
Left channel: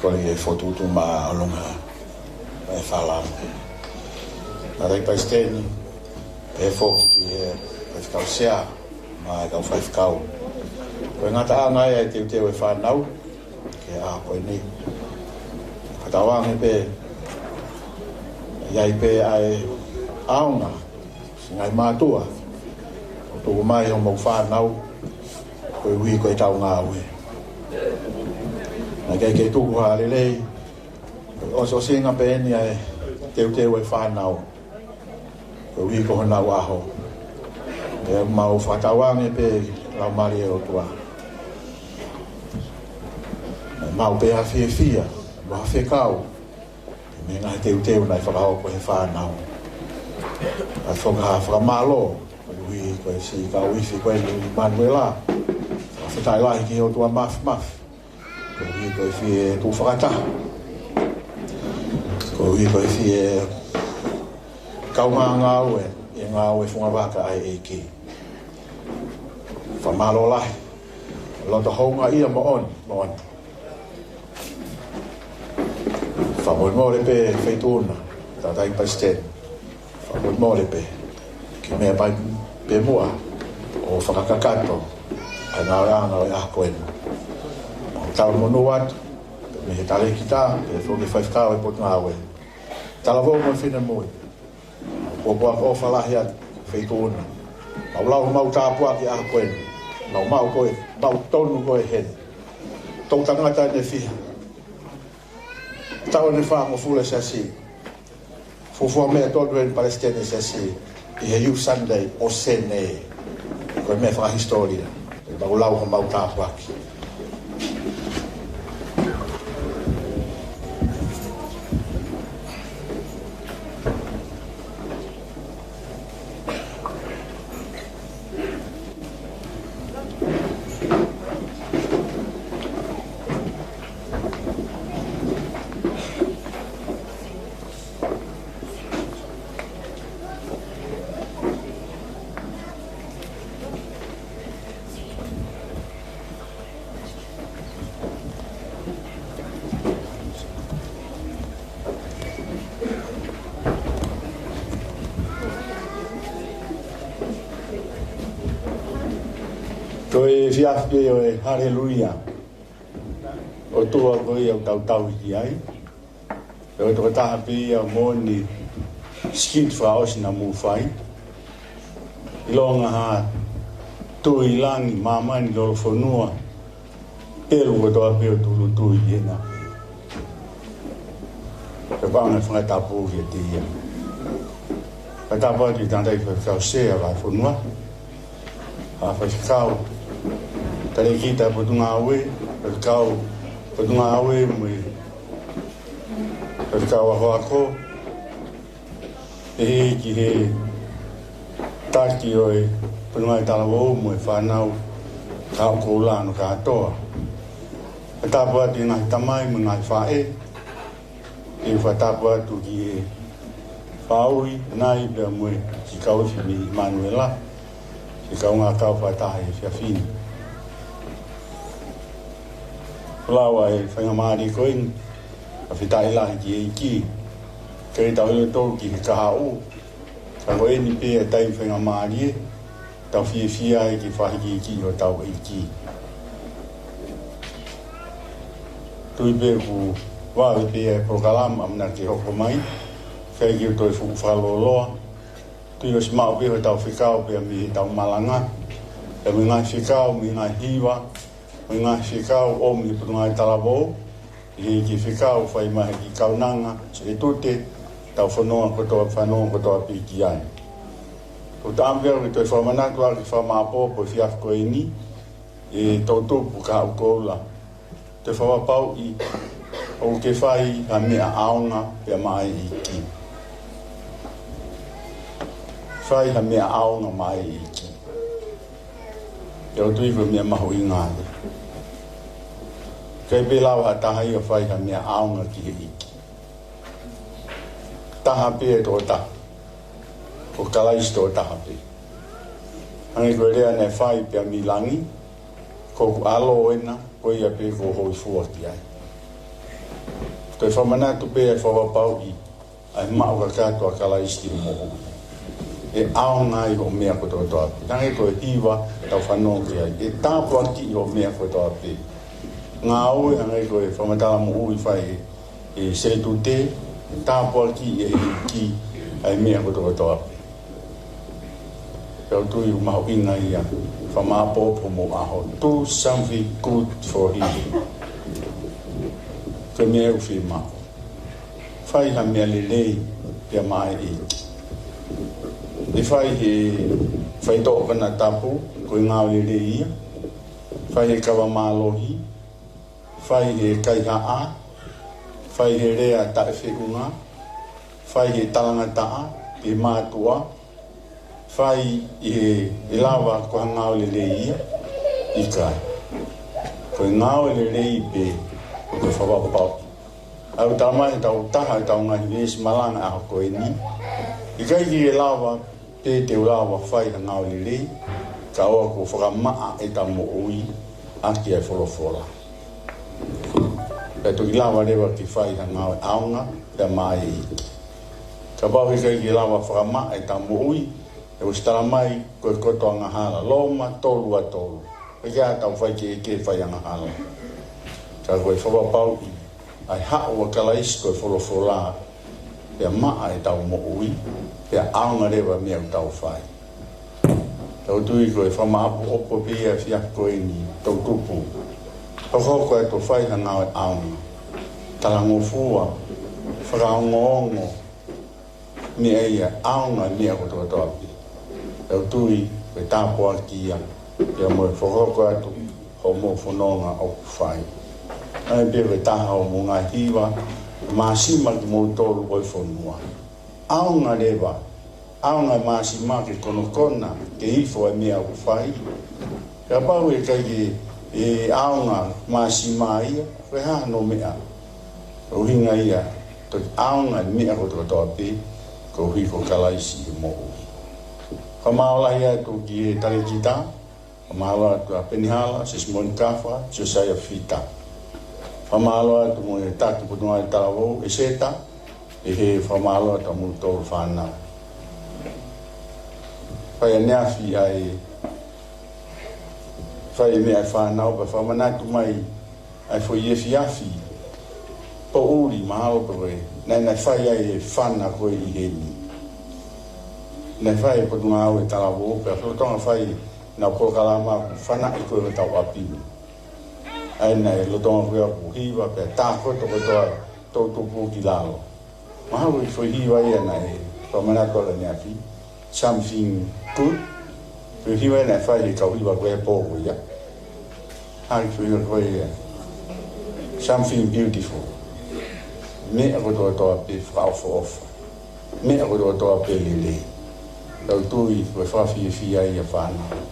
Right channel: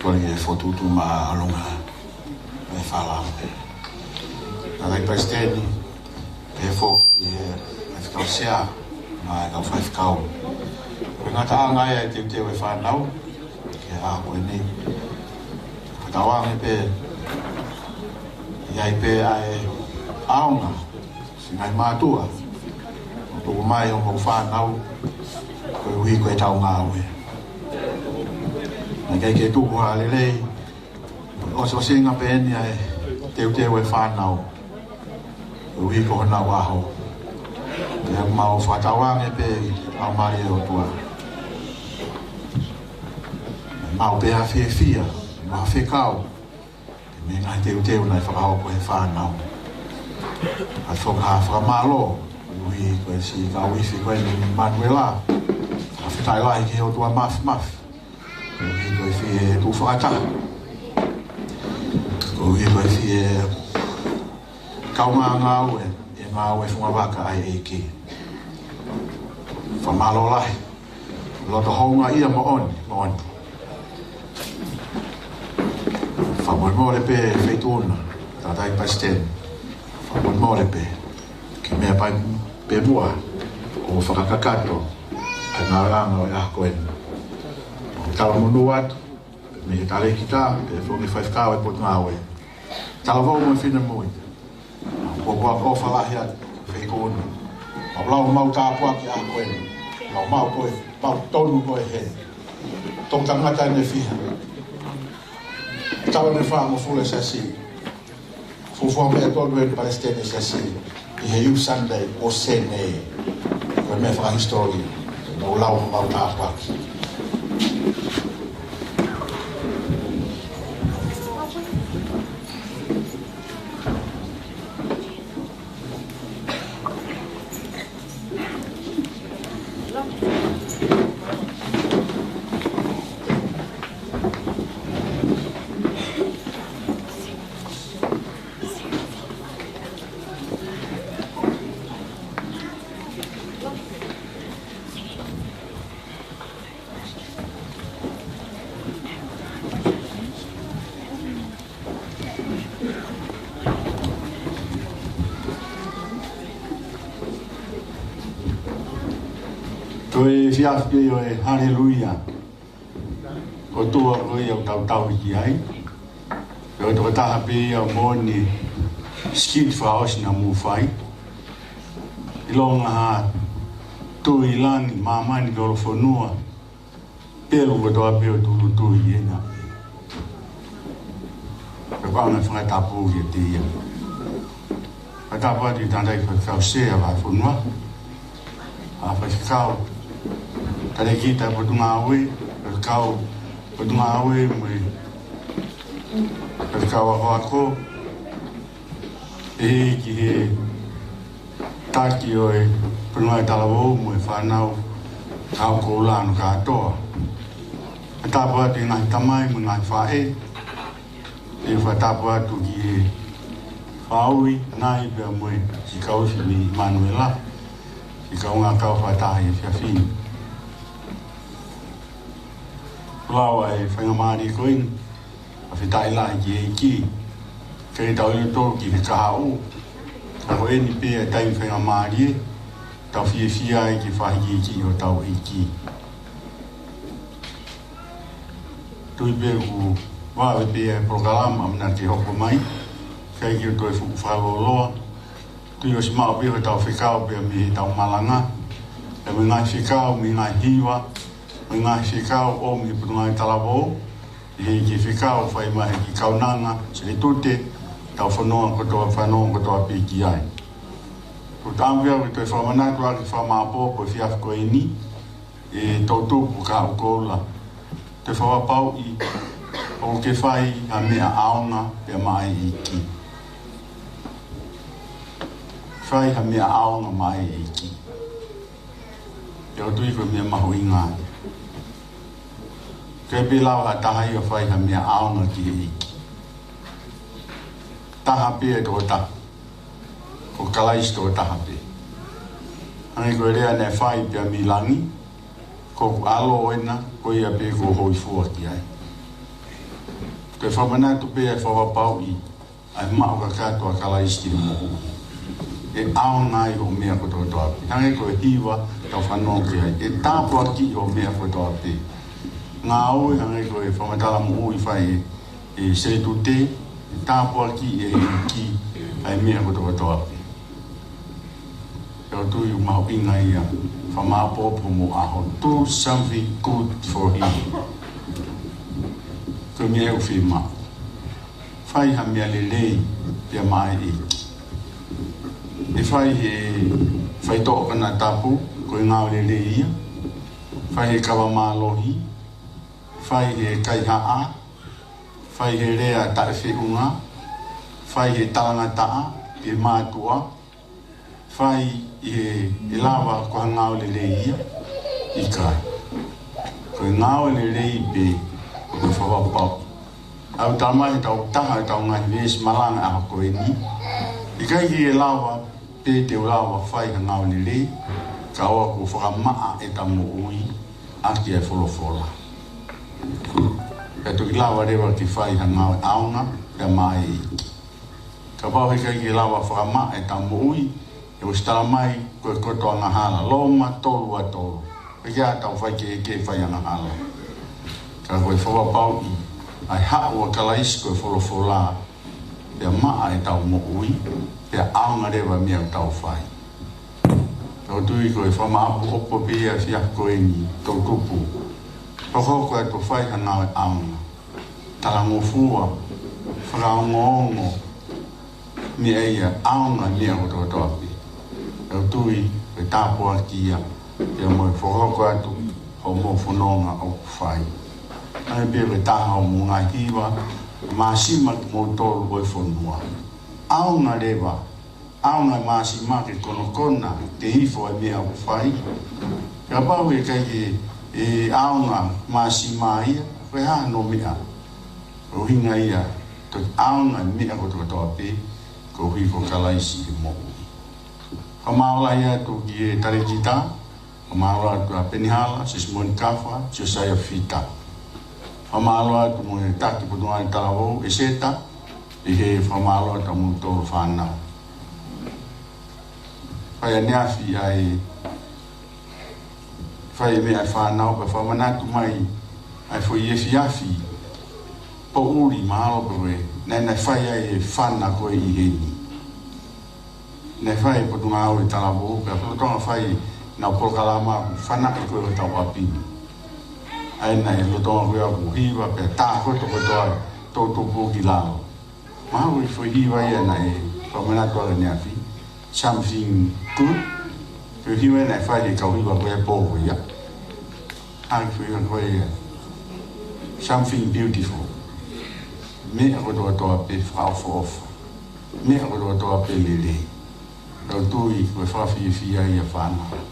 Koni e fotutu ma alonga e whala. Nā rei paisteni, e fōki e whakau sea, ma e kau whaikau. Koe ngā taha ngai e teu e whanau, ke a koe nei. Katawangi pe, iai pe ai aonga, si ngai mātua. O toko mai ho mau whanau, koe ui koe tau ngā ue. Nā kai ke tuku hālelei, oso senga pēni ai teu e whanau. Koe ui ko honau aho. E mau whatawangi pe, lau mari e o tua. Mau pe ha fia, mo ha whekau. Me ngai teu nai whakao ko he whanau. Ai whakaha whakamalo, ui koe si ka uiwhi koe ni Manuela. Whetai lahi ki o tua maf. Koe ui koe whie tu whakataha. Koe ui koe whie kau ngā ue, e ngā ue whungawaka ai Eiki. Whamalo lahi. Loto hounga ia mo oni. Whamoi mōre pe Fetu'u, tātai paisten. Whamoi mōre pe, ki mea pai pe mua, o whakakakato, ai ngā ranga o e akoena. Tau monu atu, me he tale ki tā, pe whoki whaifkau e pot ngā ue. Talavou mo e Finemui. Ko boa ko whalahi atu, Fetu'u. Au lau mau tāpua ki akoena. Nau mau koe, mau tonu koe hen. Tong tangata ne fiha. Tau ne wha mo fula Siasi. Fufua mea tonu e Palestine Siasi. I he iu Sunday o Sene. Koe mea wha historia. Nau lau mo mau tāpua ki. Koe Efi'afi pe o e haleluia. O tua koe au tau ki ai. Pe o toko taha pe o mōni skit whaosi na mūwhai. I longa ha tui langi mamani lolo whanua. E lungo toa pe o tulu tui ena. Pe wanga whangai tapu ki a tia. Pe tapati tātai whakau sea wa whanua. A whakau. Tare kita putunga awe, kau putunga awe mui, kau ako, ki he taki oi putunga Talavou mui whanau kau Koula no katoa. Tāpua ti ngai tamai mui ngai whae, e whatapua tu ki he whaui nai pia mui ki kau si mi Manuela, ki kau ngā kau whatahi Efi'afi. Lawa e whaingamari koin, a whitai lahi ki Eiki, kei tau ilo tōru ki Kaha'u, ka ko eni pe e tai whaingamari e, tau whia e ki whahi ki o tau Eiki. Tui pe ku wawe pe e Polokalama mna ki hoko mai, kei ki o toi fuku whaloloa, tui o si mao pe o tau whikau pe a mi tau malanga, e mi ngai whikau, mi ngai hiwa, o ngā whikau o mi putunga i Talavou, i hei ki whikau whai mahe ki kaunanga, sire tute, tau whanoa kotoa pi ki ai. Ko tāmwea i toi whamanatu aki whamāpō po Efi'afi koe ni, e tautupu Kaha'u Koula. Toi whawapau i o ke whai a mea aonga pe a mai Eiki. Whai a mea aonga mai Eiki. E o tui koe mea maho i ngā. Kei pe lau ha tahai o whai ha mea aonga ki Eiki. Taha pe e tō taha. O Kalaisi tō taha pe. Anei koe rea ne whai pe a milangi. Koku alo ena, ko ia pe ko hoi fua ki ai. Te whamana tu pe e whawapau i ai mao ka kātua Kalaisi mo e ao ngai o mea ko tō toa pi. Tange ko e hiwa tau whanua ki ai. E tāpua ki o mea ko toa pi. Ngā oe angai ko e whamatala mo ui whai e seretu te, e tāpua ki e ki ai mea ko tō toa pi. Peo tui u mahu inga ia, whamāpopo mo aho. Do something good for him. Ko mea u whi mao. Whai ha mea lelei pia mai e. E whai he whai tō kana tapu, ko e ngāo lelei ia. Whai he kawa mālohi. Whai he kaiha'a. Whai he rea tae whiunga. Whai he talangataa, e mātua. Whai e lawa ko ha ngāo lelei ia. Ikai. Ko e ngāo lelei pe o te whawapau. Au tamai tau taha tau ngahi vies malanga a koe ni. Ikai ki e lawa pe te lawa whai ha ngāo lelei. Ka oa ko whakamaa e ta mo ui. Aki ai wholofora. Pea tu ki lawa rewa ki whai ha ngāo aunga. Pea mai e. Ka bau ikai ki e lawa whakamaa e ta mo ui. E ustala mai koe koto anga hala. Loma tolu a tolu. E kia tau whai ke eke whai anga hala. Ka koe whakapau i. Ai ha'u a Kalaisi koe wholofola. Pea maa e tau mo ui. Pea aunga rewa mea tau whai. Tau tui koe whamaapu opo pia whia koe ni tau tupu. Tau koe to whai ha ngāo e aunga. Talango fua. Whakaongo-ongo. Mea ia aunga mea koto toapi. Tau tui koe tāpua kia. Pea moe whakoko atu. Ho mo whanonga o whai. Ai pia koe taha o mo ngā hiwa. Māsima ki mo tolu boi whanua. Aunga rewa. Aunga māsima ke konokona. Te hifo e mea o whai. Ka pau e kai e aunga māsima ia. Koe hano mea. O hinga ia. Toi aunga mea koto toapi. Ko hifo Kalaisi e mo. Ka maola ia tu ki e tarekita. Ka maola tu a Penihala. Sismoni Kafa. Siosaya Fita. Whamaloa tu mo e taki putunga i Talavou e seta, e he whamaloa ta mo tōru whanau. Whai a neafi ai, whai mea e whanau, pa whamanatu mai, ai fwoi Efi'afi, po uri mahalo pa koe, nei whai ai e whana koe i heni. Nei whai putunga au e Talavou, pa whalutonga whai na Polokalama, whana i koe o tau apini. Ai nei e lotonga koe au hiwa, pia tākoto koe toa tōtupu ki lalo. Mahawu i fwoi hiwa ia nei, whamanatu ala neafi, something good. Fwoi hiwa ia nei whai e kau hiwa koe e pōko ia. Hai fwoi hiwa koe ia. Something beautiful. Mea koe toa pe whaofa ofa. Mea koe toa pe lele. Tau tui koe whawhi e whia ia whanau.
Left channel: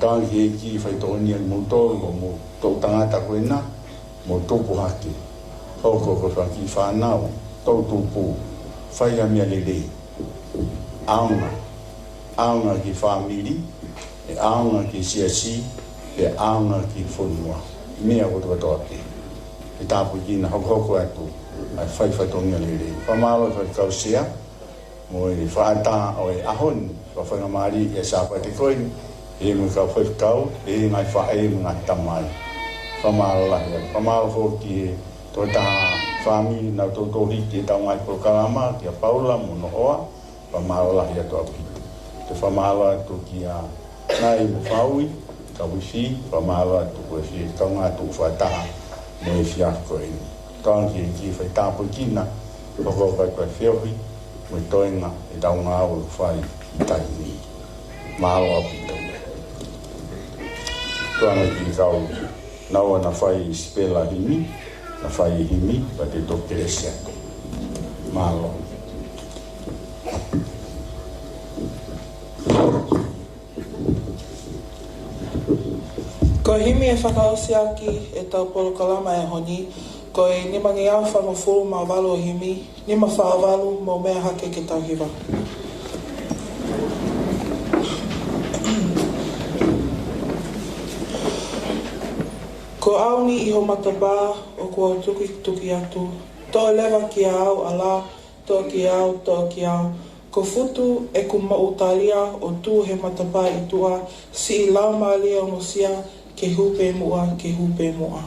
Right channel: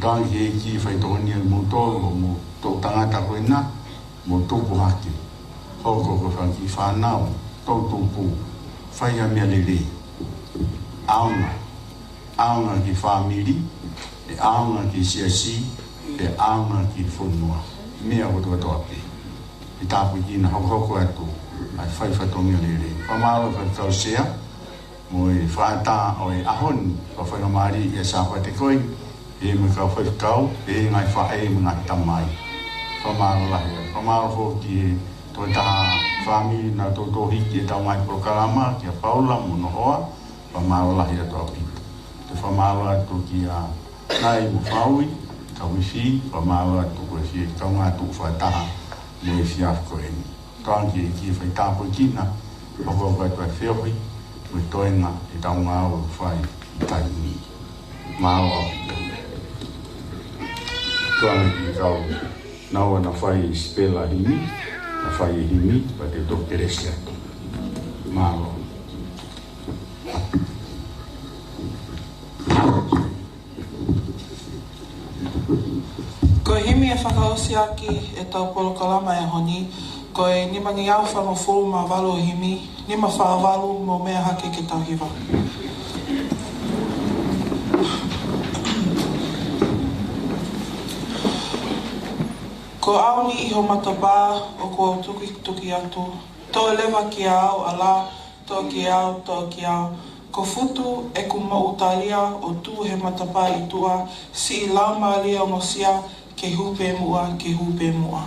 Tāng ki Eiki whai tōnia mō tōru mo tō tangata koe nā, mō tōpu hake. Hoko koe whanki whanau, tō tōpu, whai a mea lele. Aunga, aunga ki whamiri, e aunga ki siasi, e aunga ki whonua. Mea koe toa pe. E tāpu ki na hoko atu, ai whai whatongia lele. Whamalo whai kausea, mo e whaata o e ahoni, o whangamari e sāpa te koe, e mo ka whai kau, e ngai whae mo ngā tamai. Whamaro lahi. Whamaro fōki e tō taha whami na tō hiki e tau ngai Polokalama, ki a Paula, mo nohoa, whamaro lahi atu api. Te whamaro atu ki a nai mo whaui, ka wifi, whamaro atu koe fi, kau ngā tū whaitaha, mo e Efi'afi koe ni. Kāngi e ki whai tāpu kina, whako kai koe whiohi, mo e toenga e tau ngā o whai i taimi. Mao api. Tuana ki kau naua na whai spela himi, na whai himi, pa te tokeresia. Malo. Ko himi e whakaosi aki e tau Polokalama e honi, ko e nimangi au whangawhuru ma walo himi, nima whawalu mo mea hake ke tau hiwa. Ko auni iho matapā o ko au tuki atu. Tō lewa ki au ala, tō ki au, tō ki au. Ko futu e ku mautalia o tū he matapā i tua, si I lau maalia o ngosia, ke hupe mua, ke hupe mua.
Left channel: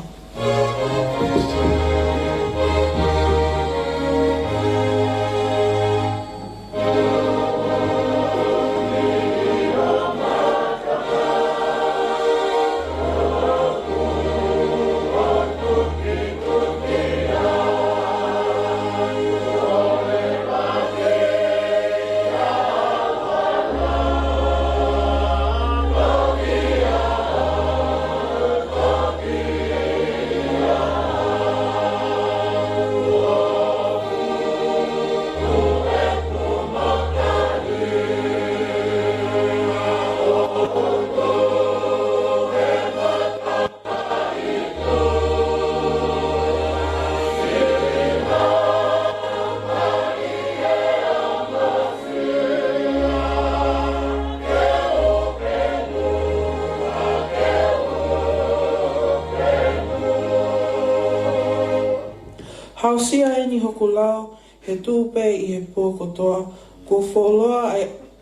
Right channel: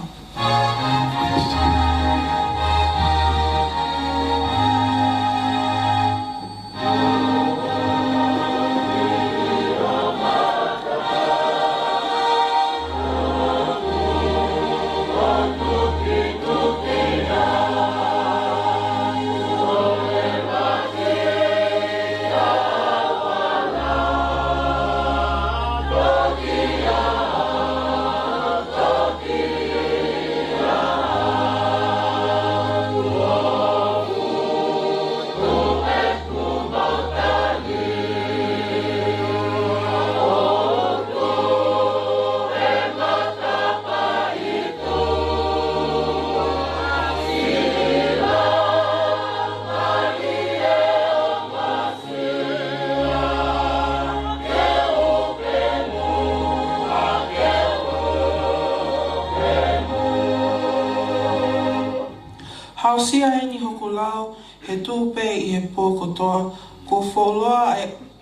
Hausia e ni hoku lau, he tūpe I he pōkotoa, ko wholoa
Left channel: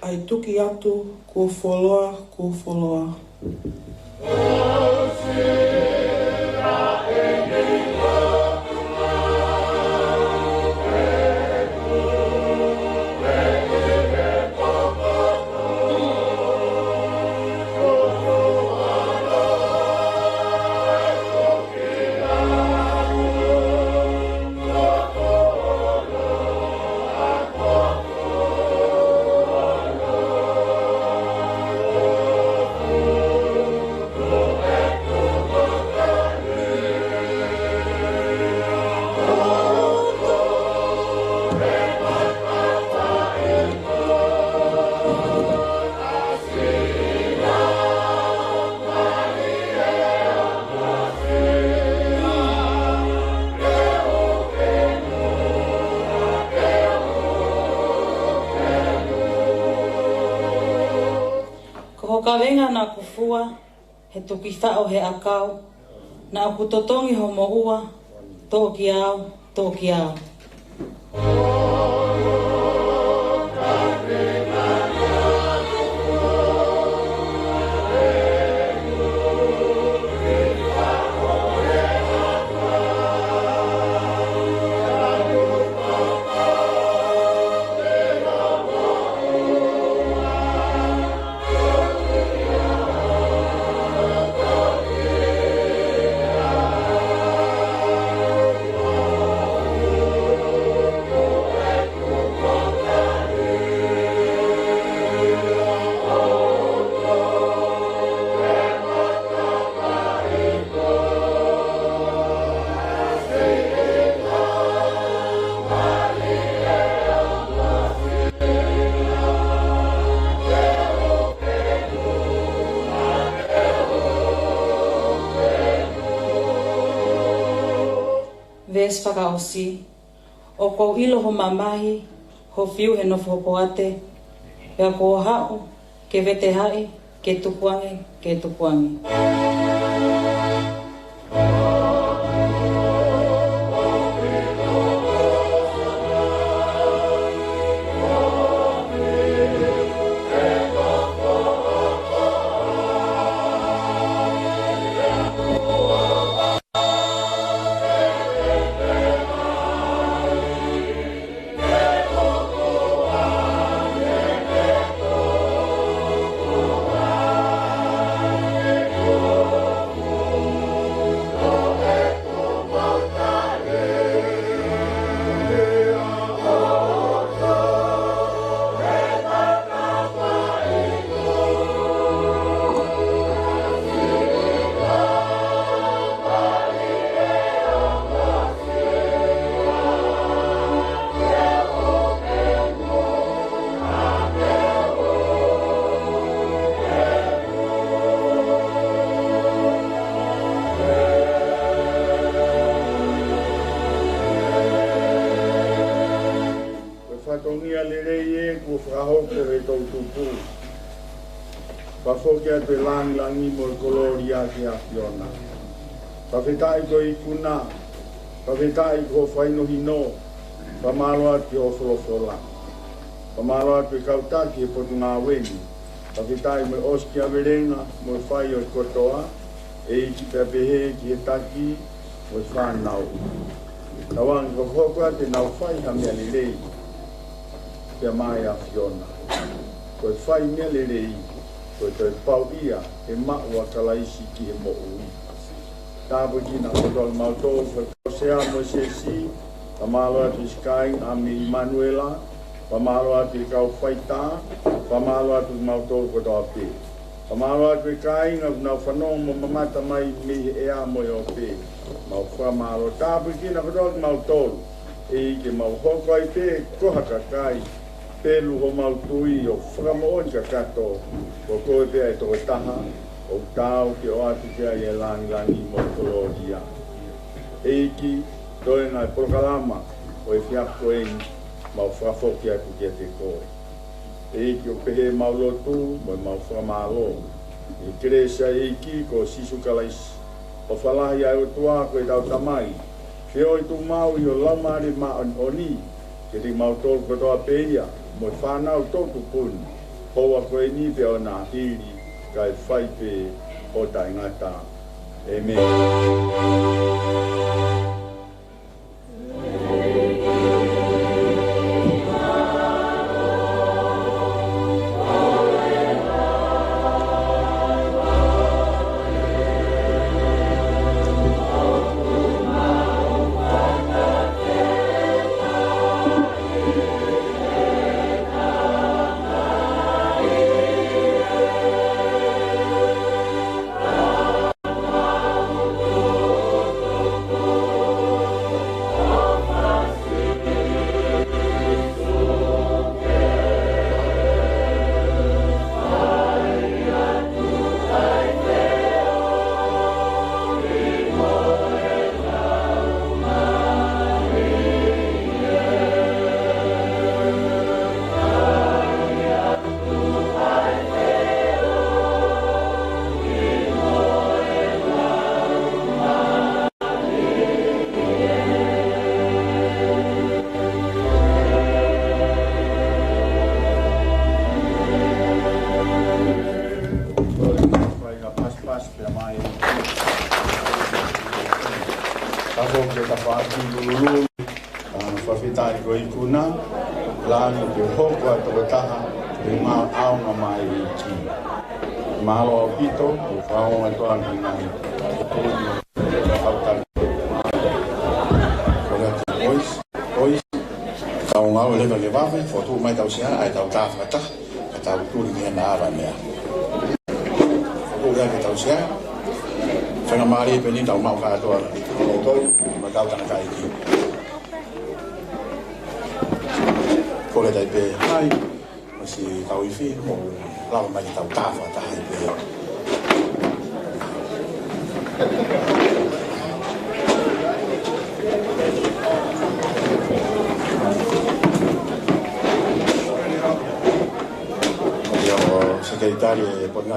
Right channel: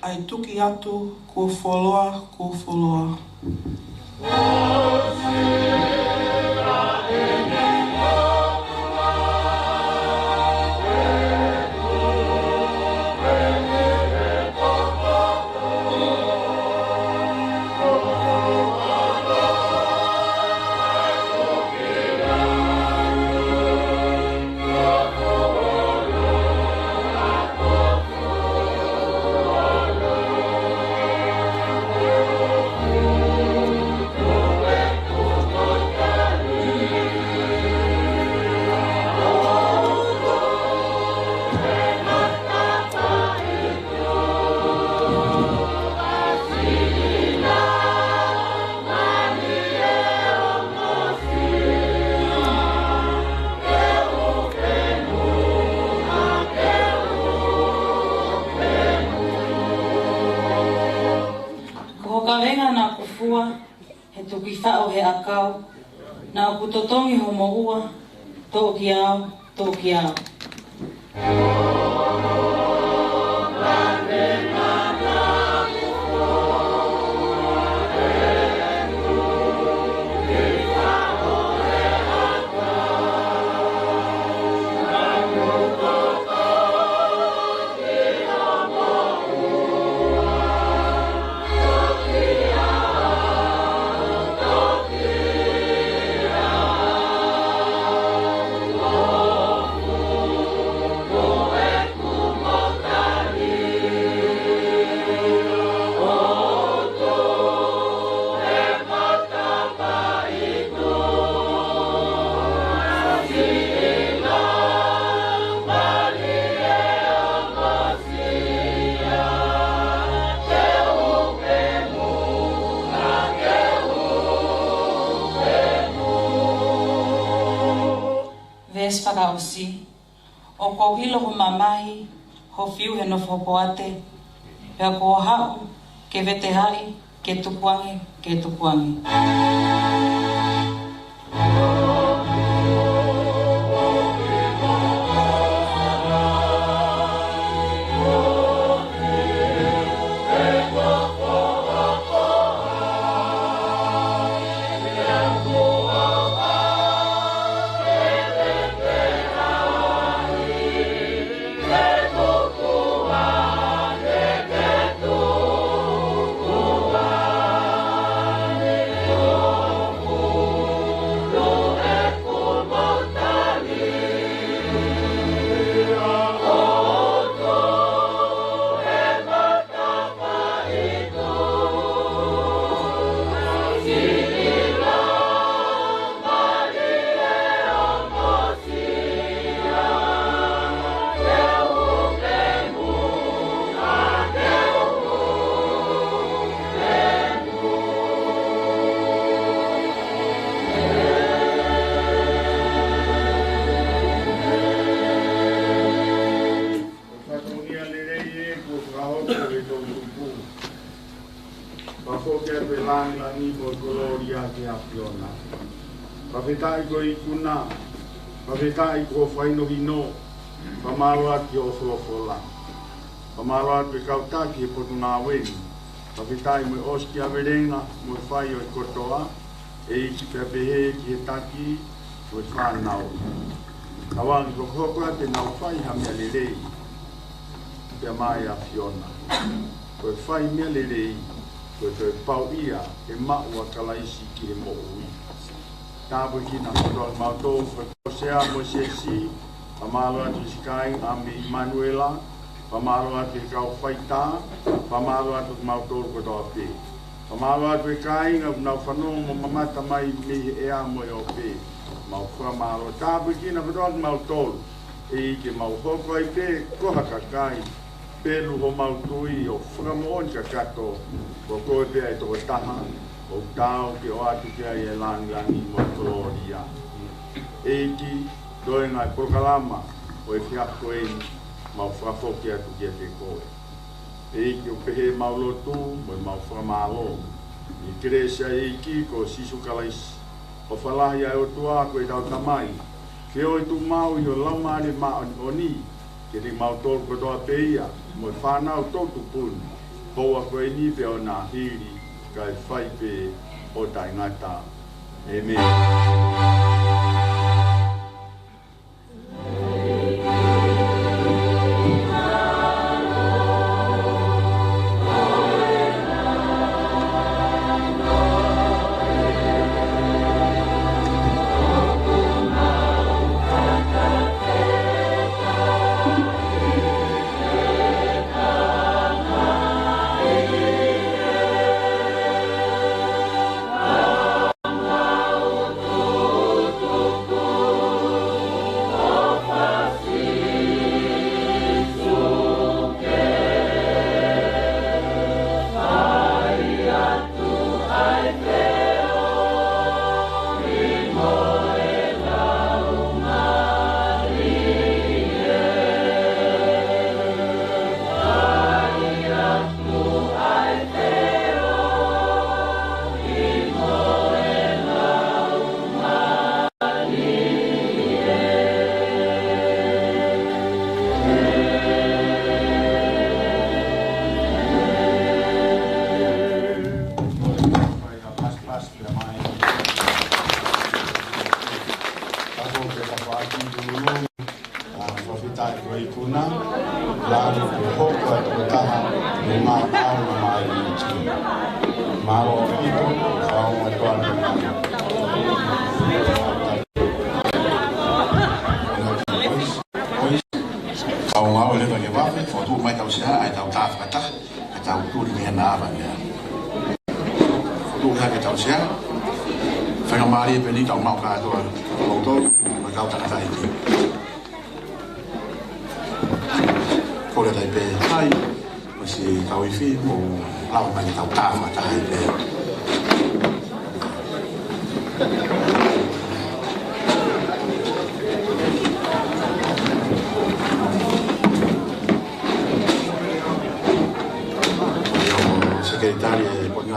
ai tuki atu, ko wholoa, ko wholoa. Kaveinga na kufua, he tuki whao he akau, na kutotongi ho mohua, tō ki au, tō ki au. Whakaosi, o kou ilo ho mamahi, ho whiu he nofo poate, pea ko ha'u, ke vete hai, ke tupuangi, ke tupuangi. Pawhetai ko I kuna, pawhetai ko whaino hino, pamalo ati o wholofola. Pamalo ati kautaki he potu ngā weni, pawhetai mo oski a werenga, mo whai o I kotoa, Eiki pepehe ki he taki, mo whanau. Kawangi ko hokoa te nau whai ha mea lelei, pia mai a Fiona. Ko whai mea lelei, ko te pau ia, he mau a Kalaisi ki he mo ui. Tāpu ki nā katoa mautou, ko kosea mo Siasi, pamalo atu Sikai, ami Manuela, pamalo atu I kau whaita, pamalo atu mautou kotoa pe. Pamalo atu Kaha'u nau whanau mo mamata mai mi ea mo o pe. Mau whamalo tāpu ki nā katoa mautou, Eiki mau hoko ai pe koha kakai, pelu ho mautui o whakamoon ka kato, ko koe pe ai toko taha, o tau ke o atu ke ai e langi mo koloria. Eiki, toi ngai Polokalama, o Efi'afi ei, mau whakafoki atu ki a te koe. Eiki o pehe mau Lotu, mo mau whakamalo. Ecclesiastes Eiki ko sisu Kalaisi. O whalahi ai o tua ko e tau tamai. Whio I tu mau I o laumari ma oni, ke ti mau tolu kotoa peia, mo whanau totu puni. Hoa ko e ni pe o nā hiri, kai whai pe o tai ngata. Amen.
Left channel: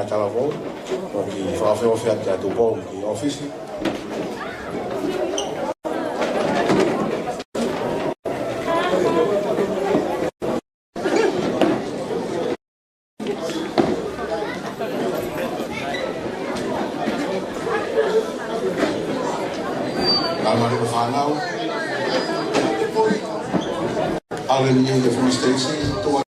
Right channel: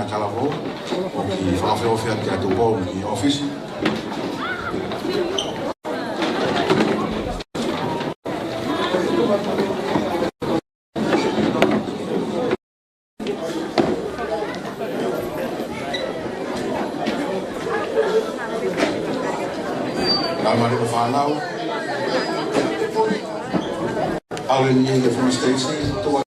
Talavou, o que fala que é do Pongipongi office. Almari ko whanau, Allen i the first station, to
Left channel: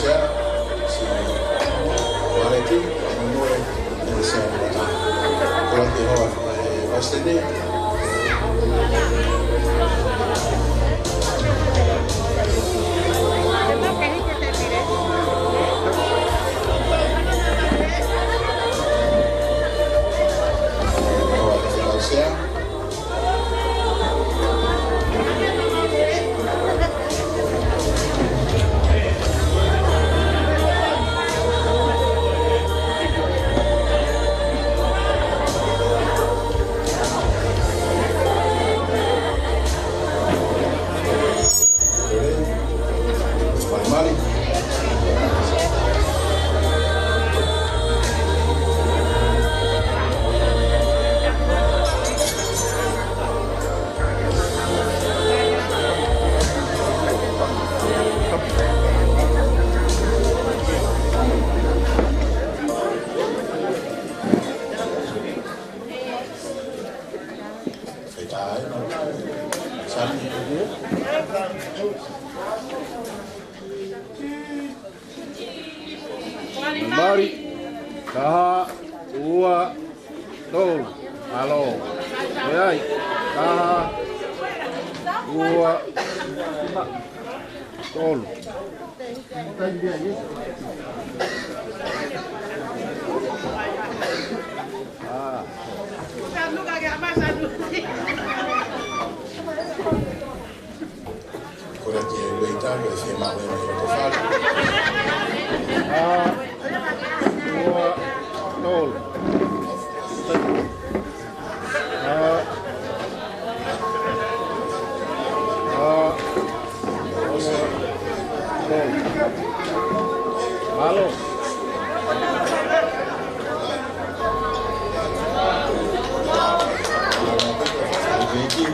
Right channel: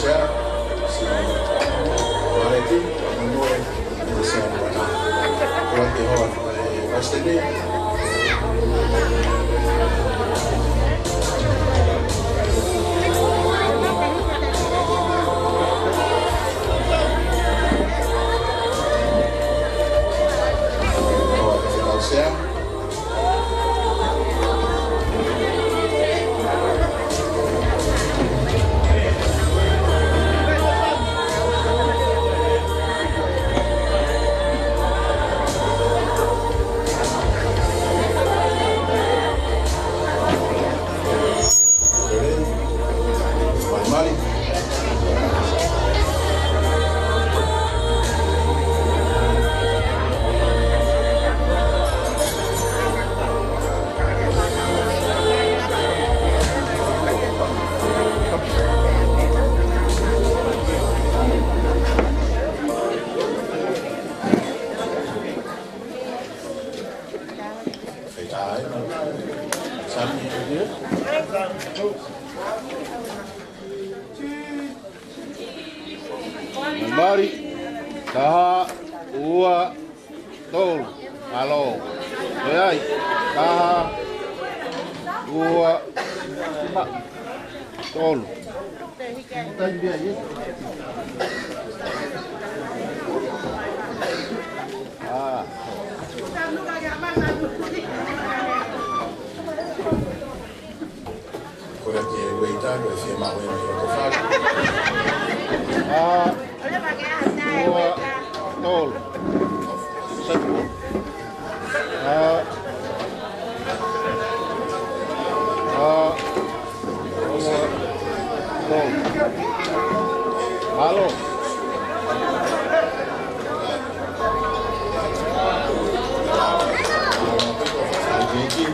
Share, si Koheleti, Finemui, and Saame. Koula te hoa Western. Mari, Kaha'u, Lotu, Alo, Eiki, Kaha'u, Lotu. Koula te weita, koula te mawe me o te whaka. Lotu. Halo. Eiki,